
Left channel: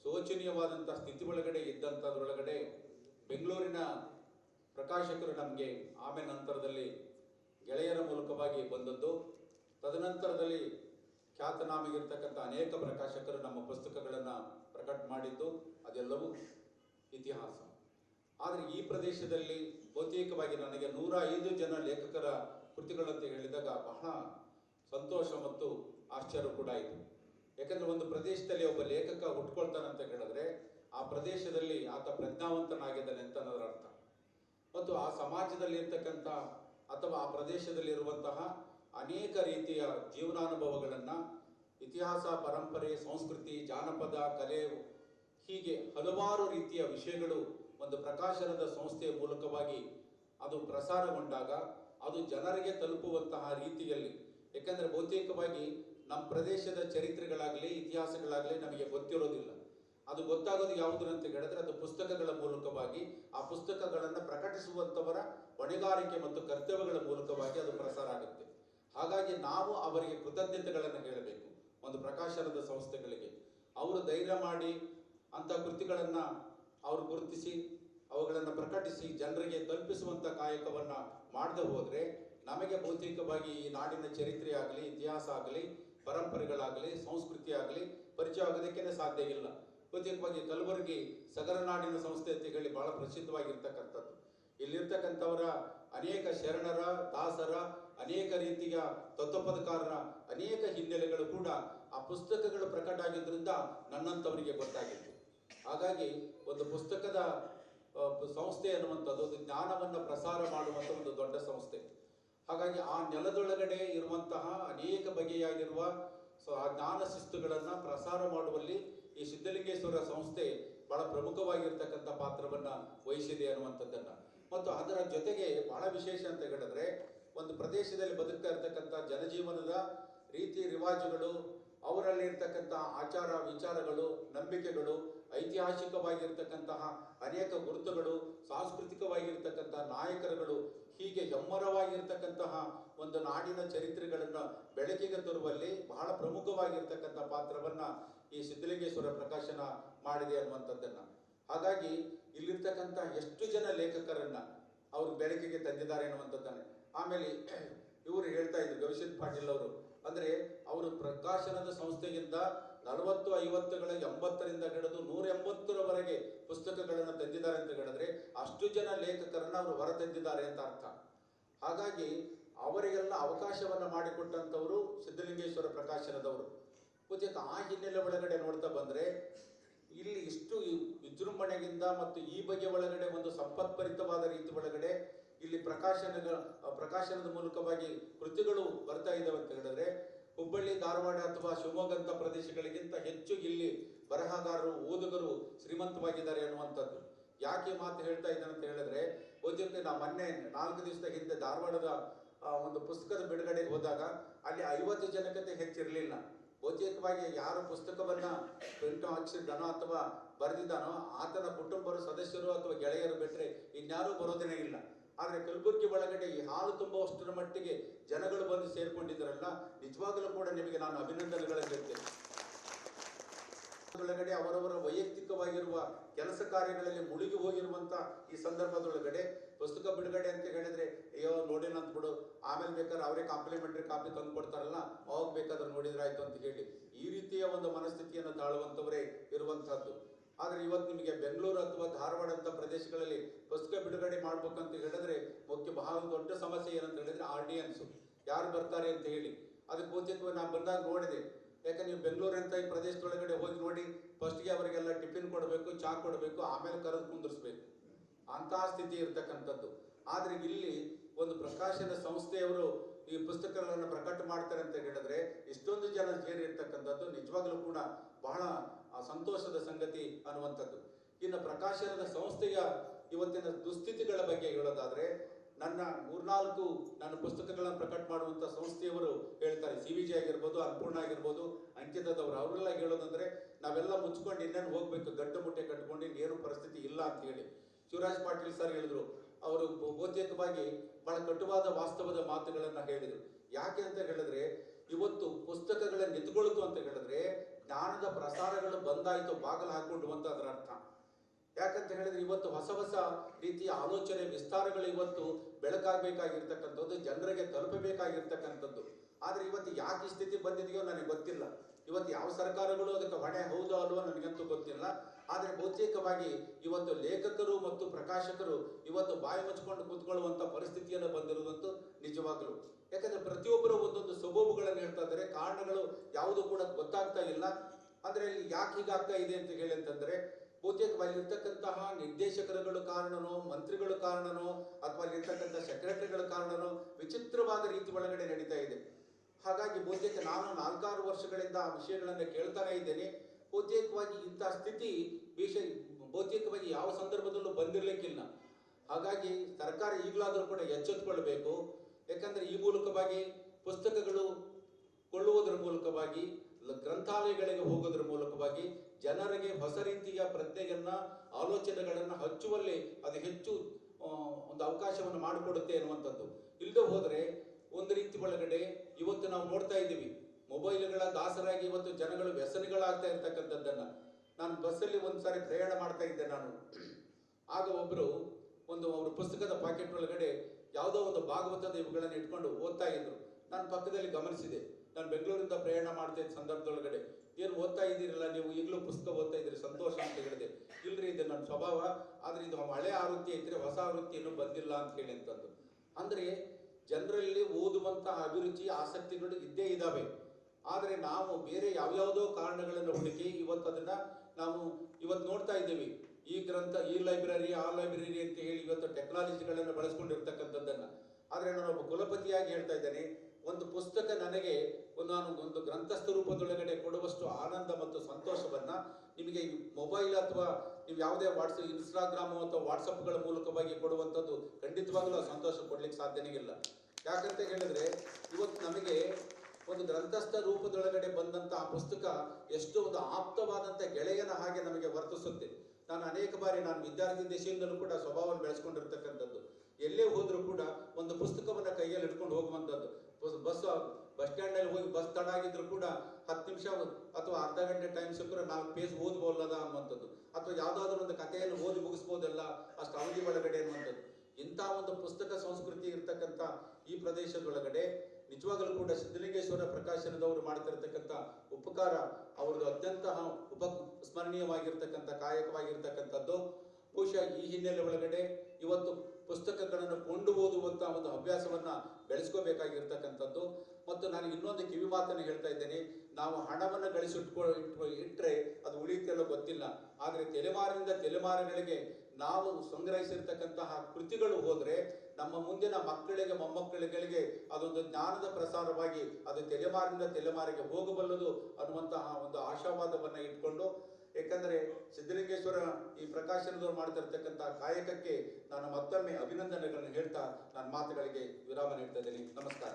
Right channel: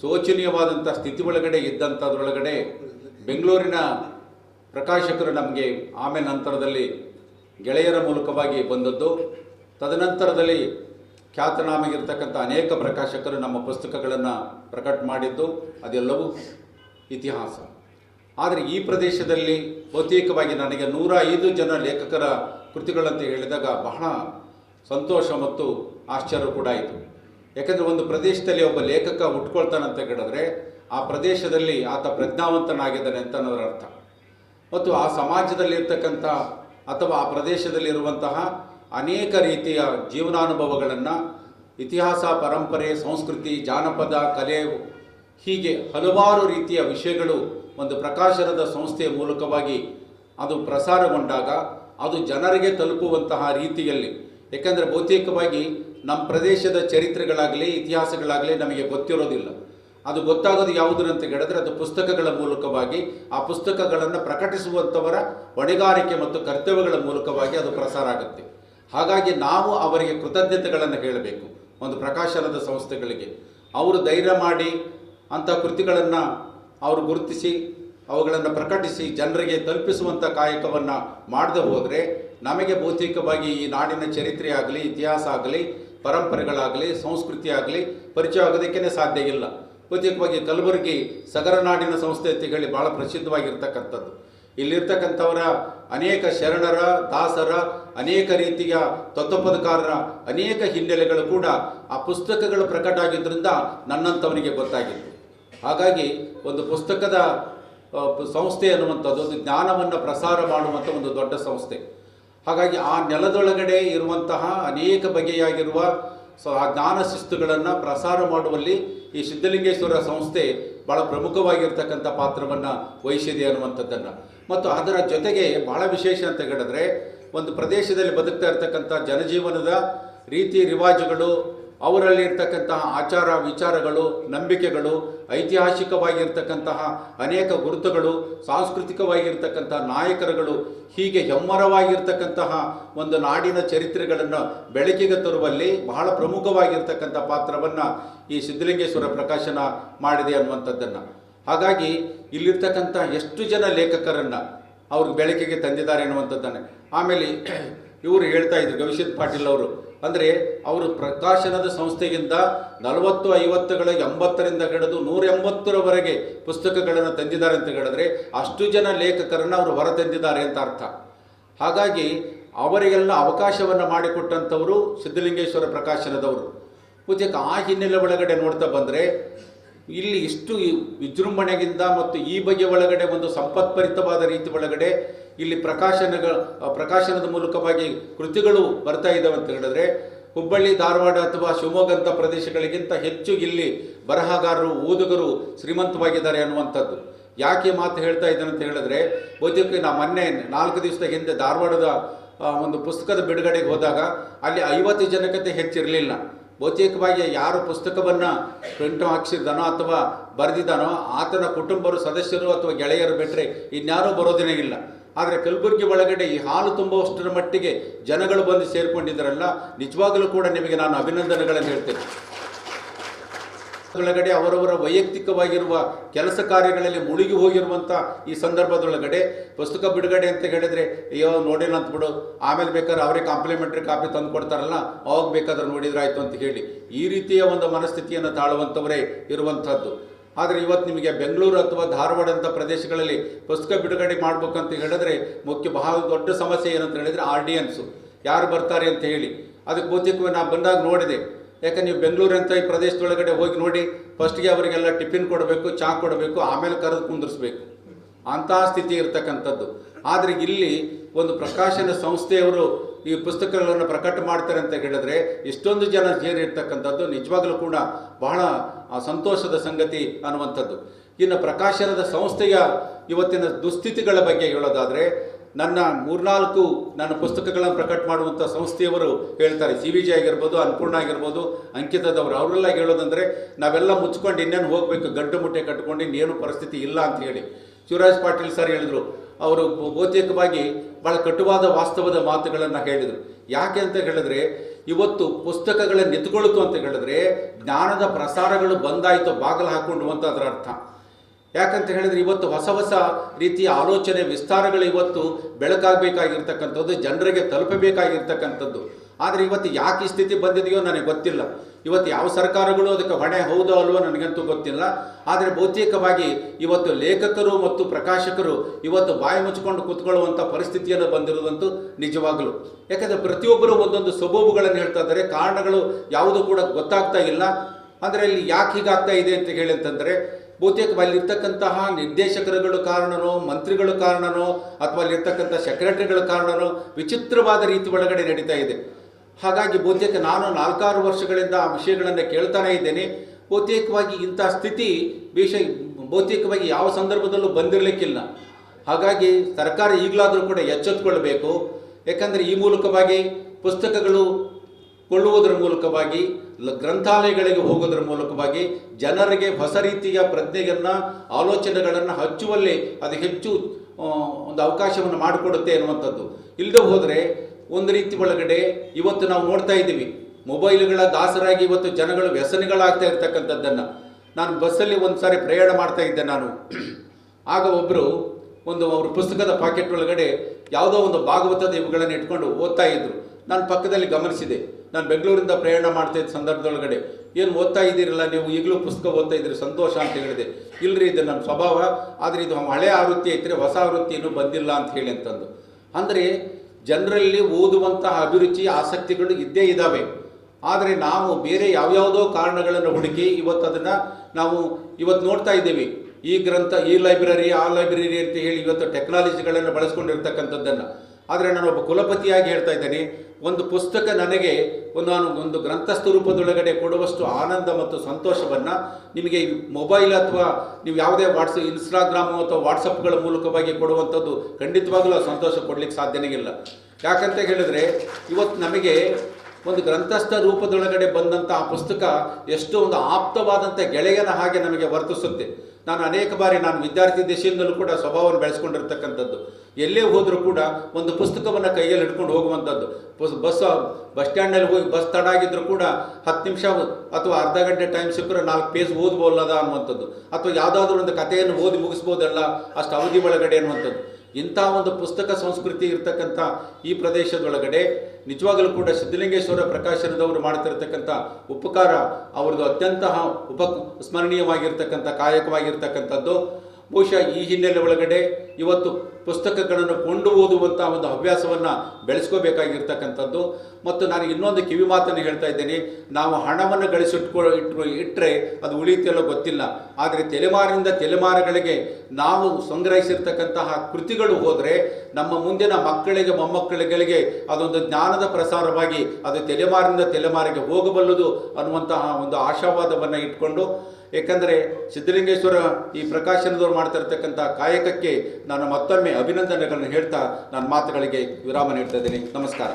ಶೋಚನೀಯವಾದಂಥ ಸ್ಥಿತಿ ಒಳಗಡೆ ಇದ್ದಂಥದ್ರೊಳಗಡೆ ಬೆಂಗಳೂರಿನ ಪ್ರಕಾಶಕರು ನಮಗೆ ಆಮೇಲೆ ನಂತರದಲ್ಲಿ ಗೆಳೆಯರ ಮೂಲಕವಾಗಿ ಬಂದದ್ದು. ತದನಂತರದಲ್ಲಿ ಖ್ಯಾತನಾಮಗಿರ್ತಕ್ಕಂಥ ಅನೇಕ ಪ್ರಕಾಶಕರು ನಮ್ಮ ಪುಸ್ತಕಗಳನ್ನು ಪ್ರಕಟ ಮಾಡಿದ್ದು ಅದೆಲ್ಲವೂ ಇತಿಹಾಸ. ಆದರೆ ಈ ಪ್ರದೇಶದಲ್ಲಿ ಬಹುತೇಕವಾಗಿ ನನಗೆ 105 ಜನ ಲೇಖಕರ ಕೃತಿಗಳಂತ ಹೇಳಿದಾಗ ಬಹಳ ಸಂತೋಷ ಮತ್ತು ಆಶ್ಚರ್ಯ ಕೂಡ ಆಯಿತು. ಯಾಕೆಂದರೆ ಒಂದು ಪ್ರದೇಶದಲ್ಲಿ ಒಬ್ಬ ಲೇಖಕ ಹುಟ್ಕೊಳ್ತಾನಂತ ಹೇಳಿದ್ರೆ ಆ ಪ್ರದೇಶದಲ್ಲಿ ಆತ ಪ್ರಜ್ಞಾವಂತನಾಗಿದ್ದಾನೆ ಅಂತ ಅನ್ನೋದರ ಅರ್ಥ. ಮತ್ತು ಆ ಸಮಾಜದಲ್ಲಿರ್ತಕ್ಕಂಥ ಅಥವಾ ಆ ಪ್ರದೇಶದಲ್ಲಿರುವಂತಹ ಅನೇಕ ರೀತಿಯ ಜೀವನಾನುಭವಗಳನ್ನು, ಇತಿಹಾಸ, ಪರಂಪರೆ, ಸಂಸ್ಕೃತಿ, ಜಾನಪದ, ಕಲೆ, ಹೀಗೆ ಹಲವಾರು ರೀತಿಯ ವಿಷಯಗಳು ಒಂದು ಪ್ರಕಾಶನದ ಸಂಸ್ಥೆಯ ಮೂಲಕವಾಗಿ ಅದು ಪ್ರಸಾರಗೊಂಡಾಗ ಅದು ಜನರಿಗೆ ತಲುಪುವಂತಹ ರೀತಿಯಲ್ಲಿ, ಏಕೆಂದರೆ ಬಹುತೇಕವಾಗಿ ನಮ್ಮ ಪ್ರದೇಶದ ಚರಿತ್ರೆಗಳಾಗಲಿ ಇತಿಹಾಸಗಳಾಗಲಿ ನಮಗೆ ಗೊತ್ತಿರೋದಿಲ್ಲ. ಅದು ಗೊತ್ತಾಗೋದು ಯಾವುದರ ಅಂತ ಹೇಳಿದ್ರೆ ಅದು ಪುಸ್ತಕಗಳ ಮೂಲಕವಾಗಿ, ಆ ಪುಸ್ತಕಗಳನ್ನು ಪ್ರಕಟಿಸುವಂಥವರ ಹೊಣೆಗಾರಿಕೆ ಮತ್ತು ಕರ್ತವ್ಯಗಳ ಮೂಲಕವಾಗಿ ಅದು ಪ್ರಸಾರ ಆಗುತ್ತೆ. ಹಾಗಾಗಿ ನಾವು ಅವರಿಗೆ ಕೃತಜ್ಞತೆಗಳನ್ನು ಹೇಳಬೇಕು. ಒಂದು ಪ್ರಕಾಶನದ ಸಂಸ್ಥೆಗಳಿಗೆ ಅವರು ಧೈರ್ಯ ಮಾಡಿ ಅಂಥ ಕೃತಿಗಳನ್ನು ಅವರು ಗುರುತಿಸಿ ಅವುಗಳನ್ನು ಪ್ರಕಟಿಸಿ ಜನರಿಗೆ ತಲುಪಿಸುವಂಥ ಕಾಯಕವನ್ನು ಮಾಡದೆ ಹೋದರೆ ನಮಗೆ ಭೌತಿಕವಾಗಿ ಈ ನಾಡಿನ ಚರಿತ್ರೆ ಆಗಲಿ, ಇತಿಹಾಸ ಆಗಲಿ, ಪರಂಪರೆಗಳಾಗಲಿ, ಸಂಸ್ಕೃತಿ ಆಗಲಿ ಪರಿಚಯ ಆಗೋದಕ್ಕೇ ಸಾಧ್ಯ ಇಲ್ಲ. ಭೌತಿಕವಾಗಿ ಕಲಬುರಗಿ ಸಗರನಾಡಿನ ಸಂಸ್ಥೆ ಅಂತ ಹೇಳಿ ಭಾಳ ಪ್ರಸಿದ್ಧವಾಗಿರ್ತಕ್ಕಂಥದ್ದು. ಇಲ್ಲಿರ್ತಕ್ಕಂಥವರ ಅನೇಕ ಶರಣರ, ದಾಸರ, ಅನೇಕ ರೀತಿಯ ತತ್ವಪದಕಾರರ ಅನೇಕ ಹಿನ್ನೆಲೆಗಳು ಕೂಡ ಆ ಪುಸ್ತಕಗಳು ಪ್ರಕಟ ಆಗಿದ್ದರಿಂದ ನನ್ನಂಥವನಿಗೆ ಗೊತ್ತಾಗಿತ್ತು. ಹಾಗಾಗಿ ಒಂದು ಪುಸ್ತಕದ ಸಂಸ್ಥೆ ಅನ್ನುವಂಥದ್ದು ಒಂದು ಜ್ಞಾನವನ್ನು ಪ್ರಸಾರ ಮಾಡುವಂಥ ಒಂದು ದೊಡ್ಡ ಸಂಸ್ಥೆ. ಹಾಗಾಗಿ ಆ ನೆಲದೊಳಗಡೆ ಇರುವಂತಹ ಅನೇಕ ಬಗೆಯಾಗಿರುವ ಆ ಜ್ಞಾನ ಶಿಸ್ತುಗಳನ್ನು ಪ್ರಸಾರ ಮಾಡುವಲ್ಲಿ ಈ ಸಿದ್ಧಲಿಂಗೇಶ್ವರ ಸಂಸ್ಥೆ ಭಾಳ ಪ್ರಮುಖವಾಗಿರ್ತಕ್ಕಂಥ ಪಾತ್ರವನ್ನು ವಹಿಸಿದೆ ಅನ್ನುವಂಥದ್ದನ್ನು. ಮತ್ತು ಅದರ ಜೊತೆಗೆ ಬಹಳ ವಿಶೇಷ ಅಂತ ಹೇಳಿದ್ರೆ ಒಂದು ಪ್ರದೇಶದಲ್ಲಿ ಬದುಕ್ತಾ ಇರ್ತಕ್ಕಂಥ ಜನಜೀವನದ ರೀತಿ ರಿವಾಜುಗಳು, ಅವರಲ್ಲಿರ್ತಕ್ಕಂತಹ ಆಚಾರ ವಿಚಾರಗಳು, ನಂಬಿಕೆಗಳು, ಐತಿಹಾಸಿಕವಾಗಿರ್ತಕ್ಕಂತಹ ಅನೇಕ ಗುರುತುಗಳು, ಸಾಂಸ್ಕೃತಿಕವಾಗಿರ್ತಕ್ಕಂಥ ನಾಯಕರುಗಳು, ಹೀಗೆ ಹೆಮ್ಮರವಾಗಿರ್ತಕ್ಕಂತಹ ಒಂದು ನಾಡಿನ ಚರಿತ್ರೆಗಳನ್ನು ಬೆಳಕಿಗೆ ತರುವಲ್ಲಿ ಬಹಳ ಪ್ರಮುಖವಾಗಿರ್ತಕ್ಕಂಥ ಪಾತ್ರವನ್ನು ಈ ಸಿದ್ಧಲಿಂಗೇಶ್ವರ ಪ್ರಕಾಶನ ಮಾಡಿದೆ ಅನ್ನುವಂಥದ್ದನ್ನು. ಹಾಗಾಗಿ ಇಲ್ಲಿರ್ತಕ್ಕಂಥ ಎಷ್ಟು ಜನ ಲೇಖಕರನ್ನು ಅವ್ರಿಗೆ ಬೆಳಕಿಗೆ ತಂದಿದ್ದಾರೆ ಅನ್ನುವಂಥದ್ದನ್ನು ಆಮೇಲೆ ಇವರು ಹೇಳ್ತಾ ಇದ್ರು ಗವಿಸಿದ್ ಪಾಟೀಲ್ ಅವರು, ಅಂದರೆ ಅವರು ಪ್ರಕಾಶನದ ಸಂಸ್ಥೆಗಿಂತ 40, 50ಗಳ 80ರಿಂದ ಹಿಡಿದು 180ರವರೆಗೆ ಪುಸ್ತಕಗಳನ್ನು ತಂದಿದ್ದಾರೆ ಅಂತ ಹೇಳಿದ್ರೆ ಅಷ್ಟು ಜನ ಲೇಖಕರನ್ನು ಅವರು ಹೊರತಂದಿದ್ದಾರೆ ಅಂತ ಅರ್ಥ. ಹಾಗಾಗಿ ಅವರಿಗೆಲ್ಲ ಅವಕಾಶವನ್ನು ಮಾಡಿಕೊಟ್ಟಂಥವರು ಸಿದ್ಧಲಿಂಗೇಶ್ವರ ಪ್ರಕಾಶನದವರು. ಬಹುತೇಕ ಆ ಹಿನ್ನೆಲೆ ಒಳಗಡೆ ನೋಡ್ತಾ ಬಂದರೆ ಇಲ್ಲಿ ಇಷ್ಟು ವಿಜೃಂಭಣೆಗಿಂತ ಮತ್ತು ಈ ಬಗೆಯ ಒಳಗಡೆ ಒಂದು ಸಂಪತ್ಭರಿತವಾದ ರೀತಿ ಒಳಗಡೆ ಇಲ್ಲಿ ಪ್ರಕಾಶನದ ಮೂಲಕವಾಗಿ ಕೃತಿಗಳು ಬರ್ತಾ ಇದ್ದಾವೆ ಅಂತ ಹೇಳಿದ್ರೆ ಹುಬ್ಬಳ್ಳಿ, ಧಾರವಾಡ ಅಥವಾ ಶಿವಮೊಗ್ಗಂಥ ಪ್ರದೇಶಗಳಿಗಿಂತ ಹೆಚ್ಚು ಇಲ್ಲಿ ಬರಹಗಾರರು, ಓದುಗರು ಶ್ರೀಮಂತವಾಗಿದ್ದಾರೆ ಅನ್ನುವಂಥದ್ದು. ಯಾಕೆ ಮಾತು ಹೇಳ್ತಾ ಇದ್ದೇನೆ ಅಂತ ಹೇಳಿದ್ರೆ, ಬಹುತೇಕ ನಾ ಮೊನ್ನೆ 4 ದಿವಸದ ಹಿಂದೆ ಧಾರವಾಡದ ಒಂದು ಪುಸ್ತಕದ ಬಿಡುಗಡೆಗೆ ಹೋದಾಗ ಅಲ್ಲಿ 50 ಜನಕ್ಕಿಂತ ಹೆಚ್ಚಿರಲಿಲ್ಲ. ಬಹುತೇಕವಾಗಿ ಯಾರು ಪುಸ್ತಕವನ್ನು ಪ್ರಿಂಟ್ ಹಾಕ್ಸಿದ್ದಾನೋ ಅಥವಾ ಬರೆದಿದ್ದಾನೋ ಆತನ ಕುಟುಂಬರು, ಸದಸ್ಯರು ಅಥವಾ ಗೆಳೆಯರು ಬಿಟ್ಟರೆ ಇನ್ಯಾರೂ ಬರೋದಿನೇ ಇಲ್ಲ. ಆದರೆ ಕಲಬುರಗಿ ಒಳಗಡೆ ಈ ಹಾಲು ತುಂಬುವಷ್ಟರ ಮಟ್ಟಿಗೆ ಜನಗಳು ಬಂದು ಸೇರಿಕೊಂಡಿದ್ದಾರಲ್ಲ, ನಿಜವಾಗಲೂ ಕೂಡ ನಿಮಗೆ ನಾನು ಅಭಿನಂದನೆಗಳನ್ನು ಹೇಳ್ತೇನೆ. ಒಳಗಡೆ ಅವರವರ ವೈಯಕ್ತಿಕವಾಗಿರುವ ಕೆಲಸ ಕಾರ್ಯಗಳಲ್ಲಿ ಮುಳುಗಿ ಹೋಗಿರುವಂಥ ಈ ಸಂದರ್ಭದೊಳಗಡೆ ಪುಸ್ತಕ ಬಿಡುಗಡೆ ಅಂತ ಹೇಳಿದರೆ ಅಯ್ಯೋ ನೋಡಿಲ್ಲ ಅಂತ ಬಿಡು, ಆಮೇಲೆ ಬೇಕಾದ್ರೆ ಅವರೇ ಕಾಂಪ್ಲಿಮೆಂಟ್ರಿ ಕಾಪಿ ತಂದು ಕೊಡ್ತಾರಲ್ಲ ಅವಾಗ ಬೇಕಾದ್ರೆ ನೋಡಿದ್ರಾಯ್ತು ಅಂತ ಹೇಳಿ ಈ ರೀತಿಯ ಒಂದು ಮನಸ್ಥಿತಿಯನ್ನು ತಾಳುವಂಥವರೇ ಇರುವಂಥದ್ದು. ಆದರೆ ಇವತ್ತು ನಿಮಗೆ ಬೆಂಗಳೂರು ಅಥವಾ ಧಾರವಾಡಂಥ ಪ್ರದೇಶಗಳಲ್ಲಿ ಪುಸ್ತಕ ಬಿಡುಗಡೆ ಮಾಡ್ಬೇಕಂತ ಹೇಳಿದ್ರೆ ಬಹಳ ದೊಡ್ಡ ಸಮಸ್ಯೆ ಏನಂತ ಹೇಳಿದರೆ ಆಡಿಯನ್ಸು ಯಾರು ಬರ್ತಾರೆ ಅಂತ ಹೇಳಿ. ಅದಕ್ಕೆ ಬಹುತೇಕ ನಾನು ಬಂದಾಗ ನೋಡಿದೆ. ಯಾಕಂದ್ರೆ ನೀವು ಬೆಂಗಳೂರು ಅಂತ ಈ ಪ್ರದೇಶದೊಳಗಡೆ ಹೋಗಿ ನೋಡಿ, ಫಸ್ಟ್ಗೆ ಅವರಿಗೆಲ್ಲ ಟಿಫಿನ್ ಕೊಡಬೇಕು, ಚಹಾ ಕೊಡಬೇಕು, ಆಮೇಲೆ ಕರೆದು ಕುಂದಿರಿಸ್ಬೇಕು, ಅಂತಹ ಸ್ಥಿತಿ ಇರ್ತಕ್ಕಂಥದ್ದು. ಆದರೆ ಇಲ್ಲಿ ಒಂದು ಪ್ರಕಾಶನ ಸಂಸ್ಥೆಯವರು ಈ ಪುಸ್ತಕಗಳನ್ನು ಪ್ರಕಟ ಮಾಡ್ತಾರೆ ಅಂತ ಹೇಳಿದ್ರೆ ಇಷ್ಟೊಂದು ಜನ ಸೇರಿರ್ತಕ್ಕಂಥದ್ದು ನಿಜವಾಗಲೂ ಕೂಡ ಬಹಳ ಸಂತೋಷದ ಸಂಗತಿ ಅನ್ನುವಂಥದ್ದು. ಇನ್ನು ಪ್ರಕಾಶನದ ಸಂಸ್ಥೆಯ ಇವತ್ತಿನ ದುಸ್ಥಿತಿಗಳ ಬಗ್ಗೆ ಹೇಳೋದಾದರೆ, ನನ್ನ 3-4 ನನ್ನ ಪುಸ್ತಕಗಳನ್ನು ಪ್ರಕಟ ಮಾಡುವಂಥ ಸಂಸ್ಥೆಯವರು ಹೇಳ್ತಾರೆ, CVJ ಆಗಿರ್ಬೋದು, ಅನ್ನಪೂರ್ಣ ಆಗಿರ್ಬೋದು, ಅಂಕಿತದವರು, ಅವರೆಲ್ಲ ಹೇಳೋದಂದರೆ ನಾವೆಲ್ಲ ಮುಚ್ಕೊಂಡು ಇನ್ನೇನು ಹೋಗಬೇಕು, ಗಂಟು ಮುಟ್ಟೆ ಕಟ್ಕೊಂಡು ಇನ್ನೇನು ಪರಿಸ್ಥಿತಿ ಇಲ್ಲ ಅಂತ ಹೇಳಿ ಶಿವರಾಜ್ ಪಾಟೀಲ್ ಸರ್ ಹೇಳಿದರು. ಅವರು ಬಹುತೇಕವಾಗಿ ಭಾಳ ಕಟುವಾದ ವಾಸ್ತವದ ಮಾತುಗಳನ್ನು ಹೇಳಿದರು. ಯಾಕೆ ಅಂತ ಹೇಳಿದ್ರೆ ಇವತ್ತು ಪುಸ್ತಕಗಳನ್ನು ನಿಂತ್ಕೊಳ್ತು ಅಂತ ಹೇಳಿದ್ರೆ ಜ್ಞಾನದ ಪ್ರಸಾರಗಳು ಬಂದಾಯಿತು ಬಾಗಿಲು ಹಾಕ್ಕೊಂಡು ಅಂತ ಅದರ ಅರ್ಥ. ಯಾಕಂತ ಹೇಳಿದ್ರೆ ಇವತ್ತು ಹೊಸ ಹೊಸ ರೀತಿಯ ಆಲೋಚನೆ ವಿಸ್ತಾರಗಳು ಇವತ್ತು ಬೆಳಕಾಗಬೇಕಾಗಿರ್ತಕ್ಕಂಥದ್ದು, ಜನರಿಗೆ ತಲುಪಬೇಕಾಗಿರ್ತಕ್ಕಂಥದ್ದು. ಆದರೆ ಇವತ್ತು ಯಾಕೆ ಈ ಸ್ಥಿತಿ ಬಂದಿದೆಯೋ ನನಗೆ ಗೊತ್ತಿಲ್ಲ. ಇವತ್ತು ಯಾವ ಸರ್ಕಾರಗಳು ಅದಕ್ಕೆ ಹೊಣೆ ಹೌದೋ ಅಲ್ವೋ ನನಗಂತೂ ಗೊತ್ತಿಲ್ಲ. ಆದರೆ ಬಹುತೇಕವಾಗಿ ಇವತ್ತು ಲೇಖಕರು ಮತ್ತು ಪ್ರಕಾಶಕರು ಇವತ್ತು ಬಾಯಿ ಮುಚ್ಚಿಕೊಂಡು ಕೂತ್ಕೊಳ್ಳುವಂಥ ಪರಿಸ್ಥಿತಿಯನ್ನು ಬಂದಿರೋದಂತೂ ನಿಜವಾಗಲು. ಯಾಕಂದರೆ ಪ್ರತಿಯೊಬ್ಬರು ಒಂದೊಂದು ಸಬೂಬುಗಳನ್ನು ಹೇಳ್ತಾ ಇದ್ದಾರೆ, ಕಾರಣಗಳು ಯಾವುದೂ ಕೂಡ ಗೊತ್ತಾಗ್ತಾ ಇಲ್ಲ. ಅಂದರೆ ಇಲ್ಲಿ ಯಾಕೆ ಹೀಗಾಗ್ತಾ ಇದೆ ಅಂತ ಹೇಳಿ ಅಂತಂದರೆ ಬಹುತೇಕ ಅಲ್ಲಿರ್ತಕ್ಕಂತಹ ನಿರ್ದೇಶಕರುಗಳು ಕಾರಣನೋ, ಮಂತ್ರಿಗಳು ಕಾರಣನೋ, ಅಥವಾ ಅಲ್ಲಿರ್ತಕ್ಕಂಥ ಸೆಕ್ರೆಟರಿಗಳ ಕಾರಣನೋ ವಿಚಿತ್ರವಾದ ರೀತಿ ಒಳಗಡೆ ನಡೀತಾ ಇದೆ. ಹಾಗಾಗಿ ಬಹುತೇಕ ನಾನು 4-6 ವರ್ಷಗಳಿಂದ ಆ ವಿಷಯಗಳನ್ನು ಕೇಳ್ತಾನೇ ಇದ್ದೇನೆ. ಬಹುತೇಕವಾಗಿ ಇಂಥ ಸ್ಥಿತಿ ಬಹುತೇಕವಾಗಿ ಯಾವ ಸಂದರ್ಭದಲ್ಲೂ ಬಂದಿರಲಿಕ್ಕಿಲ್ಲ. ಹಾಗಾಗಿ ಸರ್ಕಾರ ಈಗಲಾದರೂ ಕೂಡ ಎಚ್ಚೆತ್ತುಕೊಳ್ಬೇಕು. ಯಾಕಂದರೆ ಈ ಮೂಲಕವಾಗಿ ಪುಸ್ತಕಗಳು ಕೊಳ್ಳುವುದರ ಮೂಲಕವಾಗಿ, ಗ್ರಂಥಾಲಯಗಳಿಗೆ ಹೋಗೋದ್ರ ಮೂಲಕವಾಗಿ ಜನರಿಗೆ ಹೊಸ ರೀತಿಯ ಪ್ರಜ್ಞೆಯನ್ನು, ಆಲೋಚನೆಗಳನ್ನು ಹಚ್ಚುವಲ್ಲಿ ಅದು ಹೆಚ್ಚು ಒಂದು ಅವಕಾಶವನ್ನು ಮಾಡಿಕೊಡುತ್ತೆ ಅನ್ನುವಂಥದ್ದು. ಇಲ್ಲದೆ ಹೋದರೆ ಒಂದು ರೀತಿ ಒಳಗಡೆ ಇವತ್ತು ನಾವು ನೋಡ್ತಾ ಇದ್ದೀವಿ, ಮೊಬೈಲ್ಗಳ ದಾಸರಾಗಿ ಇವತ್ತು ಜನಗಳು ವ್ಯಸನಿಗಳಾಗ್ತಾ ಇರ್ತಕ್ಕಂಥದ್ದನ್ನು. ನಾನು ಬಸ್ಸಲ್ಲಿ ಒಂದು ಸಾರಿ ಪ್ರಯಾಣ ಮಾಡ್ತಾ ಇದ್ದೆ ನಾನು. ಆಗ ಒಬ್ಬರು ಅವ್ರ ಪುಸ್ತಕದ ಪಾಕೆಟ್ ಒಳಗಡೆ ಯಾವುದೋ ಒಂದು ಭಾಗವತದ ಇವುಗಳನ್ನು ಇಟ್ಕೊಂಡು ಓದ್ತಾ ಇದ್ರು. ನಾನು ಪಕ್ಕದಲ್ಲಿ ಗಮನಿಸಿದೆ. ನಾನು ಬೆಂಗಳೂರಿಂದ ಪ್ರಯಾಣ ಮಾಡ್ತಾ ಇದ್ದ ಸಂದರ್ಭದೊಳಗಡೆ ಏನು ಓದ್ತಾ ಇದ್ದೀರಲ್ಲ ನೀವು, ಈಗಲೂ ಪುಸ್ತಕ ಓದ್ತಾ ಇದ್ದೀರಿ, ಸಂತೋಷ ಅಂತ ಹೇಳಿದೆ. ಇಲ್ಲರಿ ಇದು ನನ್ನ ಸ್ವಭಾವ, ಆದರೆ ಇದು ಹಳೆ ಆವೃತ್ತಿ ಐತ್ರಿ, ಹೊಸ ಆವೃತ್ತಿ ಇನ್ನೂ ಬಂದಿಲ್ಲ ಅಂತ ಹೇಳಿ ಅಂತಂದು. ಅಂದರೆ ಜನರಲ್ಲಿ ಓದುವಂತಹ ಅಭಿರುಚಿ, ಆಸಕ್ತಿಗಳು ಇದ್ದೇ ಇದ್ದಾವೆ. ಆದರೆ ನಾವು ಬೇರೆ ಯಾವ್ಯಾವುದೋ ಕಾರಣಗಳನ್ನು ಹುಡುಕಿ ಇವತ್ತು ಅದನ್ನು ನಾವು ಇವತ್ತು ನೋಡ್ತಾ ಇದ್ದೀವಿ. ಈ ಗ್ರಂಥ, ಈ ಲೈಬ್ರರಿ, ಆ ಲೈಬ್ರರಿ ಅಂತ ಹೇಳಿ ಇವತ್ತು ಟೆಕ್ನಾಲಜಿಗಳನ್ನು ಬಳಸ್ಕೊಂಡಿರ್ತಕ್ಕಂಥದ್ದನ್ನು. ಆದರೆ ನಾನೊಬ್ಬ ಕುಲಪತಿಯಾಗಿ ಹೇಳ್ತಾ ಇದ್ದೇನೆ, ಒಂದು ಪುಸ್ತಕ ನನಗೆ ಒಂದು ಗ್ರಂಥಸ್ಥ ರೂಪದೊಳಗಡೆ ಕೊಡುವಷ್ಟು ಆನಂದ ಮತ್ತು ಸಂತೋಷವನ್ನು ನಿಮಗೆ ಮೊಬೈಲ್ ಅಥವಾ ನೀವು ಯಾವುದೇ ಇನ್ಸ್ಟಾಗ್ರಾಮು ಅಥವಾ ವಾಟ್ಸಪ್ಗಳ ಮೂಲಕವಾಗಿ ಕೊಡುವಂಥದ್ದು ಖಂಡಿತವಾಗಲೂ ಆ ಸಂತೋಷ ಕೊಡಲಿಕ್ಕೆ ಸಾಧ್ಯನೇ ಇಲ್ಲ. ಯಾಕಂತ ಹೇಳಿದರೆ ಇವತ್ತು ನಮಗೆ ಒಂದು ಗ್ರಂಥಸ್ಥ ರೂಪದೊಳಗಡೆ ಬಂದಂಥ ಆ ಪುಸ್ತಕ ಎಷ್ಟು ಒಂದು ಆಪ್ತವಾದಂಥ ಗೆಳೆಯನ ಹಾಗೆ ನಮಗೆ ವರ್ತಿಸುತ್ತೆ. ನಾನು ಅನೇಕ ಬಾರಿ ವಿದ್ಯಾರ್ಥಿ ದಶೆಯಿಂದಲೂ ಕೂಡ ಸ್ವಭಾವವನ್ನು ಬೆಳೆಸ್ಕೊಂಡಿರ್ತಕ್ಕಂಥದ್ದು. ಎಲ್ಲೇ ಹೋದರೂ ಕೂಡ ಒಂದು ಪುಸ್ತಕವನ್ನು ಕೈಯಲ್ಲಿ ಹಿಡ್ಕೊಂಡು ಹೋಗುವಂಥದ್ದು. ಬಸ್ ಸ್ಟ್ಯಾಂಡ್ನಲ್ಲಿ ಹೋಗಿ ಬಸ್ ತಡ ಆಗಿದ್ದರೂ ಕೂಡ 10 ನಿಮಿಷ ಅಥವಾ ಅರ್ಧ ಗಂಟೆ ಟೈಮ್ ಸಿಕ್ಕರೆ 4 ಪೇಜ್ ಓದ್ಬೋದಲ್ಲ ಅನ್ನುವಂಥದ್ದು, ಅಥವಾ ಯಾವುದಾದ್ರೂ ಒಂದು ಕಥೆಯನ್ನು ಓದಿ ಮುಗಿಸ್ಬೋದಲ್ಲ ಅಷ್ಟು ಅವಧಿ ಒಳಗಡೆ ಅನ್ನುವಂಥದ್ದು. ಇಂಥ ಒಂದು ಪುಸ್ತಕ ಸಂಸ್ಕೃತಿ ಇರ್ತಕ್ಕಂಥ ಈ ಪ್ರದೇಶದೊಳಗಡೆ ನಿಜವಾಗಲೂ ಕೂಡ ಸಿದ್ಧಲಿಂಗೇಶ್ವರ ಪ್ರಕಾಶನದವರು ಮಾಡ್ತಿರ್ತಕ್ಕಂಥ ಉಪಕಾರ ಅವ್ರದ್ದು ಅತ್ಯಂತ ಸ್ಮರಣೀಯವಾಗಿರ್ತಕ್ಕಂಥ ಕಾಯಕವಾಗಿರ್ತಕ್ಕಂಥದ್ದು. ಬಹುಶಃ ಈ ಹಿನ್ನೆಲೆ ಒಳಗಡೆ ಇವತ್ತು ಪುಸ್ತಕಗಳನ್ನು ಕೊಂಡು ಓದುವಂಥ ಒಂದು ಹವ್ಯಾಸವನ್ನು ಬೆಳೆಸ್ಕೋಬೇಕಾಗಿರ್ತಕ್ಕಂಥದ್ದು. ಮತ್ತು ನಾನು ಇನ್ನೊಂದು ಕಿವಿ ಮಾತನ್ನು ಹೇಳ್ತಾ ಇದ್ದೇನೆ, ನಾವು ಹಣವನ್ನು ಇಟ್ಟರೆ ಅದು ಉಳಿಯುತ್ತಲ್ಲೋ ಗೊತ್ತಿಲ್ಲ, ಆದರೆ ತಲೆಮಾರಿನಿಂದ ತಲೆಮಾರುಗಳಿಗೆ ನಾವು ಸಂಗ್ರಹಿಸಿರ್ತಕ್ಕಂತಹ ಕೃತಿಗಳು ಹೋದರೆ ನಮ್ಮ ಮುಂದಿನ ಮಕ್ಕಳಿಗೆ ಮೊಮ್ಮಕ್ಕಳಿಗೆ ಅದೊಂದು ಜ್ಞಾನದ ಪ್ರಸಾರವಾಗಿ ಅದು ತಲೆಮಾರಿನಿಂದ ತಲೆಮಾರಿಗೆ ಹೋಗಬಲ್ಲದು ಅನ್ನುವಂತಹ ಒಂದು ಆಶಾವಾದವನ್ನು ಇಟ್ಕೊಂಡು, ಏಕೆಂದರೆ ಸಿದ್ಧಲಿಂಗೇಶ್ವರ ಈ ಪ್ರಕಾಶನದವರು ಮಾಡ್ತಾ ಇರ್ತಕ್ಕಂಥ ಕಾಯಕಕ್ಕೆ ನಾನು ಮತ್ತೊಮ್ಮೆ ಅಭಿನಂದನೆಗಳನ್ನು ಹೇಳ್ತಾ ನನ್ನ ಮಾತುಗಳಿಗೆ ವಿರಾಮ ನೀಡ್ತಾ ಇದ್ದೀನಿ. ನಮಸ್ಕಾರ.